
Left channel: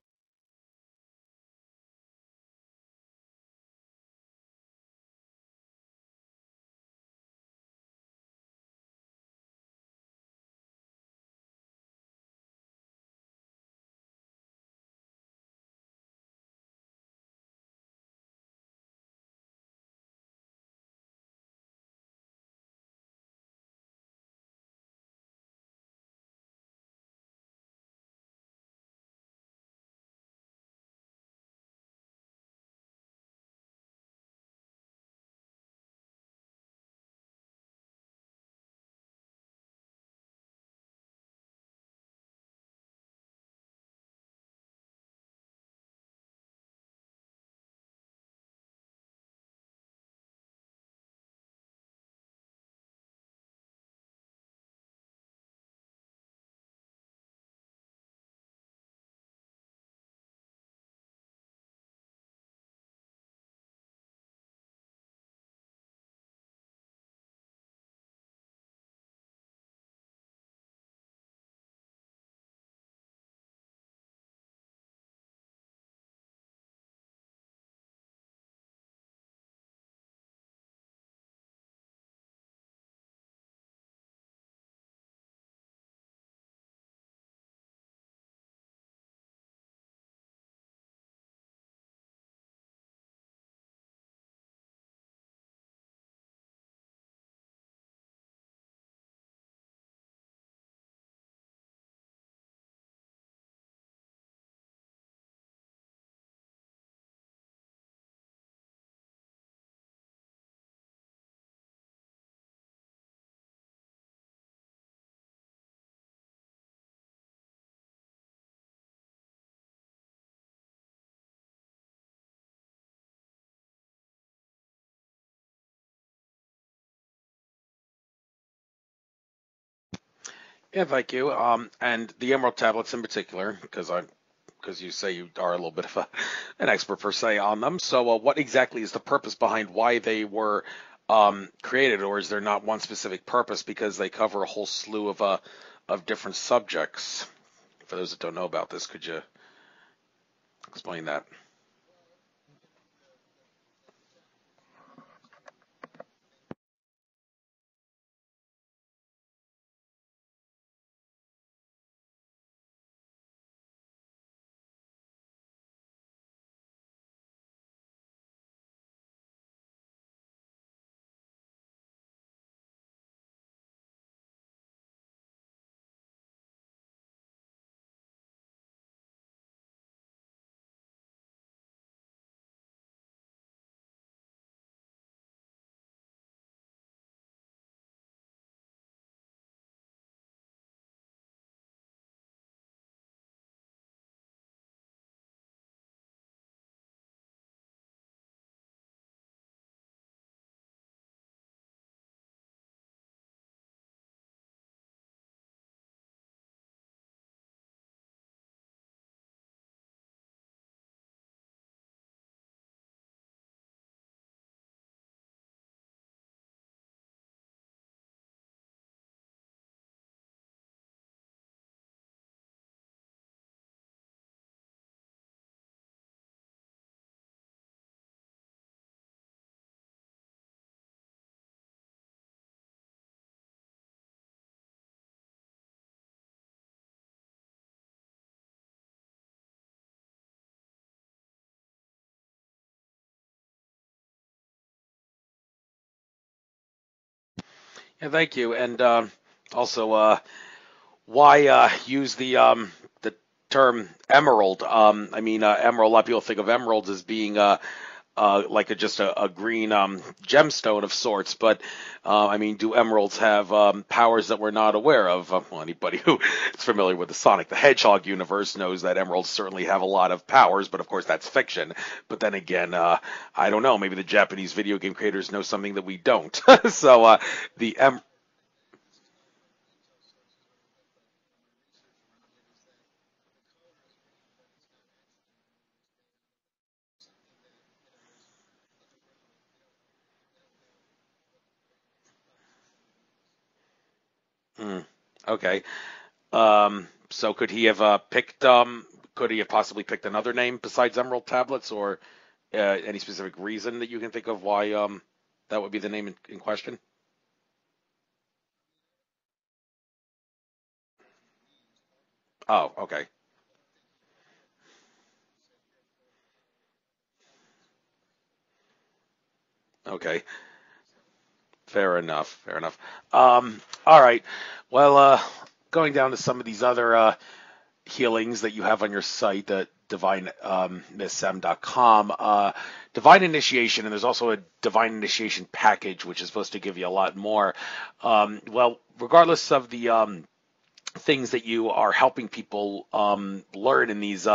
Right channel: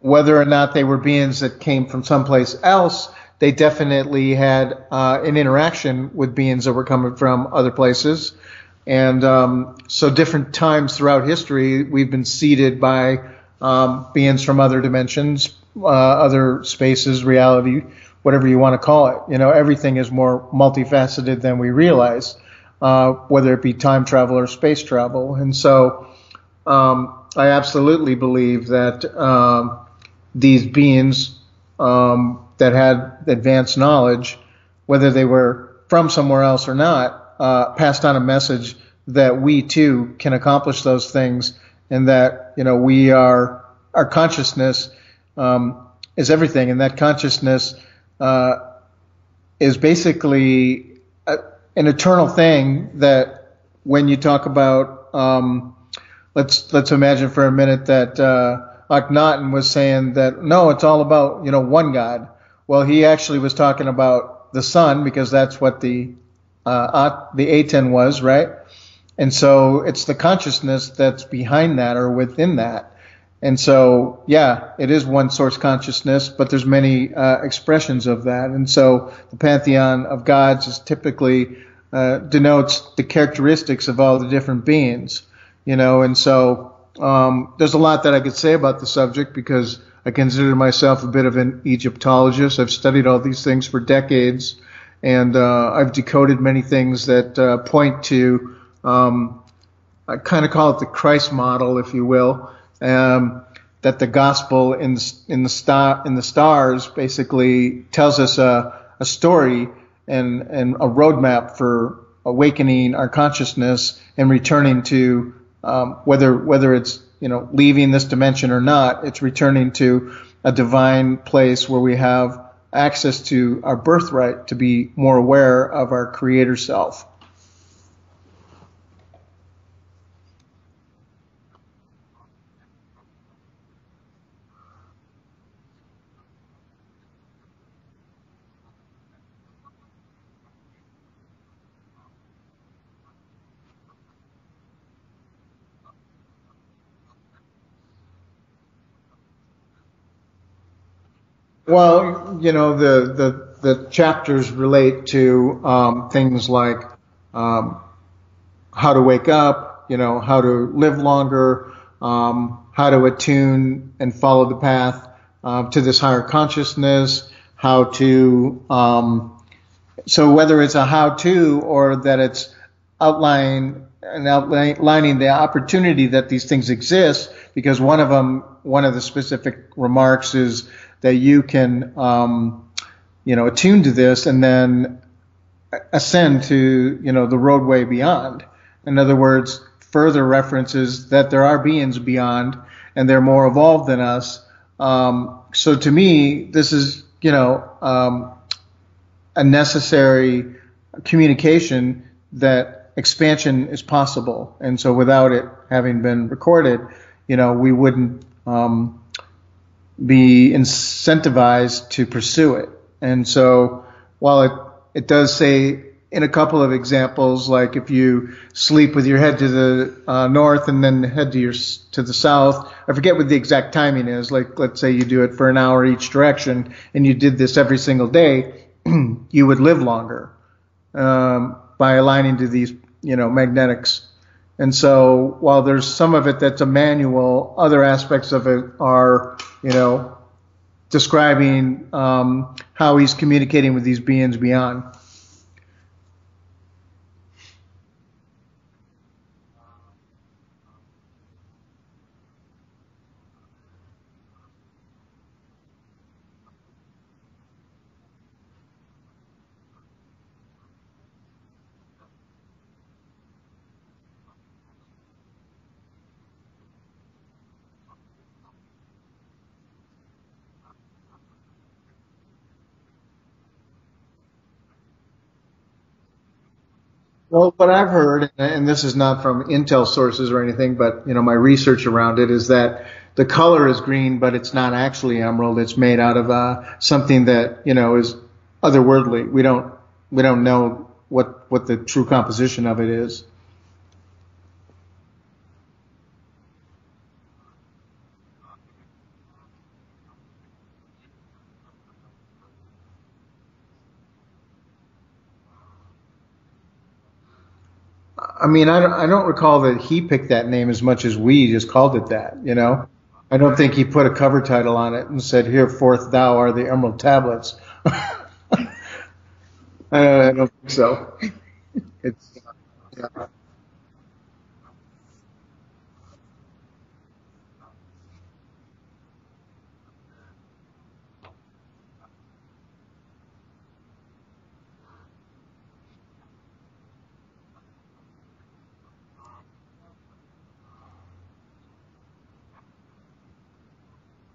whether or not they were beings that came from someplace else, they definitely had an interaction with beings that were coming from other places. And so different times throughout history, we've been seeded by beings from other dimensions, other spaces, reality, whatever you want to call it. Everything is more multifaceted than we realize, whether it be time travel or space travel. And so I absolutely believe that these beings that had advanced knowledge, whether they were from somewhere else or not, passed on a message that we too can accomplish those things, and that our consciousness is everything, and that consciousness is basically an eternal thing. That when you talk about, let's imagine for a minute that Akhenaten was saying that no, it's all about one God. Well, he actually was talking about the sun, because that's what the Aten was, right? And so it's the consciousness that's behind that or within that. And so, yeah, it is one source consciousness, but there's many expressions of that. And so the pantheon of gods is typically denotes the characteristics of all the different beings, and so there's a lot that I could say about the subject, because I consider myself a bit of an Egyptologist. I've studied all these things for decades, and I've decoded many things that point to, I kind of call it the Christ model, if you will, that the gospel in the stars basically tells us a story and a roadmap for awakening our consciousness and returning to whether it's leaving this dimension or not, it's returning to a divine place where we have access to our birthright to be more aware of our creator self. Yeah, thank you. And the Emerald Tablets in particular, because you say you are a little bit of an expert per se on them. So what exactly is the purpose behind why they were created, or is there not one specific purpose, because they cover a whole slew of different subjects? For those that don't know about this, could you explain that? Well, the chapters relate to things like how to wake up, how to live longer, how to attune and follow the path to this higher consciousness, how to, so whether it's a how-to or that it's outlining the opportunity that these things exist, because one of the specific remarks is that you can, attune to this and then ascend to, the roadway beyond. In other words, further references that there are beings beyond and they're more evolved than us. So to me, this is, a necessary communication that expansion is possible. And so without it having been recorded, we wouldn't be incentivized to pursue it. And so while it does say in a couple of examples, like if you sleep with your head to the north and then head to the south. I forget what the exact timing is. Like, let's say you do it for an hour each direction, and you did this every single day, you would live longer by aligning to these, magnetics. And so while there's some of it that's a manual, other aspects of it are, describing how he's communicating with these beings beyond. Yeah, thank you. And also, why use the term emerald? Emerald. A lot of people think of emeralds as being like just a green gemstone of sorts, but do emeralds have powers that we're not aware of? Well, anybody who is familiar with the Sonic the Hedgehog universe knows that emeralds certainly have a lot of powers, but of course that's fiction. But then again, I don't know, maybe the Japanese video game creators know something that we don't. So, what I've heard, and this is not from Intel sources or anything, but my research around it is that the color is green, but it's not actually emerald. It's made out of something that is otherworldly. We don't know what the true composition of it is. Okay. So could he have picked? Could he have possibly picked another name besides Emerald Tablets, or any specific reason that you can think of why that would be the name in question? I don't recall that he picked that name as much as we just called it that, Okay. I don't think he put a cover title on it and said, "Here forth thou are the Emerald Tablets." Okay. I don't think so. Fair enough. Yeah. All right. Well, going down to some of these other healings that you have on your site, the divinemissm.com, divine initiation, and there's also a divine initiation package, which is supposed to give you a lot more. Well, regardless of the things that you are helping people learn in these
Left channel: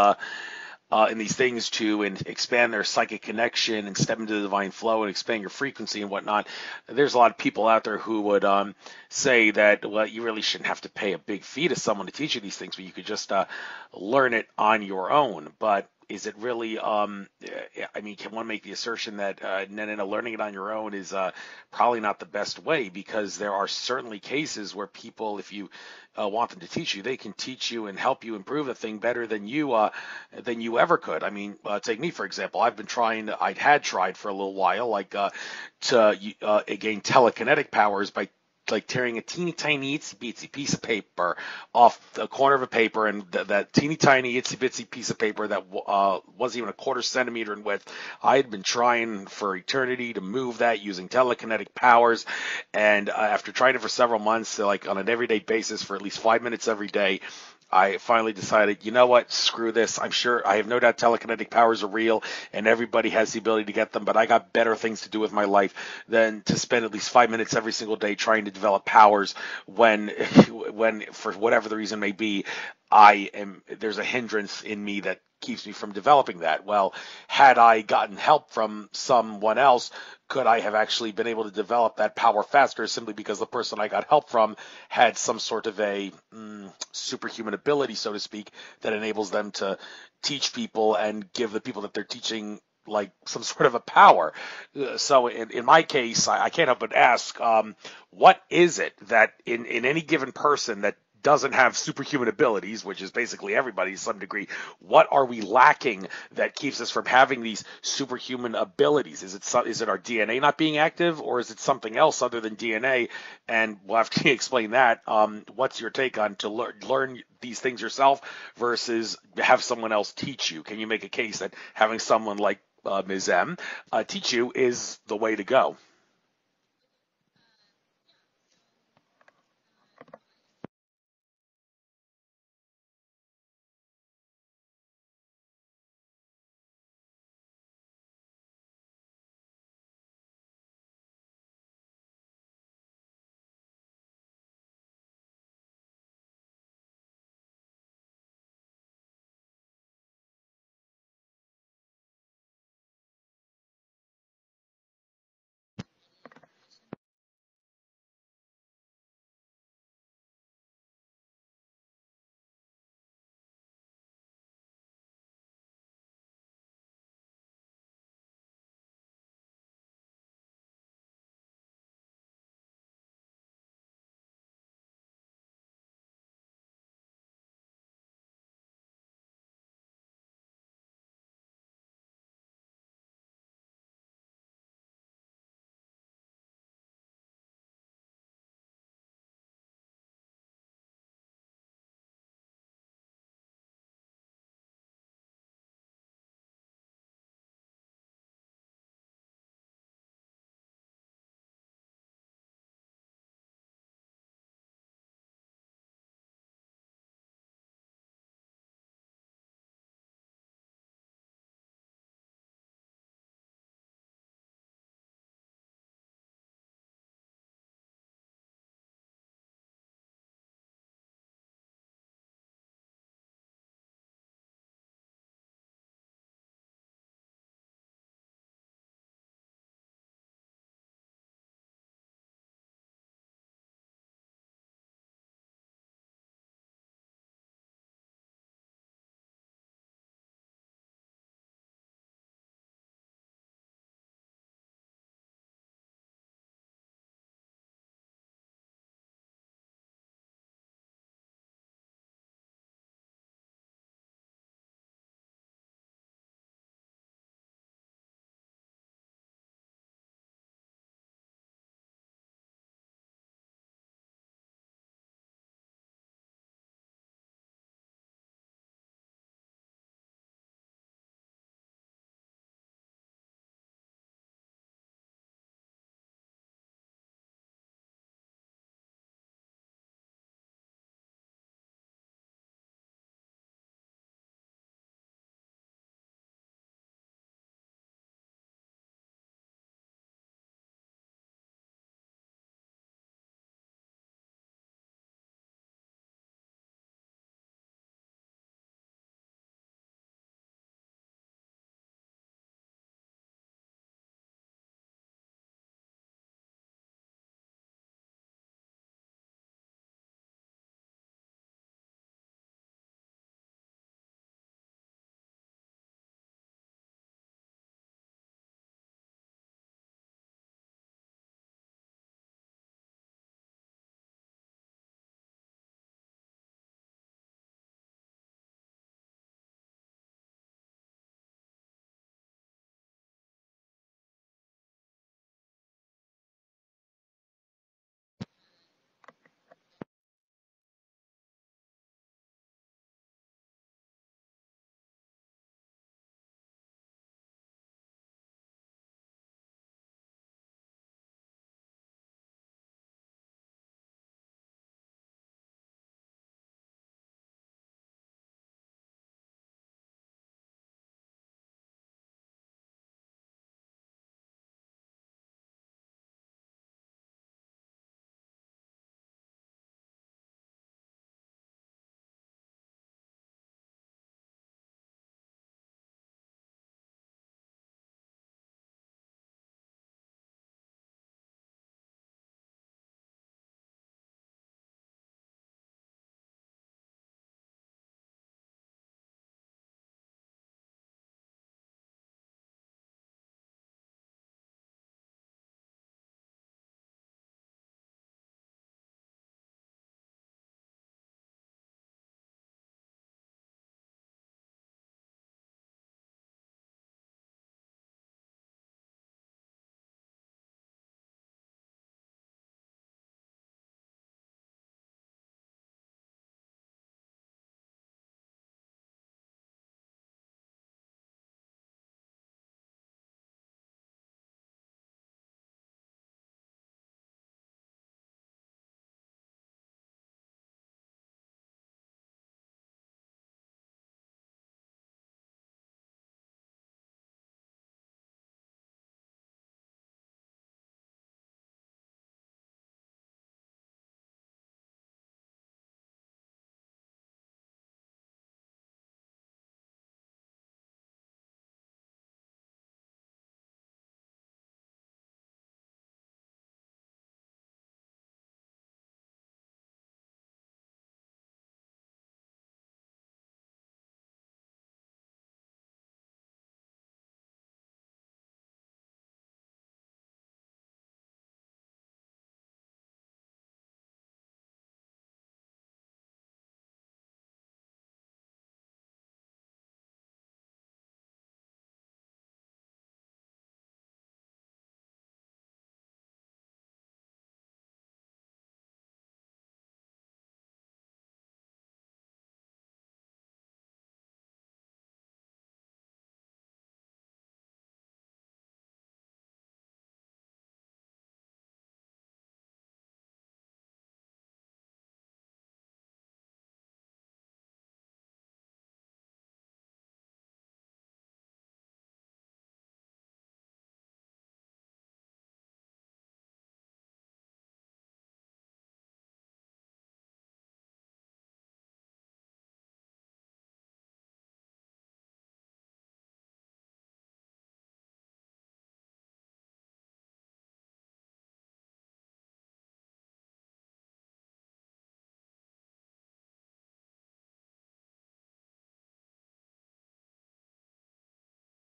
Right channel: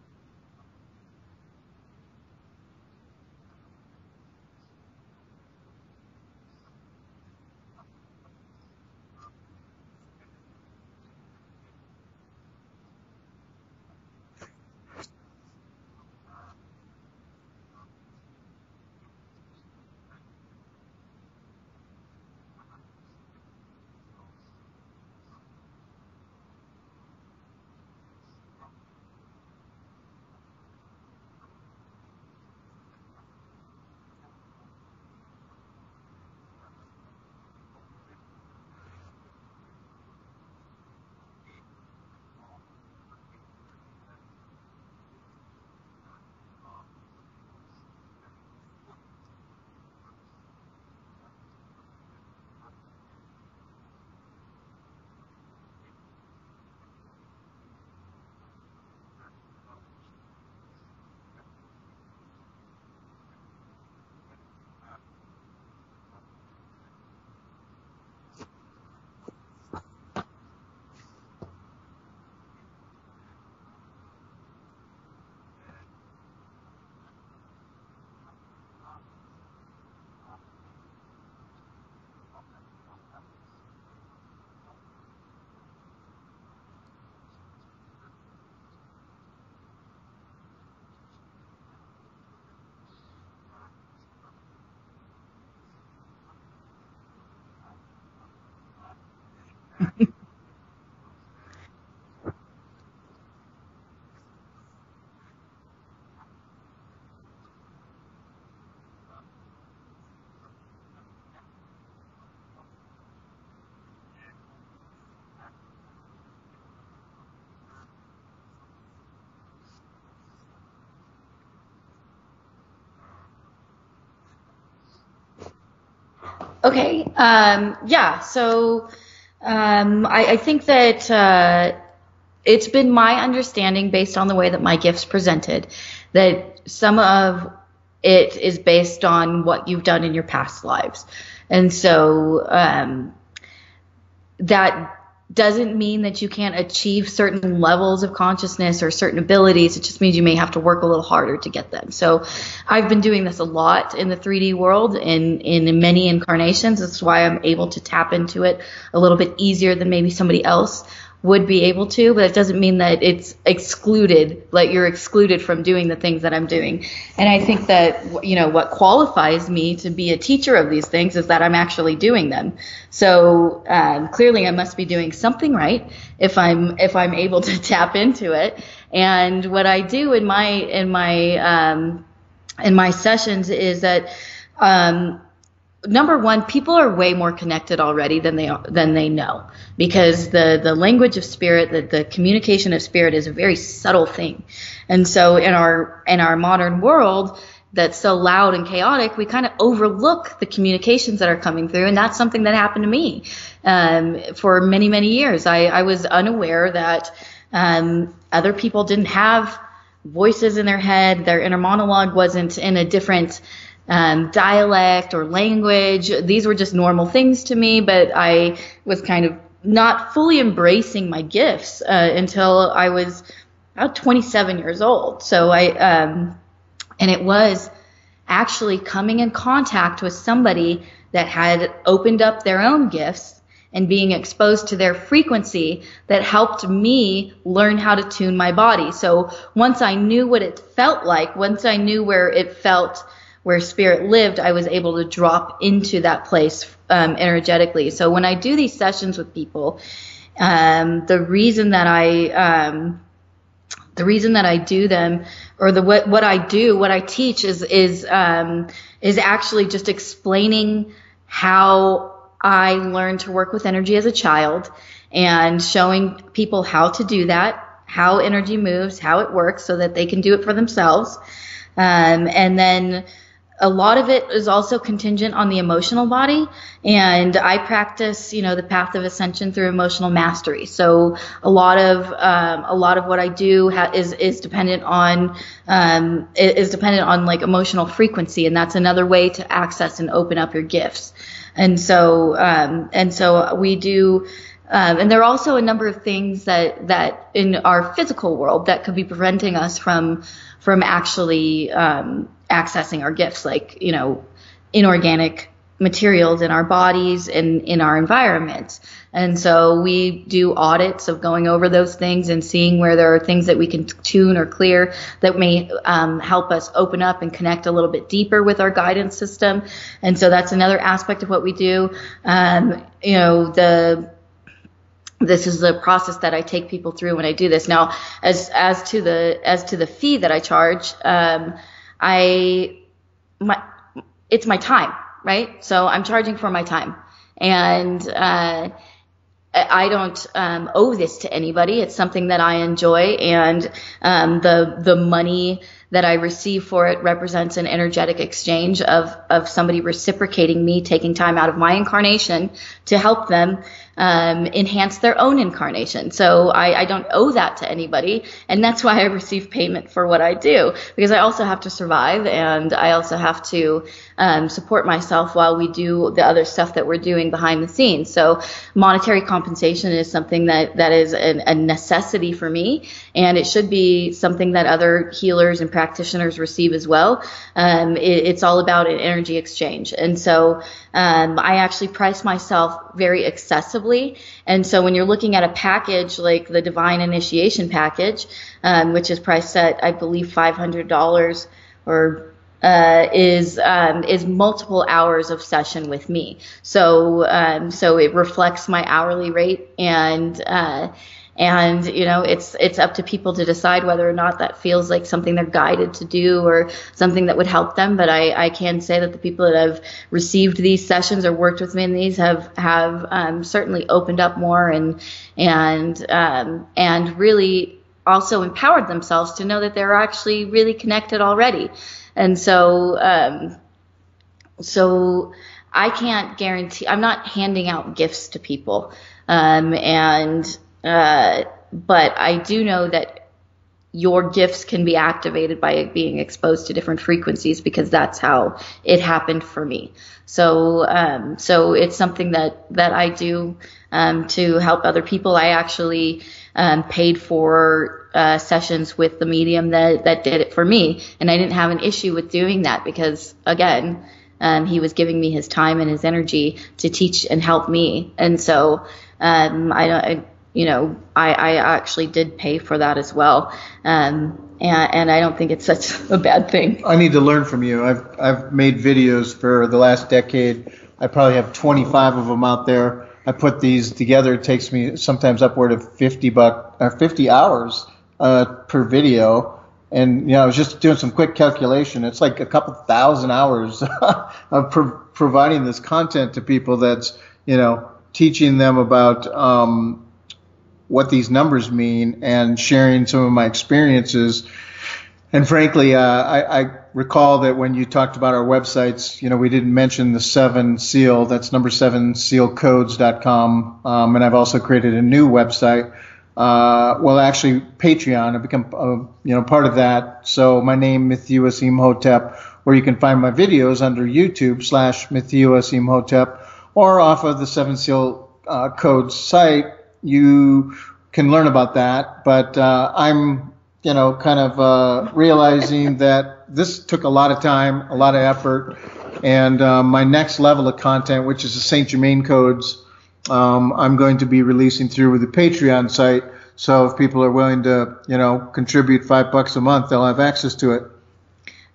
things to expand their psychic connection and step into the divine flow and expand your frequency and whatnot, there's a lot of people out there who would say that, well, you really shouldn't have to pay a big fee to someone to teach you these things, but you could just learn it on your own. But is it really, can one make the assertion that learning it on your own is probably not the best way? Because there are certainly cases where people, if you want them to teach you, they can teach you and help you improve the thing better than you ever could. Take me for example. I had tried for a little while, to gain telekinetic powers by tearing a teeny tiny itsy bitsy piece of paper off the corner of a paper, and that teeny tiny itsy bitsy piece of paper that wasn't even a quarter centimeter in width. I had been trying for eternity to move that using telekinetic powers, and after trying it for several months, on an everyday basis for at least 5 minutes every day, I finally decided, you know what, screw this. I have no doubt telekinetic powers are real and everybody has the ability to get them, but I got better things to do with my life than to spend at least 5 minutes every single day trying to develop powers when for whatever the reason may be, there's a hindrance in me that keeps me from developing that. Well, had I gotten help from someone else, could I have actually been able to develop that power faster simply because the person I got help from had some sort of a superhuman ability, so to speak, that enables them to teach people and give the people that they're teaching some sort of a power? So in my case, I can't help but ask, what is it that in any given person that doesn't have superhuman abilities, which is basically everybody to some degree, what are we lacking that keeps us from having these superhuman abilities? Is it our DNA not being active, or is it something else other than DNA? And we'll have to explain that. What's your take on to learn these things yourself versus have someone else teach you? Can you make a case that having someone like Ms. M teach you is the way to go? Okay. So I think that it's been my understanding, based on the way that my gift's presented, that some of it is based on what you've done in your past lives. And so that doesn't mean that you can't achieve certain levels of consciousness or certain abilities. It just means you may have to work a little harder to get them. So I've been doing this a lot in the 3D world in many incarnations. That's why I'm able to tap into it a little bit easier than maybe somebody else would be able to, but it doesn't mean that it's excluded, like you're excluded from doing the things that I'm doing. And I think that, what qualifies me to be a teacher of these things is that I'm actually doing them. So clearly I must be doing something right if I'm able to tap into it. And what I do in my sessions is that, number one, people are way more connected already than they know, because the language of spirit, the communication of spirit is a very subtle thing. And so in our modern world that's so loud and chaotic, we kind of overlook the communications that are coming through. And that's something that happened to me for many, many years. I was unaware that other people didn't have voices in their head. Their inner monologue wasn't in a different dialect or language. These were just normal things to me, but I was kind of not fully embracing my gifts until I was about 27 years old. So and it was actually coming in contact with somebody that had opened up their own gifts and being exposed to their frequency that helped me learn how to tune my body. So once I knew what it felt like, once I knew where spirit lived, I was able to drop into that place energetically. So when I do these sessions with people, the reason that I do them, or what I teach is actually just explaining how I learned to work with energy as a child, and showing people how to do that, how energy moves, how it works, so that they can do it for themselves. And then a lot of it is also contingent on the emotional body, and I practice, the path of ascension through emotional mastery. So a lot of what I do is dependent on like emotional frequency, and that's another way to access and open up your gifts. And so we do. And there are also a number of things that in our physical world that could be preventing us from actually accessing our gifts, like, inorganic materials in our bodies and in our environments. And so we do audits of going over those things and seeing where there are things that we can tune or clear that may help us open up and connect a little bit deeper with our guidance system. And so that's another aspect of what we do. This is the process that I take people through when I do this. Now, as to the fee that I charge, it's my time, right? So I'm charging for my time, and I don't owe this to anybody. It's something that I enjoy, and the money that I receive for it represents an energetic exchange of somebody reciprocating me taking time out of my incarnation to help them enhance their own incarnation. So I don't owe that to anybody, and that's why I receive payment for what I do, because I also have to survive, and I also have to support myself while we do the other stuff that we're doing behind the scenes. So monetary compensation is something that is a necessity for me, and it should be something that other healers and practitioners receive as well. It's all about an energy exchange. And so I actually price myself very accessibly. And so when you're looking at a package like the Divine Initiation package, which is priced at, I believe, $500, or is multiple hours of session with me. So it reflects my hourly rate, and it's up to people to decide whether or not that feels like something they're guided to do or something that would help them. But I can say that the people that have received these sessions or worked with me in these have certainly opened up more and really also empowered themselves to know that they're actually really connected already. And so I can't guarantee, I'm not handing out gifts to people. But I do know that your gifts can be activated by being exposed to different frequencies, because that's how it happened for me. So it's something that I do to help other people. I actually paid for sessions with the medium that did it for me, and I didn't have an issue with doing that, because again, he was giving me his time and his energy to teach and help me. And so I actually did pay for that as well. And I don't think it's such a bad thing. I need to learn from you. I've made videos for the last decade. I probably have 25 of them out there. I put these together. It takes me sometimes upward of 50 hours per video. And I was just doing some quick calculation. It's like a couple thousand hours of providing this content to people. That's teaching them about what these numbers mean and sharing some of my experiences. And frankly, I recall that when you talked about our websites, we didn't mention the 7 Seal. That's number 7sealcodes.com. And I've also created a new website. Actually, Patreon. I've become, part of that. So my name, Mithyu Asim Hotep, where you can find my videos under YouTube /Mithyu Asim Hotep, or off of the 7 Seal Codes site. You can learn about that. But I'm realizing that this took a lot of time, a lot of effort, and my next level of content, which is the Saint Germain codes, I'm going to be releasing through the Patreon site. So if people are willing to, contribute $5 a month, they'll have access to it.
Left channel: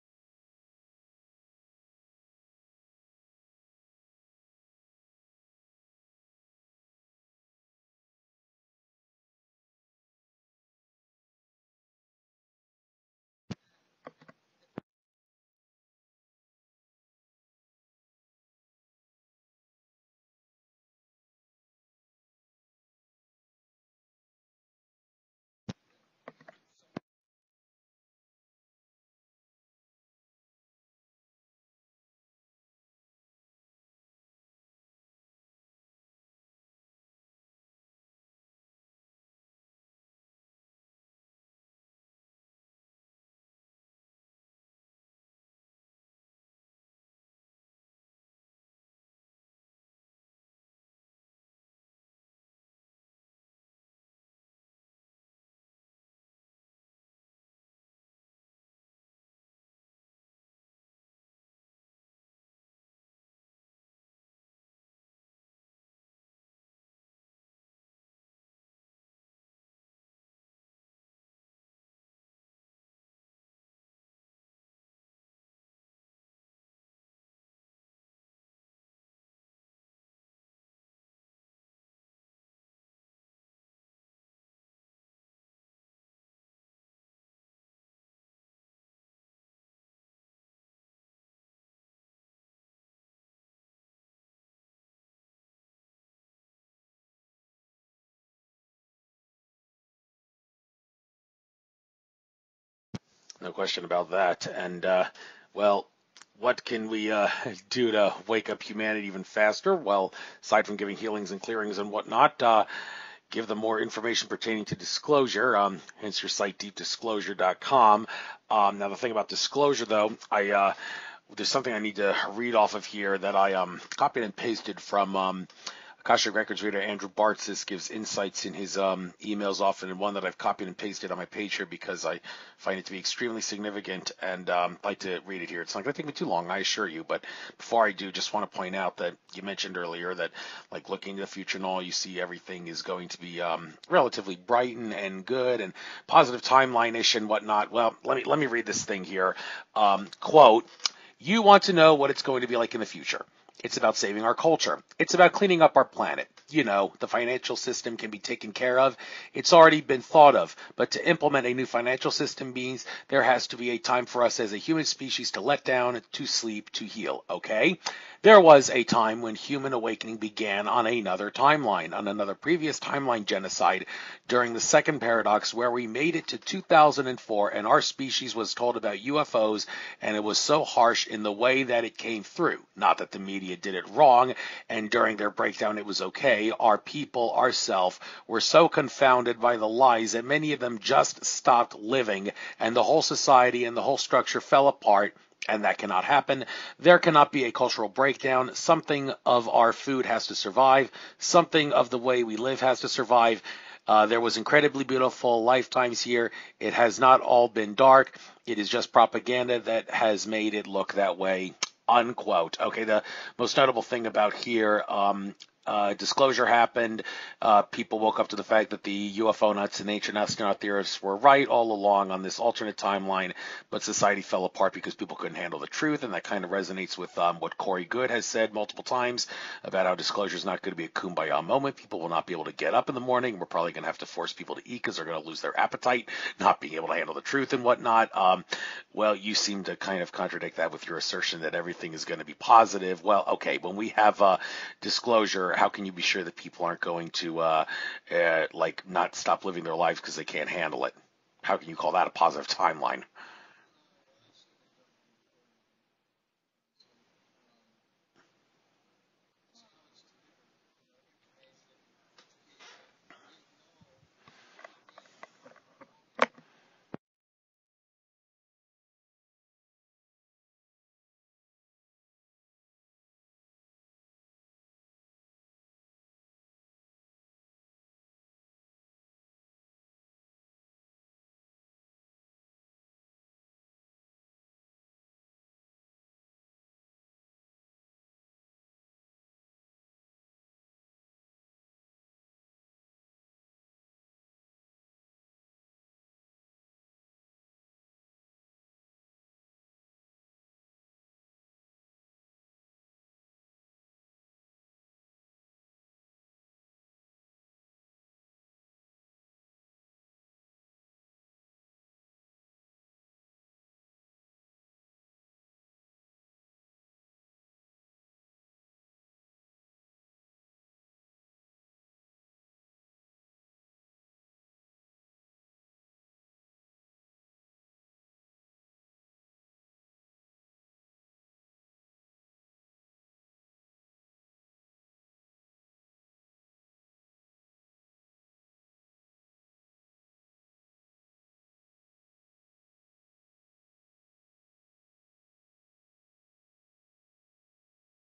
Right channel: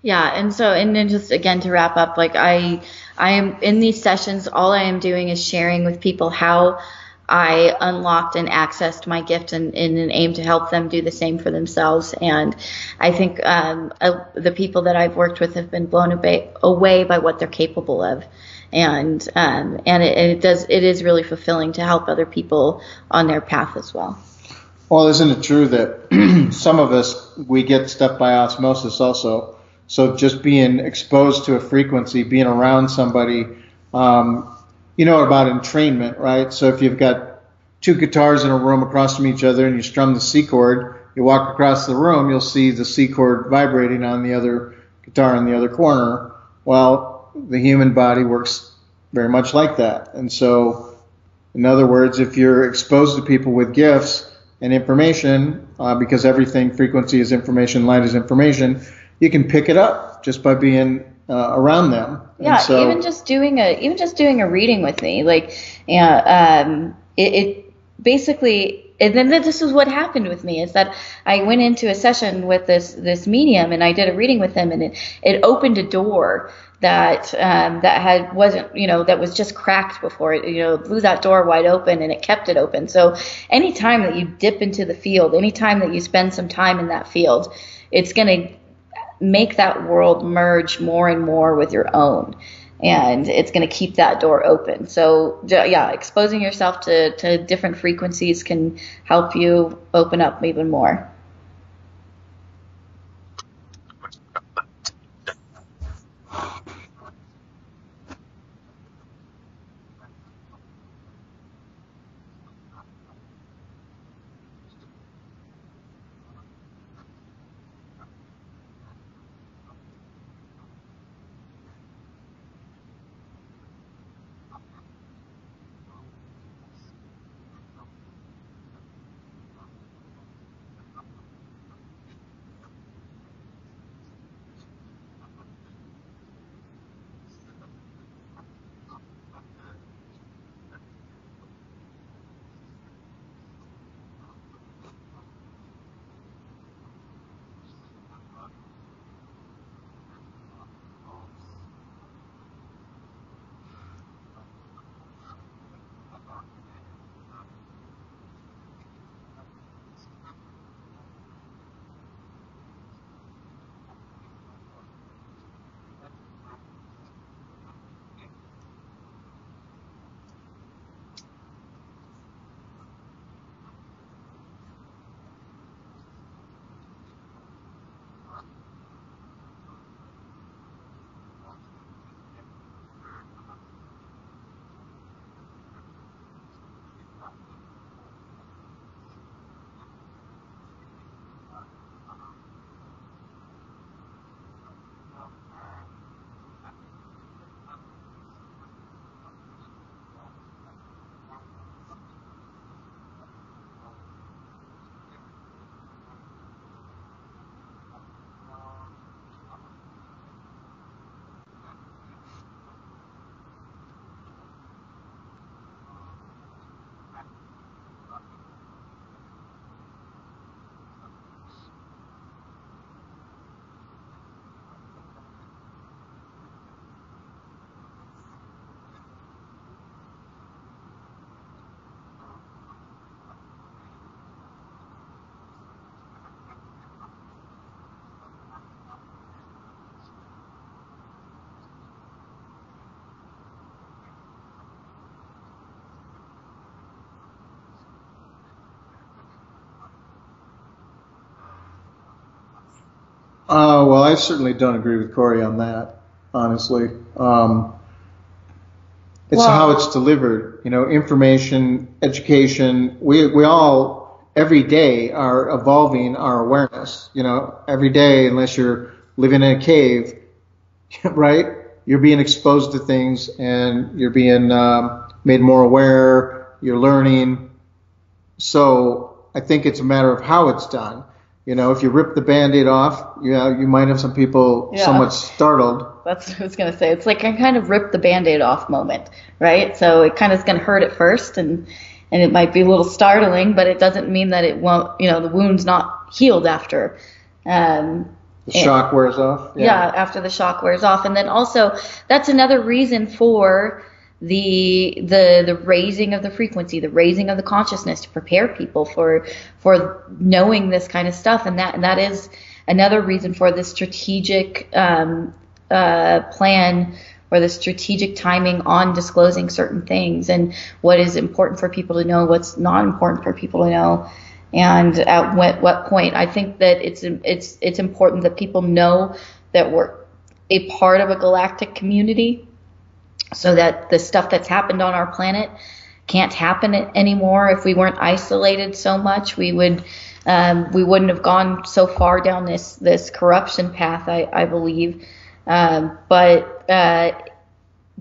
Yeah, and then just again to wrap up, like I am in these sessions, all I am doing is sharing with people how I unlocked and accessed my gift in an aim to help them do the same for themselves. And I think the people that I've worked with have been blown away by what they're capable of. And it is really fulfilling to help other people on their path as well. Well, isn't it true that some of us, we get stuff by osmosis also? So just being exposed to a frequency, being around somebody, about entrainment, right? So if you've got 2 guitars in a room across from each other and you strum the C chord, you walk across the room, you'll see the C chord vibrating on the other guitar in the other corner. Well, the human body works very much like that. And so, in other words, if you're exposed to people with gifts and information, because everything, frequency is information, light is information, you can pick it up just by being around them. Yeah, so, even just doing a reading with me, it basically. And then this is what happened with me, is that I went into a session with this medium, and I did a reading with him, and it opened a door that that was just cracked before. It blew that door wide open, and it kept it open. So anytime that you dip into the field, anytime that you spend some time in that field, it's going to make that world merge more and more with your own. And it's going to keep that door open. So, yeah, exposing yourself to different frequencies can help you open up even more. No question about that. And, what can we do to wake up humanity even faster? Well, aside from giving healings and clearings and whatnot, give them more information pertaining to disclosure, hence your site, deepdisclosure.com. Now, the thing about disclosure, though, there's something I need to read off of here that I copied and pasted from Akashic Records reader Andrew Bartzis. Gives insights in his emails often, and one that I've copied and pasted on my page here because I find it to be extremely significant, and I'd like to read it here. It's not going to take me too long, I assure you, but before I do, just want to point out that you mentioned earlier that, like, looking to the future and all, you see everything is going to be relatively bright and good and positive timeline-ish and whatnot. Well, let me read this thing here. Quote, "You want to know what it's going to be like in the future. It's about saving our culture. It's about cleaning up our planet. The financial system can be taken care of. It's already been thought of. But to implement a new financial system means there has to be a time for us as a human species to let down, to sleep, to heal, okay? There was a time when human awakening began on another timeline, on another previous timeline genocide during the second paradox, where we made it to 2004 and our species was told about UFOs, and it was so harsh in the way that it came through. Not that the media did it wrong, and during their breakdown it was okay. Our people, ourselves, were so confounded by the lies that many of them just stopped living, and the whole society and the whole structure fell apart. And that cannot happen. There cannot be a cultural breakdown. Something of our food has to survive. Something of the way we live has to survive. There was incredibly beautiful lifetimes here. It has not all been dark. It is just propaganda that has made it look that way," unquote. Okay, the most notable thing about here, disclosure happened. People woke up to the fact that the UFO nuts and ancient astronaut theorists were right all along on this alternate timeline, but society fell apart because people couldn't handle the truth, and that kind of resonates with what Corey Goode has said multiple times about how disclosure is not going to be a kumbaya moment. People will not be able to get up in the morning. We're probably going to have to force people to eat because they're going to lose their appetite, not being able to handle the truth and whatnot. Well, you seem to kind of contradict that with your assertion that everything is going to be positive. Well, okay, when we have disclosure, how can you be sure that people aren't going to like not stop living their lives because they can't handle it? How can you call that a positive timeline? Well, I certainly don't agree with Corey on that, honestly. It's how it's delivered, information, education. We all every day are evolving our awareness, every day, unless you're living in a cave, right? You're being exposed to things and you're being made more aware, you're learning. So I think it's a matter of how it's done. If you rip the Band-Aid off, you might have some people somewhat startled. That's what I was going to say. It's like I kind of ripped the Band-Aid off moment, right? So it kind of is going to hurt at first and it might be a little startling, but it doesn't mean that it won't, the wound's not healed after. The shock wears off? Yeah, after the shock wears off. And then also, that's another reason for the raising of the frequency, the raising of the consciousness to prepare people for knowing this kind of stuff. And that is another reason for the strategic plan or the strategic timing on disclosing certain things and what is important for people to know, what's not important for people to know, and at what point. I think that it's important that people know that we're a part of a galactic community, so that the stuff that's happened on our planet can't happen anymore. If we weren't isolated so much, we wouldn't have gone so far down this corruption path, I believe. But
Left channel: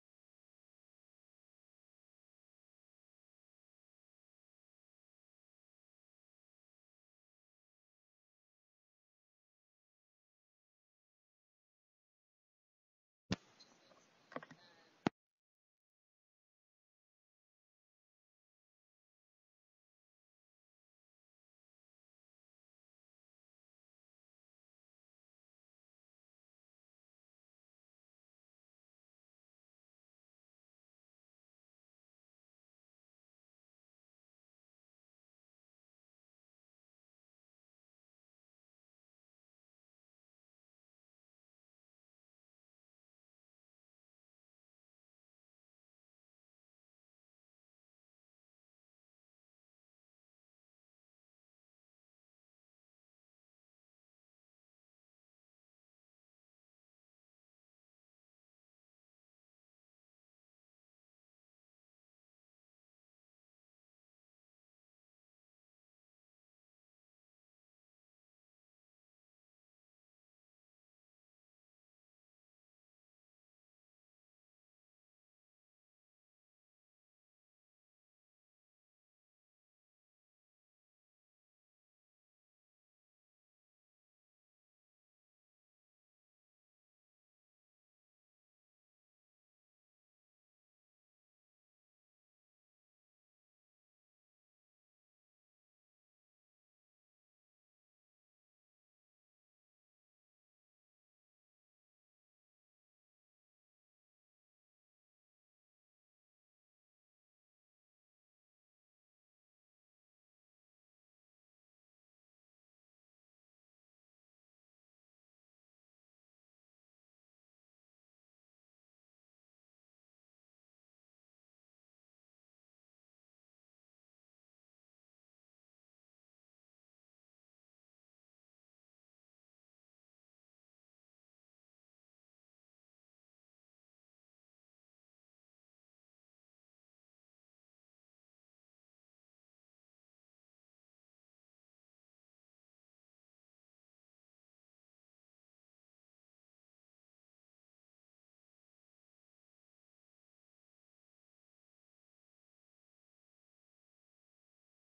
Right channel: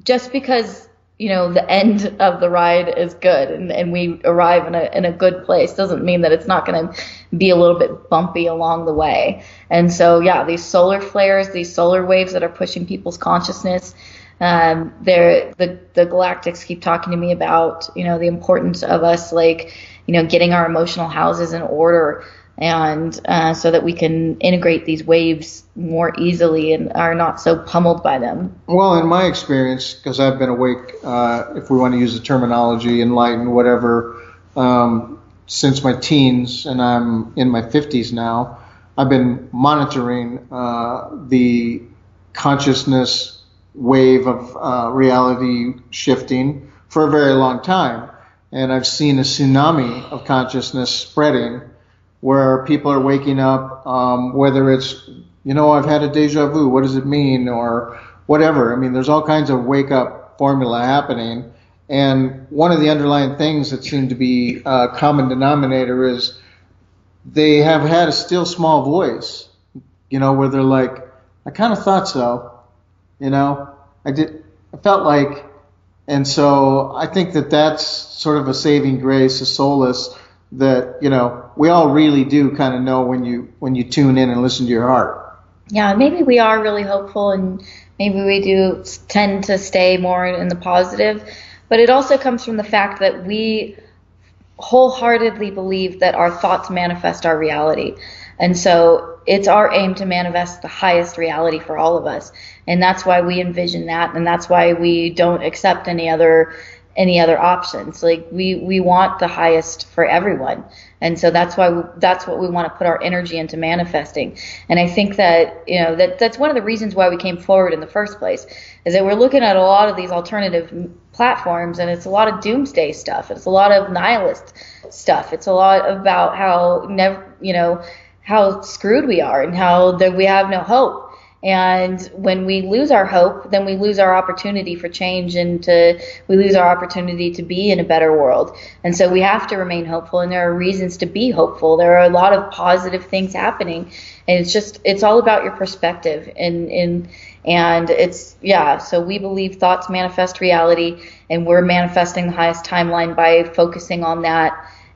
just because the end of the ride is good and we arrive in a good place doesn't mean that it's not going to be a little bit bumpy along the way. And so these solar flares, these solar waves that are pushing people's consciousness, the galactics keep talking to me about the importance of us getting our emotional houses in order, and so that we can integrate these waves more easily and are not so pummeled by them. Well, in my experience, because I've been awake, if we want to use the terminology, enlightened, whatever, since my teens, and I'm in my 50s now, I've been monitoring the consciousness wave of reality shifting for a very long time. And I've seen a tsunami of consciousness spreading where people are waking up, whether it's, I've had a deja vu, what does it mean, or whatever. I mean, there's all kinds of wake-up formula happening. And one of the underlying things that seem to be a common denominator is they have had a still small voice, where they're like, I kind of thought so, I felt like, and so I think that that's sort of a saving grace, a solace that, we all really do kind of know when you tune in and listen to your heart. Yeah, maybe we are really hopeful and maybe we do tend to stay more in the positive, but it also comes from the fact that we wholeheartedly believe that our thoughts manifest our reality. And so it's our aim to manifest the highest reality for all of us. And that's why we envision that. And that's why we don't accept any other options. Like we want the highest for everyone. And so that's what we want to put our energy into manifesting. And I think that, that's one of the reasons why we came forward in the first place, is that we're looking at a lot of these alternative platforms and it's a lot of doomsday stuff. It's a lot of nihilist stuff. It's a lot about how screwed we are and how that we have no hope. And when we lose our hope, then we lose our opportunity for change and we lose our opportunity to be in a better world. And so we have to remain hopeful, and there are reasons to be hopeful. There are a lot of positive things happening, and it's all about your perspective. And so we believe thoughts manifest reality, and we're manifesting the highest timeline by focusing on that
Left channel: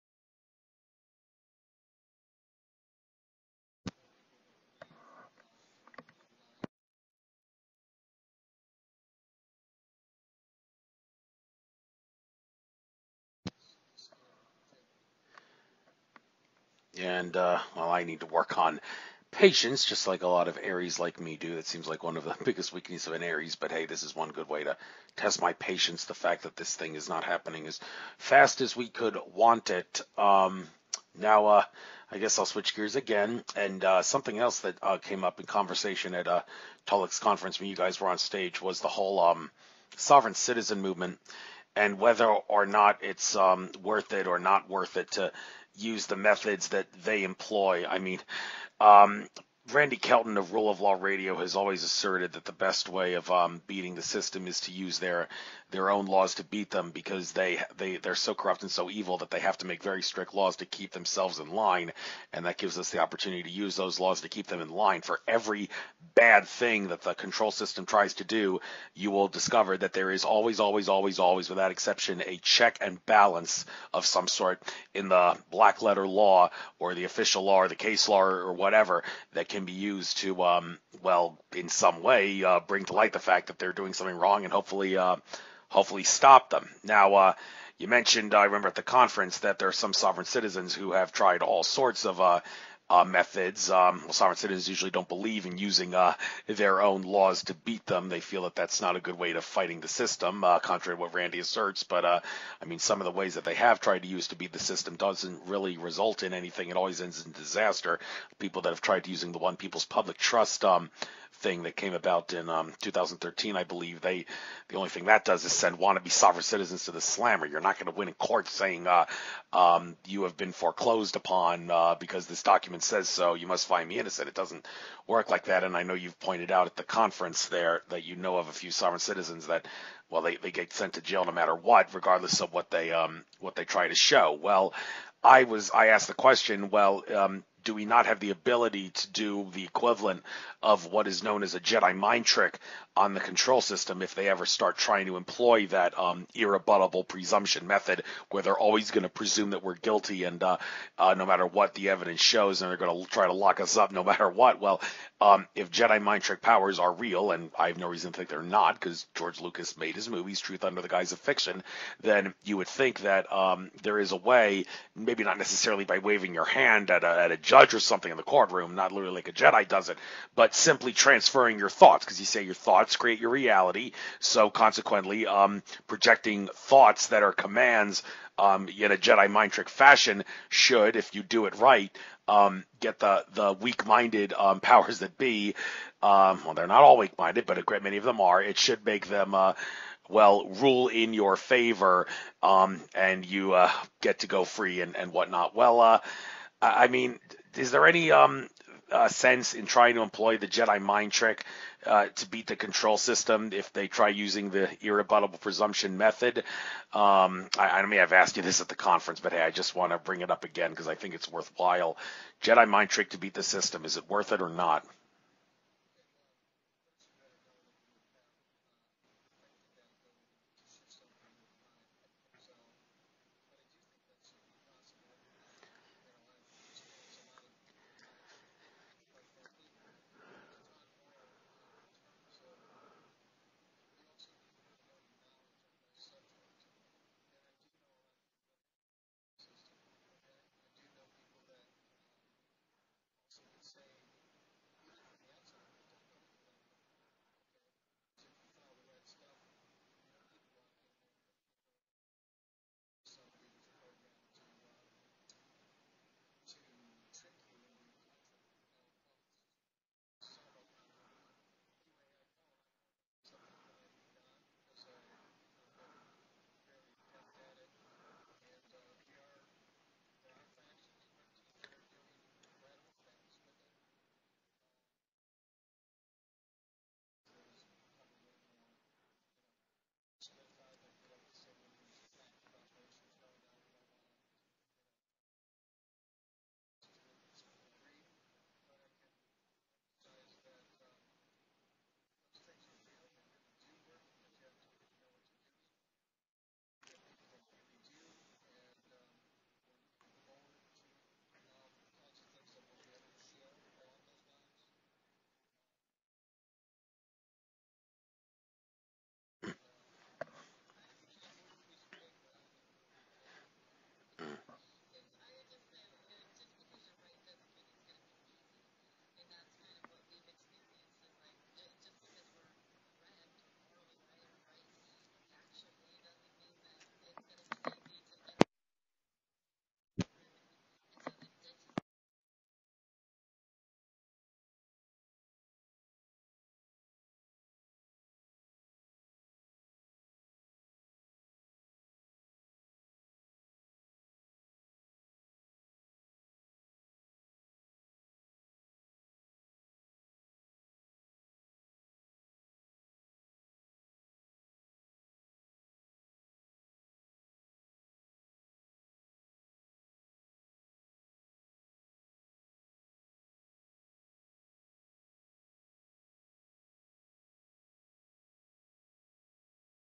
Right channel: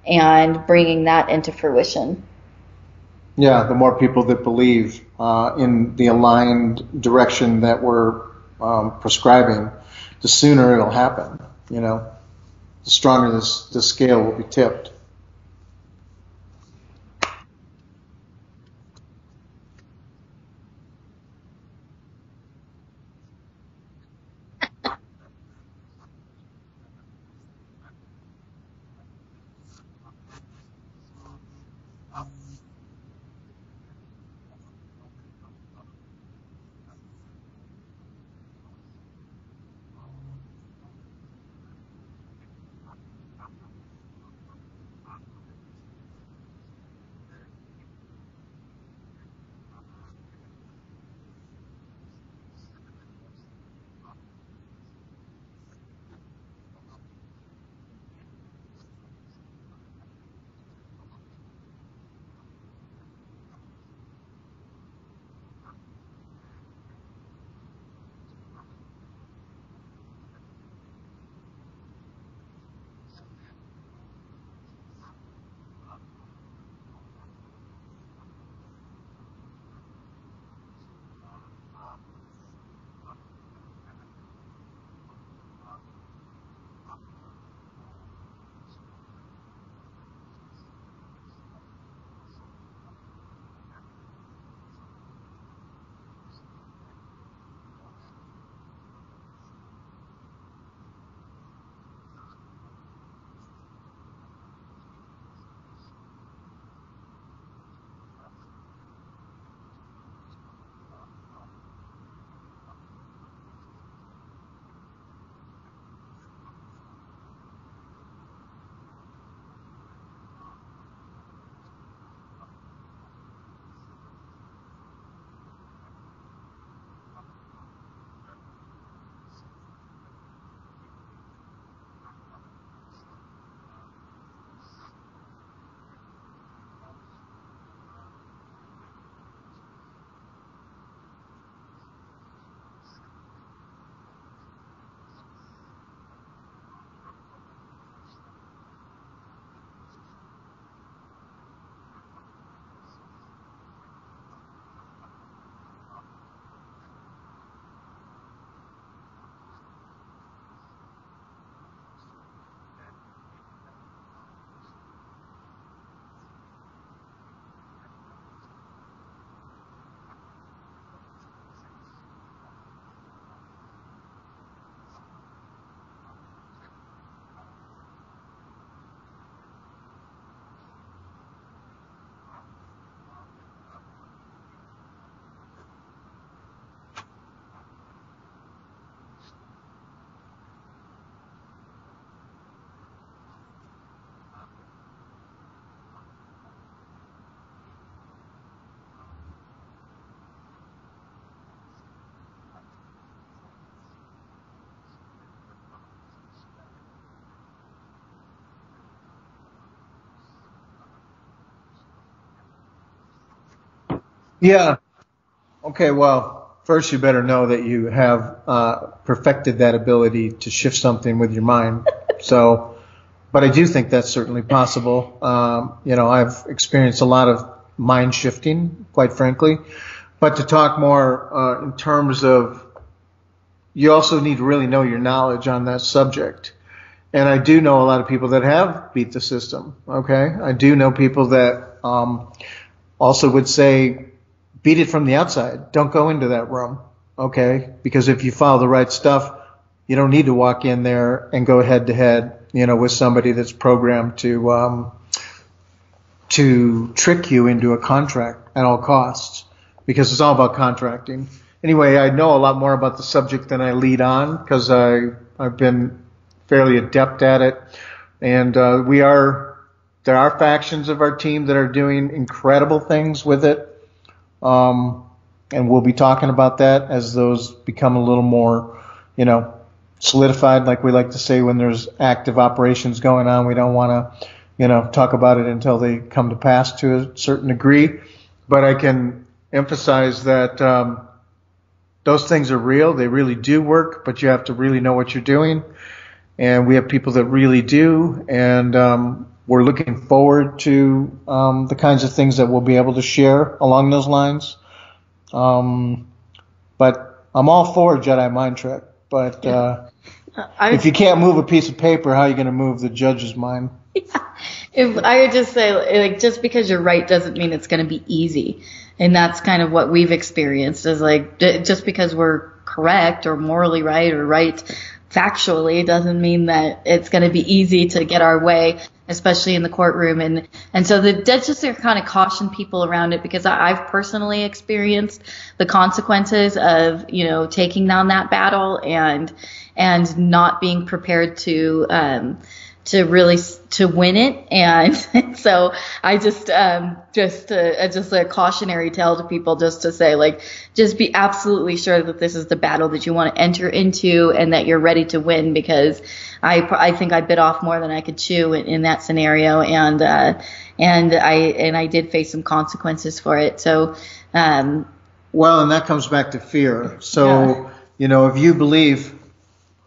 and bringing that into fruition. Yeah, the more people that believe in the aligned direction that we're prescribing, the sooner it'll happen, the stronger the scale will be tipped. And, well, I need to work on patience, just like a lot of Aries like me do. That seems like one of the biggest weaknesses of an Aries, but hey, this is one good way to test my patience, the fact that this thing is not happening as fast as we could want it. Now, I guess I'll switch gears again, and something else that came up in conversation at Tolec's conference when you guys were on stage was the whole sovereign citizen movement, and whether or not it's worth it or not worth it to use the methods that they employ. I mean, Randy Kelton of Rule of Law Radio has always asserted that the best way of beating the system is to use their own laws to beat them, because they're so corrupt and so evil that they have to make very strict laws to keep themselves in line, and that gives us the opportunity to use those laws to keep them in line. For every bad thing that the control system tries to do, you will discover that there is always, without exception, a check and balance of some sort in the black letter law or the official law or the case law or whatever that can be used to, well, in some way, bring to light the fact that they're doing something wrong and hopefully stop them. Now, you mentioned, I remember at the conference, that there are some sovereign citizens who have tried all sorts of methods. Well, sovereign citizens usually don't believe in using their own laws to beat them. They feel that that's not a good way to fighting the system, contrary to what Randy asserts. But I mean, some of the ways that they have tried to use to beat the system doesn't really result in anything. It always ends in disaster. People that have tried using the One People's Public Trust thing that came about in 2013, I believe, the only thing that does is send wannabe sovereign citizens to the slammer. You're not going to win in court saying you have been foreclosed upon because this document says so. You must find me innocent. It doesn't work like that. And I know you've pointed out at the conference there that you know of a few sovereign citizens that, well, they get sent to jail no matter what, regardless of what they try to show. Well, I asked the question, well, do we not have the ability to do the equivalent of what is known as a Jedi mind trick on the control system if they ever start trying to employ that irrebuttable presumption method, where they're always going to presume that we're guilty, and no matter what the evidence shows, and they're going to try to lock us up no matter what? Well, if Jedi mind trick powers are real, and I have no reason to think they're not, because George Lucas made his movies, truth under the guise of fiction, then you would think that there is a way, maybe not necessarily by waving your hand at a judge or something in the courtroom, not literally like a Jedi does it, but simply transferring your thoughts, because you say your thoughts create your reality. So consequently, projecting thoughts that are commands in a Jedi mind trick fashion should, if you do it right, get the weak-minded powers that be. Well, they're not all weak-minded, but a great many of them are. It should make them well, rule in your favor, and you get to go free and whatnot. Well, I mean, is there any sense in trying to employ the Jedi mind trick to beat the control system if they try using the irrebuttable presumption method? I mean, I've asked you this at the conference, but hey, I just want to bring it up again because I think it's worthwhile. Jedi mind trick to beat the system, is it worth it or not? Okay, well, first you better know that you have perfected that ability to shift something with your mind. So, but I do think that's certainly possible. I've experienced a lot of mind shifting, quite frankly. But to talk more in terms of, you also need to really know your knowledge on that subject. And I do know a lot of people that have beat the system, okay? I do know people that also would say, beat it from the outside. Don't go into that room, okay? Because if you follow the right stuff, you don't need to walk in there and go head to head, with somebody that's programmed to trick you into a contract at all costs, because it's all about contracting. Anyway, I know a lot more about the subject than I lead on because I've been fairly adept at it. And there are factions of our team that are doing incredible things with it. And we'll be talking about that as those become a little more, solidified, like we like to say when there's active operations going on. We don't want to, talk about it until they come to pass to a certain degree. But I can emphasize that those things are real. They really do work, but you have to really know what you're doing. And we have people that really do. And we're looking forward to the kinds of things that we'll be able to share along those lines. But I'm all for Jedi mind trick. But If you can't move a piece of paper, how are you going to move the judge's mind? If I would just say, like, just because you're right doesn't mean it's going to be easy. And that's kind of what we've experienced is like, just because we're correct or morally right or right factually doesn't mean that it's going to be easy to get our way, especially in the courtroom. And so the judges are kind of caution people around it because I've personally experienced the consequences of, taking down that battle and not being prepared to really to win it. And so I just a cautionary tale to people, just to say, like, just be absolutely sure that this is the battle that you want to enter into and that you're ready to win, because I think I bit off more than I could chew in that scenario, and I did face some consequences for it. So well, and that comes back to fear. So if you believe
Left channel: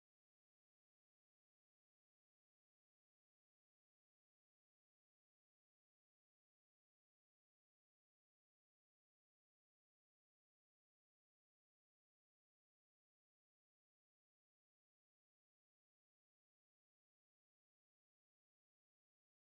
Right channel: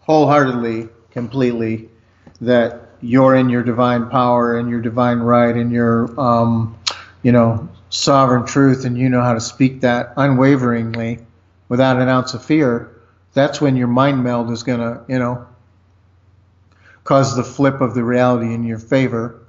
wholeheartedly, completely, that you're in your divine power and your divine right and your, sovereign truth, and you know how to speak that unwaveringly without an ounce of fear, that's when your mind meld is going to, cause the flip of the reality in your favor.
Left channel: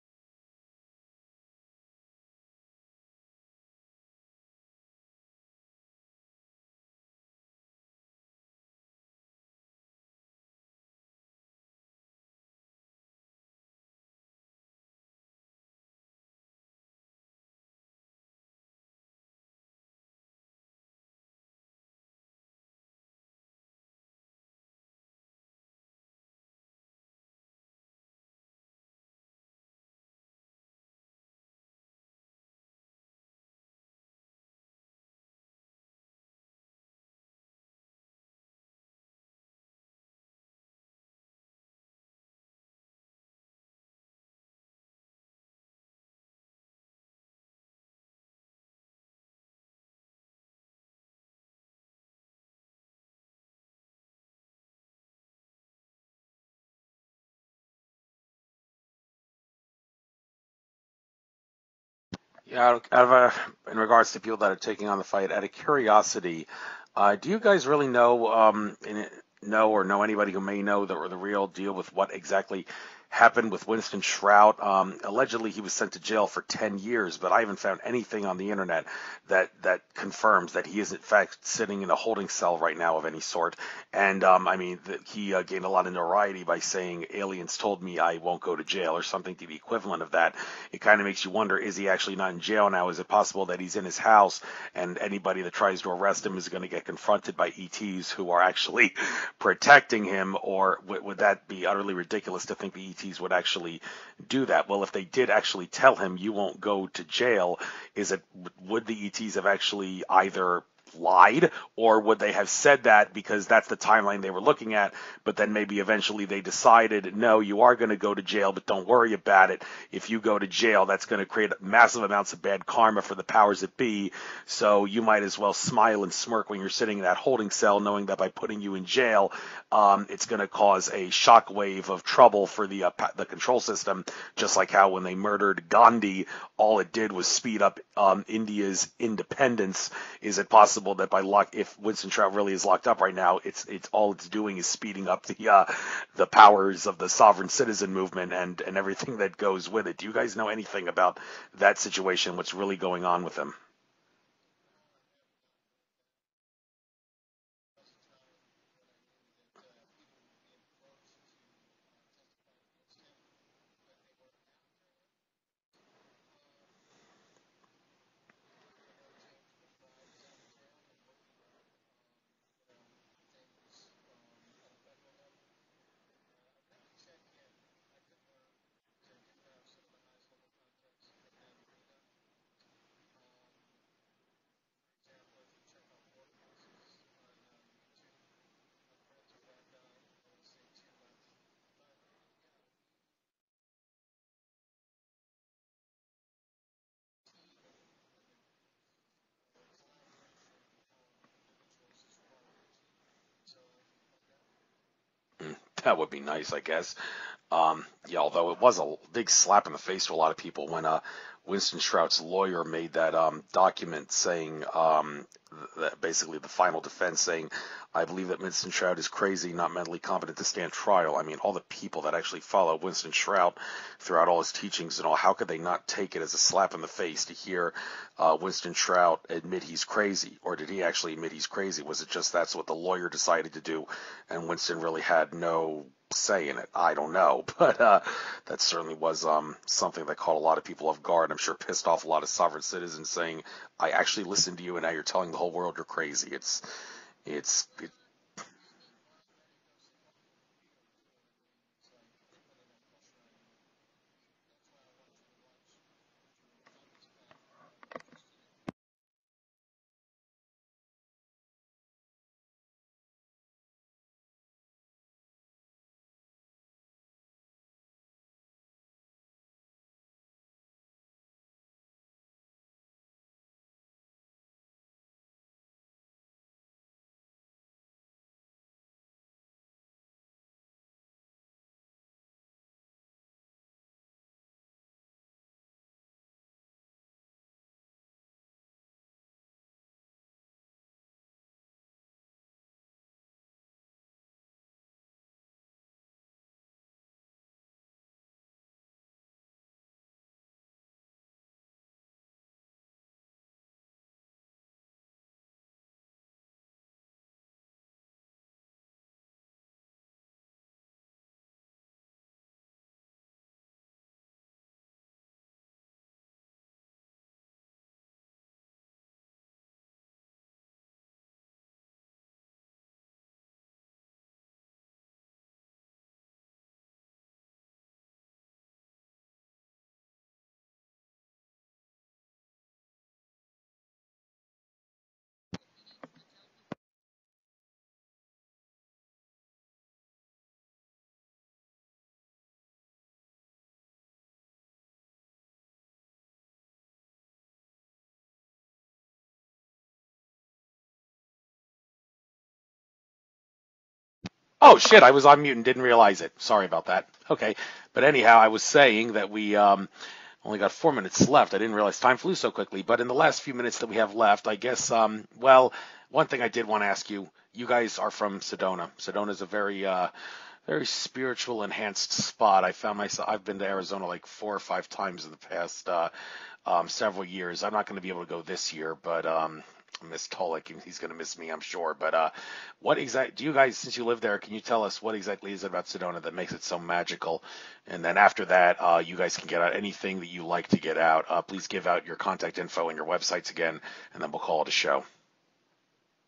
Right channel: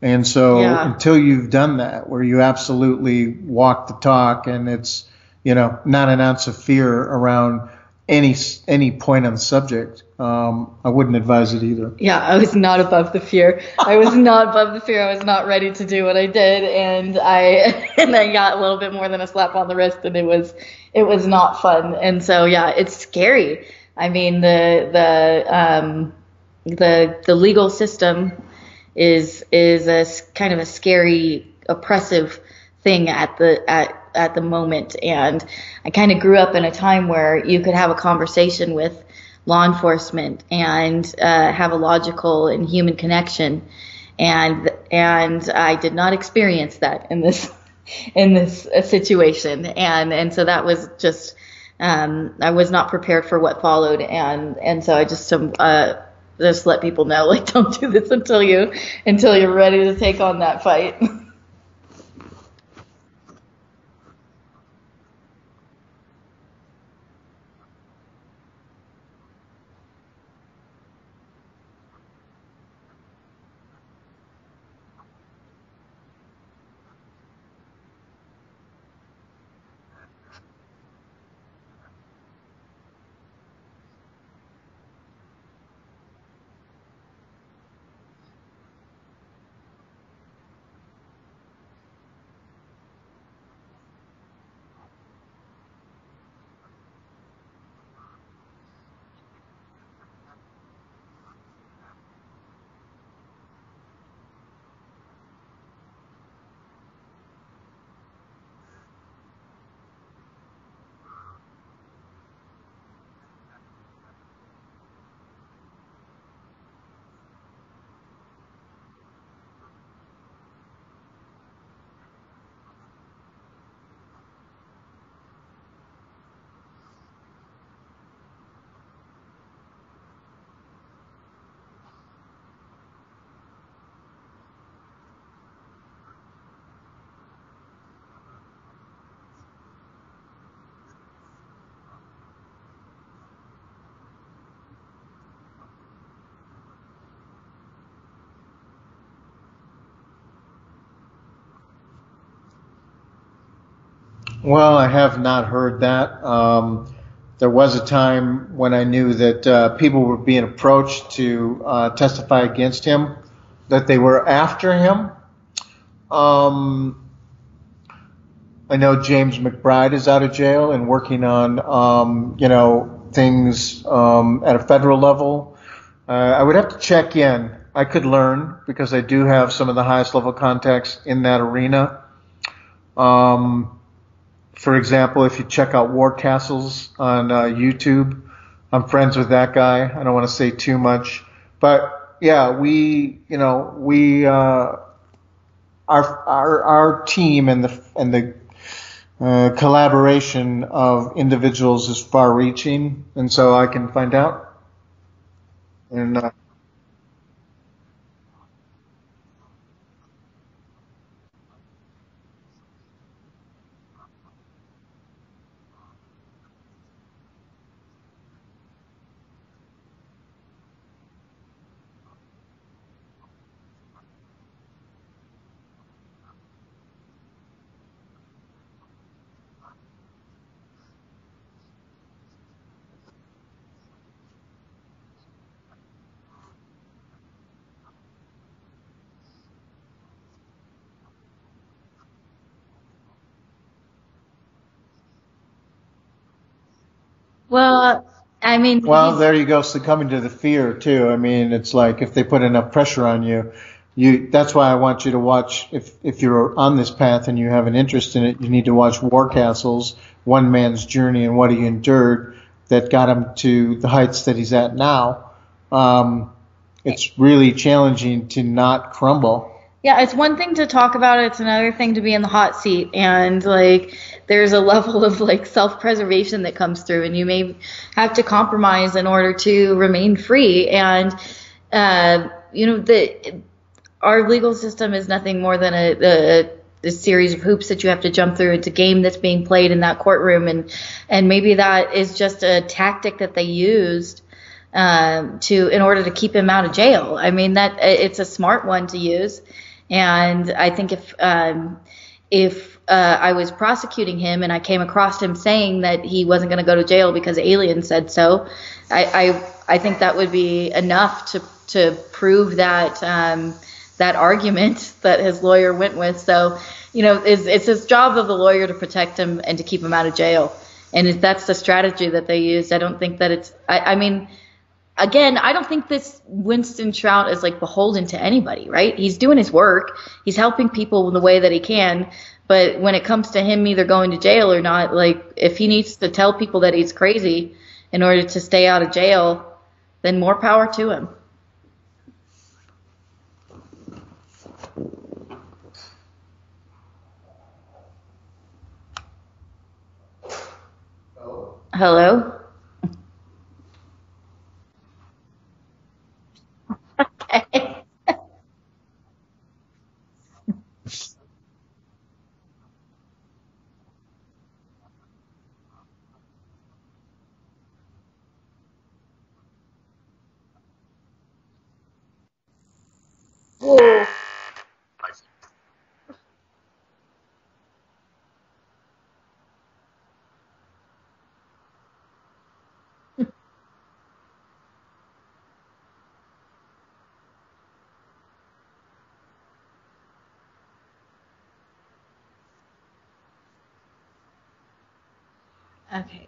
And so until you've done that, where you absolutely walk the talk and it's, not an ounce of fear around any point on the subject, I wouldn't advise it either. Yeah, I was not above the fear. I was not above the fear. I was not ready to do what I did, and I got a little bit more than a slap on the wrist, and it was not fun. And so it's scary. I mean, the legal system is a kind of a scary, oppressive thing at the moment. And I kind of grew up in a time where you could have a conversation with law enforcement and have a logical and human connection, and I did not experience that in this situation, and so that was just I was not prepared for what followed, and so I just let people know, like, don't do this until you're ready to take on that fight. Yeah, in regards to people that are taking on the fight, out of curiosity, do you guys really know know anybody who may know the real deal with what exactly happened with Winston Shrout? Allegedly, he was sent to jail for 10 years, but I haven't found anything on the internet that confirms that he is in fact sitting in a holding cell right now of any sort. And he gained a lot of notoriety by saying, aliens told me I won't go to jail, or something to the equivalent of that. It kind of makes you wonder, is he actually not in jail now? Is it possible that he's in his house and anybody that tries to arrest him is going to get confronted by ETs who are actually protecting him? Or would that be utterly ridiculous to think the ETs would actually do that? Well, if they did actually tell him you won't go to jail, would the ETs have actually either lied, or would they have said that because that's the timeline they were looking at, but then maybe eventually they decided, no, you are going to go to jail, but don't worry about it. If you go to jail, that's going to create massive amounts of bad karma for the powers that be, so you might as well smile and smirk when you're sitting in that holding cell, knowing that by putting you in jail, it's going to cause a shockwave of trouble for the control system, just like how when they murdered Gandhi, all it did was speed up India's independence. Is it possible that if Winston Shrout really is locked up right now, it's all it's doing is speeding up the powers of the sovereign citizen movement and everything that goes with it? Do you guys know anything about that situation? What's really going on with him? Well, I have not heard that. There was a time when I knew that people were being approached to testify against him, that they were after him. I know James McBride is out of jail and working on, things at a federal level. I would have to check in. I could learn because I do have some of the highest level contacts in that arena. For example, if you check out War Castles on YouTube, I'm friends with that guy. I don't want to say too much, but yeah, our team and the collaboration of individuals is far-reaching, and so I can find out. That would be nice, I guess. Although it was a big slap in the face to a lot of people when Winston Shrout's lawyer made that document saying basically the final defense, saying, I believe that Winston Shrout is crazy, not mentally competent to stand trial. I mean, all the people that actually follow Winston Shrout throughout all his teachings and all, how could they not take it as a slap in the face to hear Winston Shrout admit he's crazy? Or did he actually admit he's crazy? Was it just that's what the lawyer decided to do, and Winston really had no say in it? I don't know, but that certainly was something that caught a lot of people off guard. I'm sure pissed off a lot of sovereign citizens, saying, I actually listened to you, and now you're telling the whole world you're crazy. It's well, I mean, Well, there you go, succumbing to the fear too. I mean, it's like if they put enough pressure on you, that's why I want you to watch, if you're on this path and you have an interest in it, you need to watch War Castles, One Man's Journey and What He Endured that got him to the heights that he's at now. It's really challenging to not crumble. Yeah, it's one thing to talk about it. It's another thing to be in the hot seat. And like, there's a level of like self-preservation that comes through, and you may have to compromise in order to remain free. And, our legal system is nothing more than a series of hoops that you have to jump through. It's a game that's being played in that courtroom. And maybe that is just a tactic that they used in order to keep him out of jail. I mean, that it's a smart one to use. And I think if I was prosecuting him and I came across him saying that he wasn't going to go to jail because aliens said so, I think that would be enough to prove that that argument that his lawyer went with. So, it's his job of the lawyer to protect him and to keep him out of jail. And if that's the strategy that they used, I don't think that it's. I mean. Again, I don't think this Winston Shrout is like beholden to anybody, right? He's doing his work. He's helping people in the way that he can. But when it comes to him either going to jail or not, like if he needs to tell people that he's crazy in order to stay out of jail, then more power to him. Hello? Oh, shit, I was on mute and didn't realize it. Sorry about that. Okay. But anyhow, I was saying that we only got 4 minutes left. I didn't realize time flew so quickly. But in the last few minutes that we have left, I guess, one thing I did want to ask you, you guys are from Sedona. Sedona is a very spiritual, enhanced spot. I've been there like 4 or 5 times in the past several years. I'm not going to be able to go this year, but miss Tolec. He's going to miss me, I'm sure. But what exactly do you guys, since you live there, can you tell us what exactly is it about Sedona that makes it so magical? And then after that, you guys can get out anything that you like to get out. Please give out your contact info and your websites again, and then we'll call it a show. Okay.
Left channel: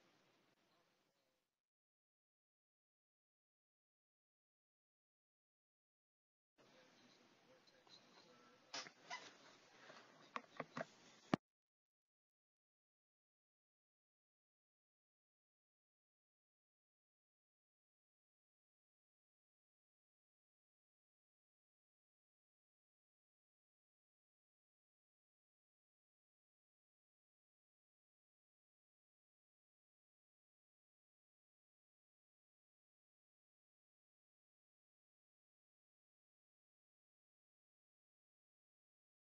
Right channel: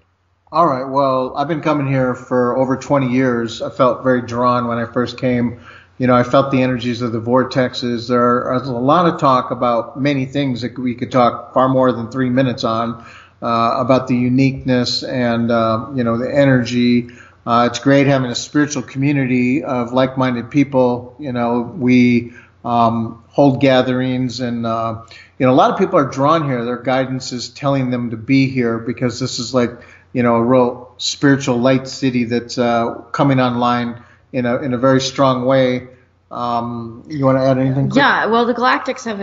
All right. Well, I've been coming here for over 20 years. I felt very drawn when I first came. I felt the energies of the vortexes. There's a lot of talk about many things that we could talk far more than 3 minutes on. About the uniqueness and, the energy. It's great having a spiritual community of like-minded people. We hold gatherings and, a lot of people are drawn here. Their guidance is telling them to be here because this is like, a real spiritual light city that's coming online in a very strong way. You want to add anything? Quick? Yeah, well, the Galactics have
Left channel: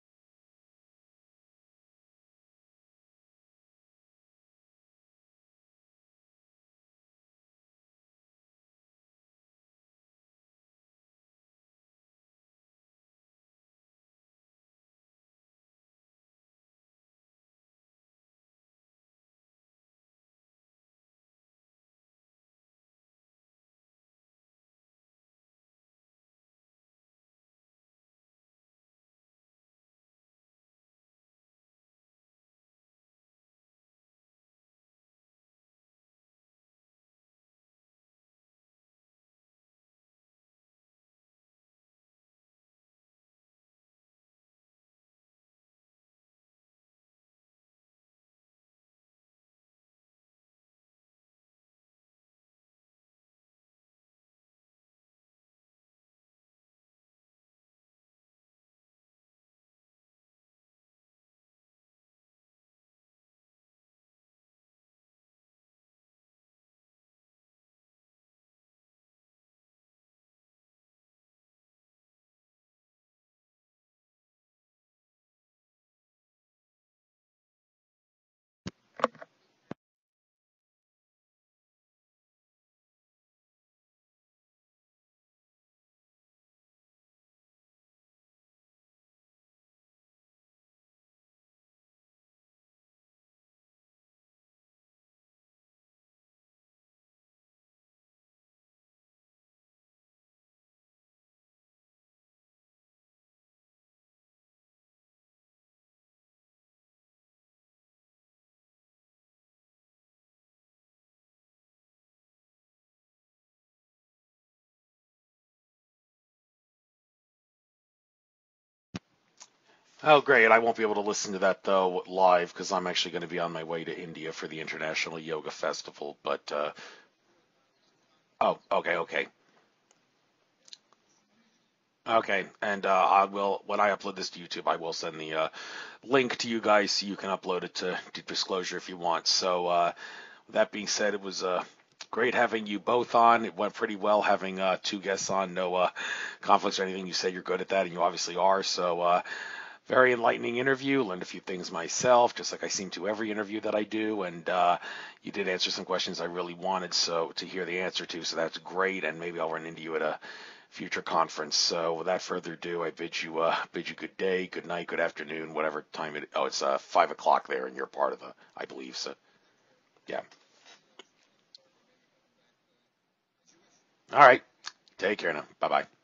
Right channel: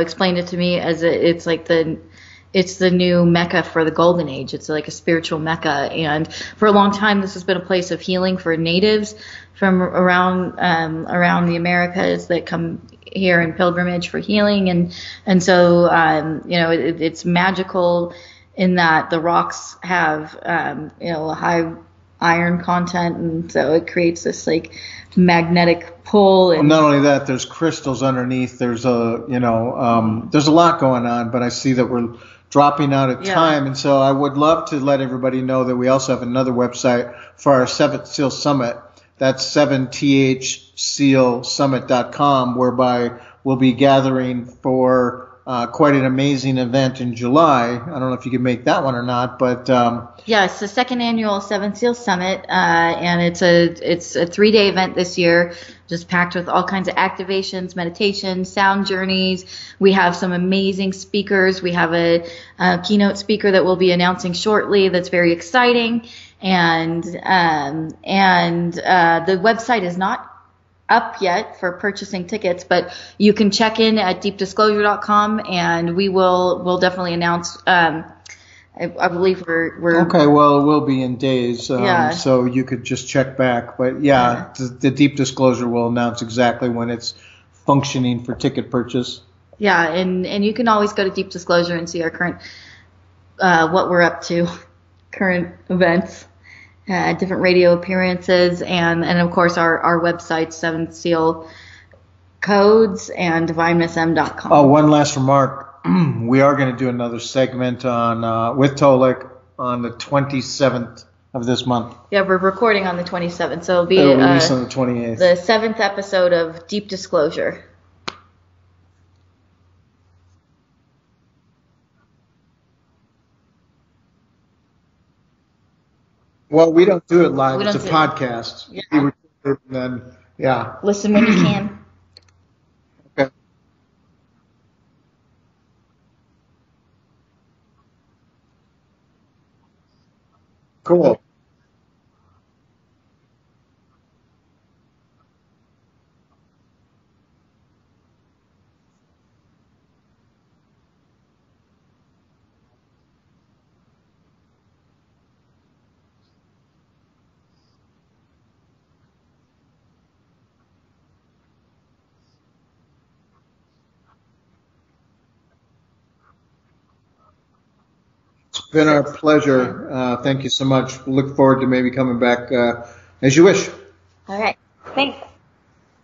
explained it to me as it's the new Mecca for the Golden Age. It's like a spiritual Mecca, and for a long time, this has been a place of healing for natives from around the Americas that come here in pilgrimage for healing, and so it's magical in that the rocks have a high iron content, and so it creates this like magnetic pull. And well, not only that, there's crystals underneath. There's there's a lot going on, but I see that we're dropping out of time, and so I would love to let everybody know that we also have another website for our 7th Seal Summit. That's 7thsealsummit.com, whereby we'll be gathering for quite an amazing event in July. I don't know if you can make that one or not, but it's the 2nd annual 7th Seal Summit, and it's a 3-day event this year, just packed with all kinds of activations, meditations, sound journeys. We have some amazing speakers. We have a keynote speaker that we'll be announcing shortly that's very exciting, and the website is not up yet for purchasing tickets, but you can check in at deepdisclosure.com, and we'll definitely announce. I believe we're Okay, well, it will be in days, Yeah. so you could just check back. But yeah, the deep disclosure will announce exactly when it's functioning for ticket purchase. Yeah, and you can always go to Deep Disclosure and see our current what we're up to, current events, different radio appearances, and of course our website, Seventh Seal Codes and DivineSM.com. Oh, one last remark. We are going to do another segment on with Tolec on the 27th of this month. Yeah, we're recording on the 27th, so it'll be It'll release on the 28th. the 7th episode of Deep Disclosure. Oh, great. I won't be able to listen to that, though, live, because I'm actually going to be on my way to India for the International Yoga Festival. But well, we don't do it live. We It's a don't do it. podcast. Oh, okay. And then, yeah. Listen when you can. Okay, and I will, when I upload this to YouTube, I will send the link to you guys so you can upload it to Deep Disclosure if you want. So that being Cool. said, it was great having you both on. It went pretty well having two guests on, no conflicts or anything. You said you're good at that, and you obviously are. So very enlightening interview. Learned a few things myself, just like I seem to every interview that I do, and you did answer some questions I really wanted to hear the answer to, so that's great, and maybe I'll run into you at a future conference. So without further ado, I bid you good day, good night, good afternoon, whatever time it. Oh, it's 5 o'clock there, and you're part of the. It's been our pleasure. Thank you so much. Look forward to maybe coming back as you wish. All right. All right. Take care now. Bye bye.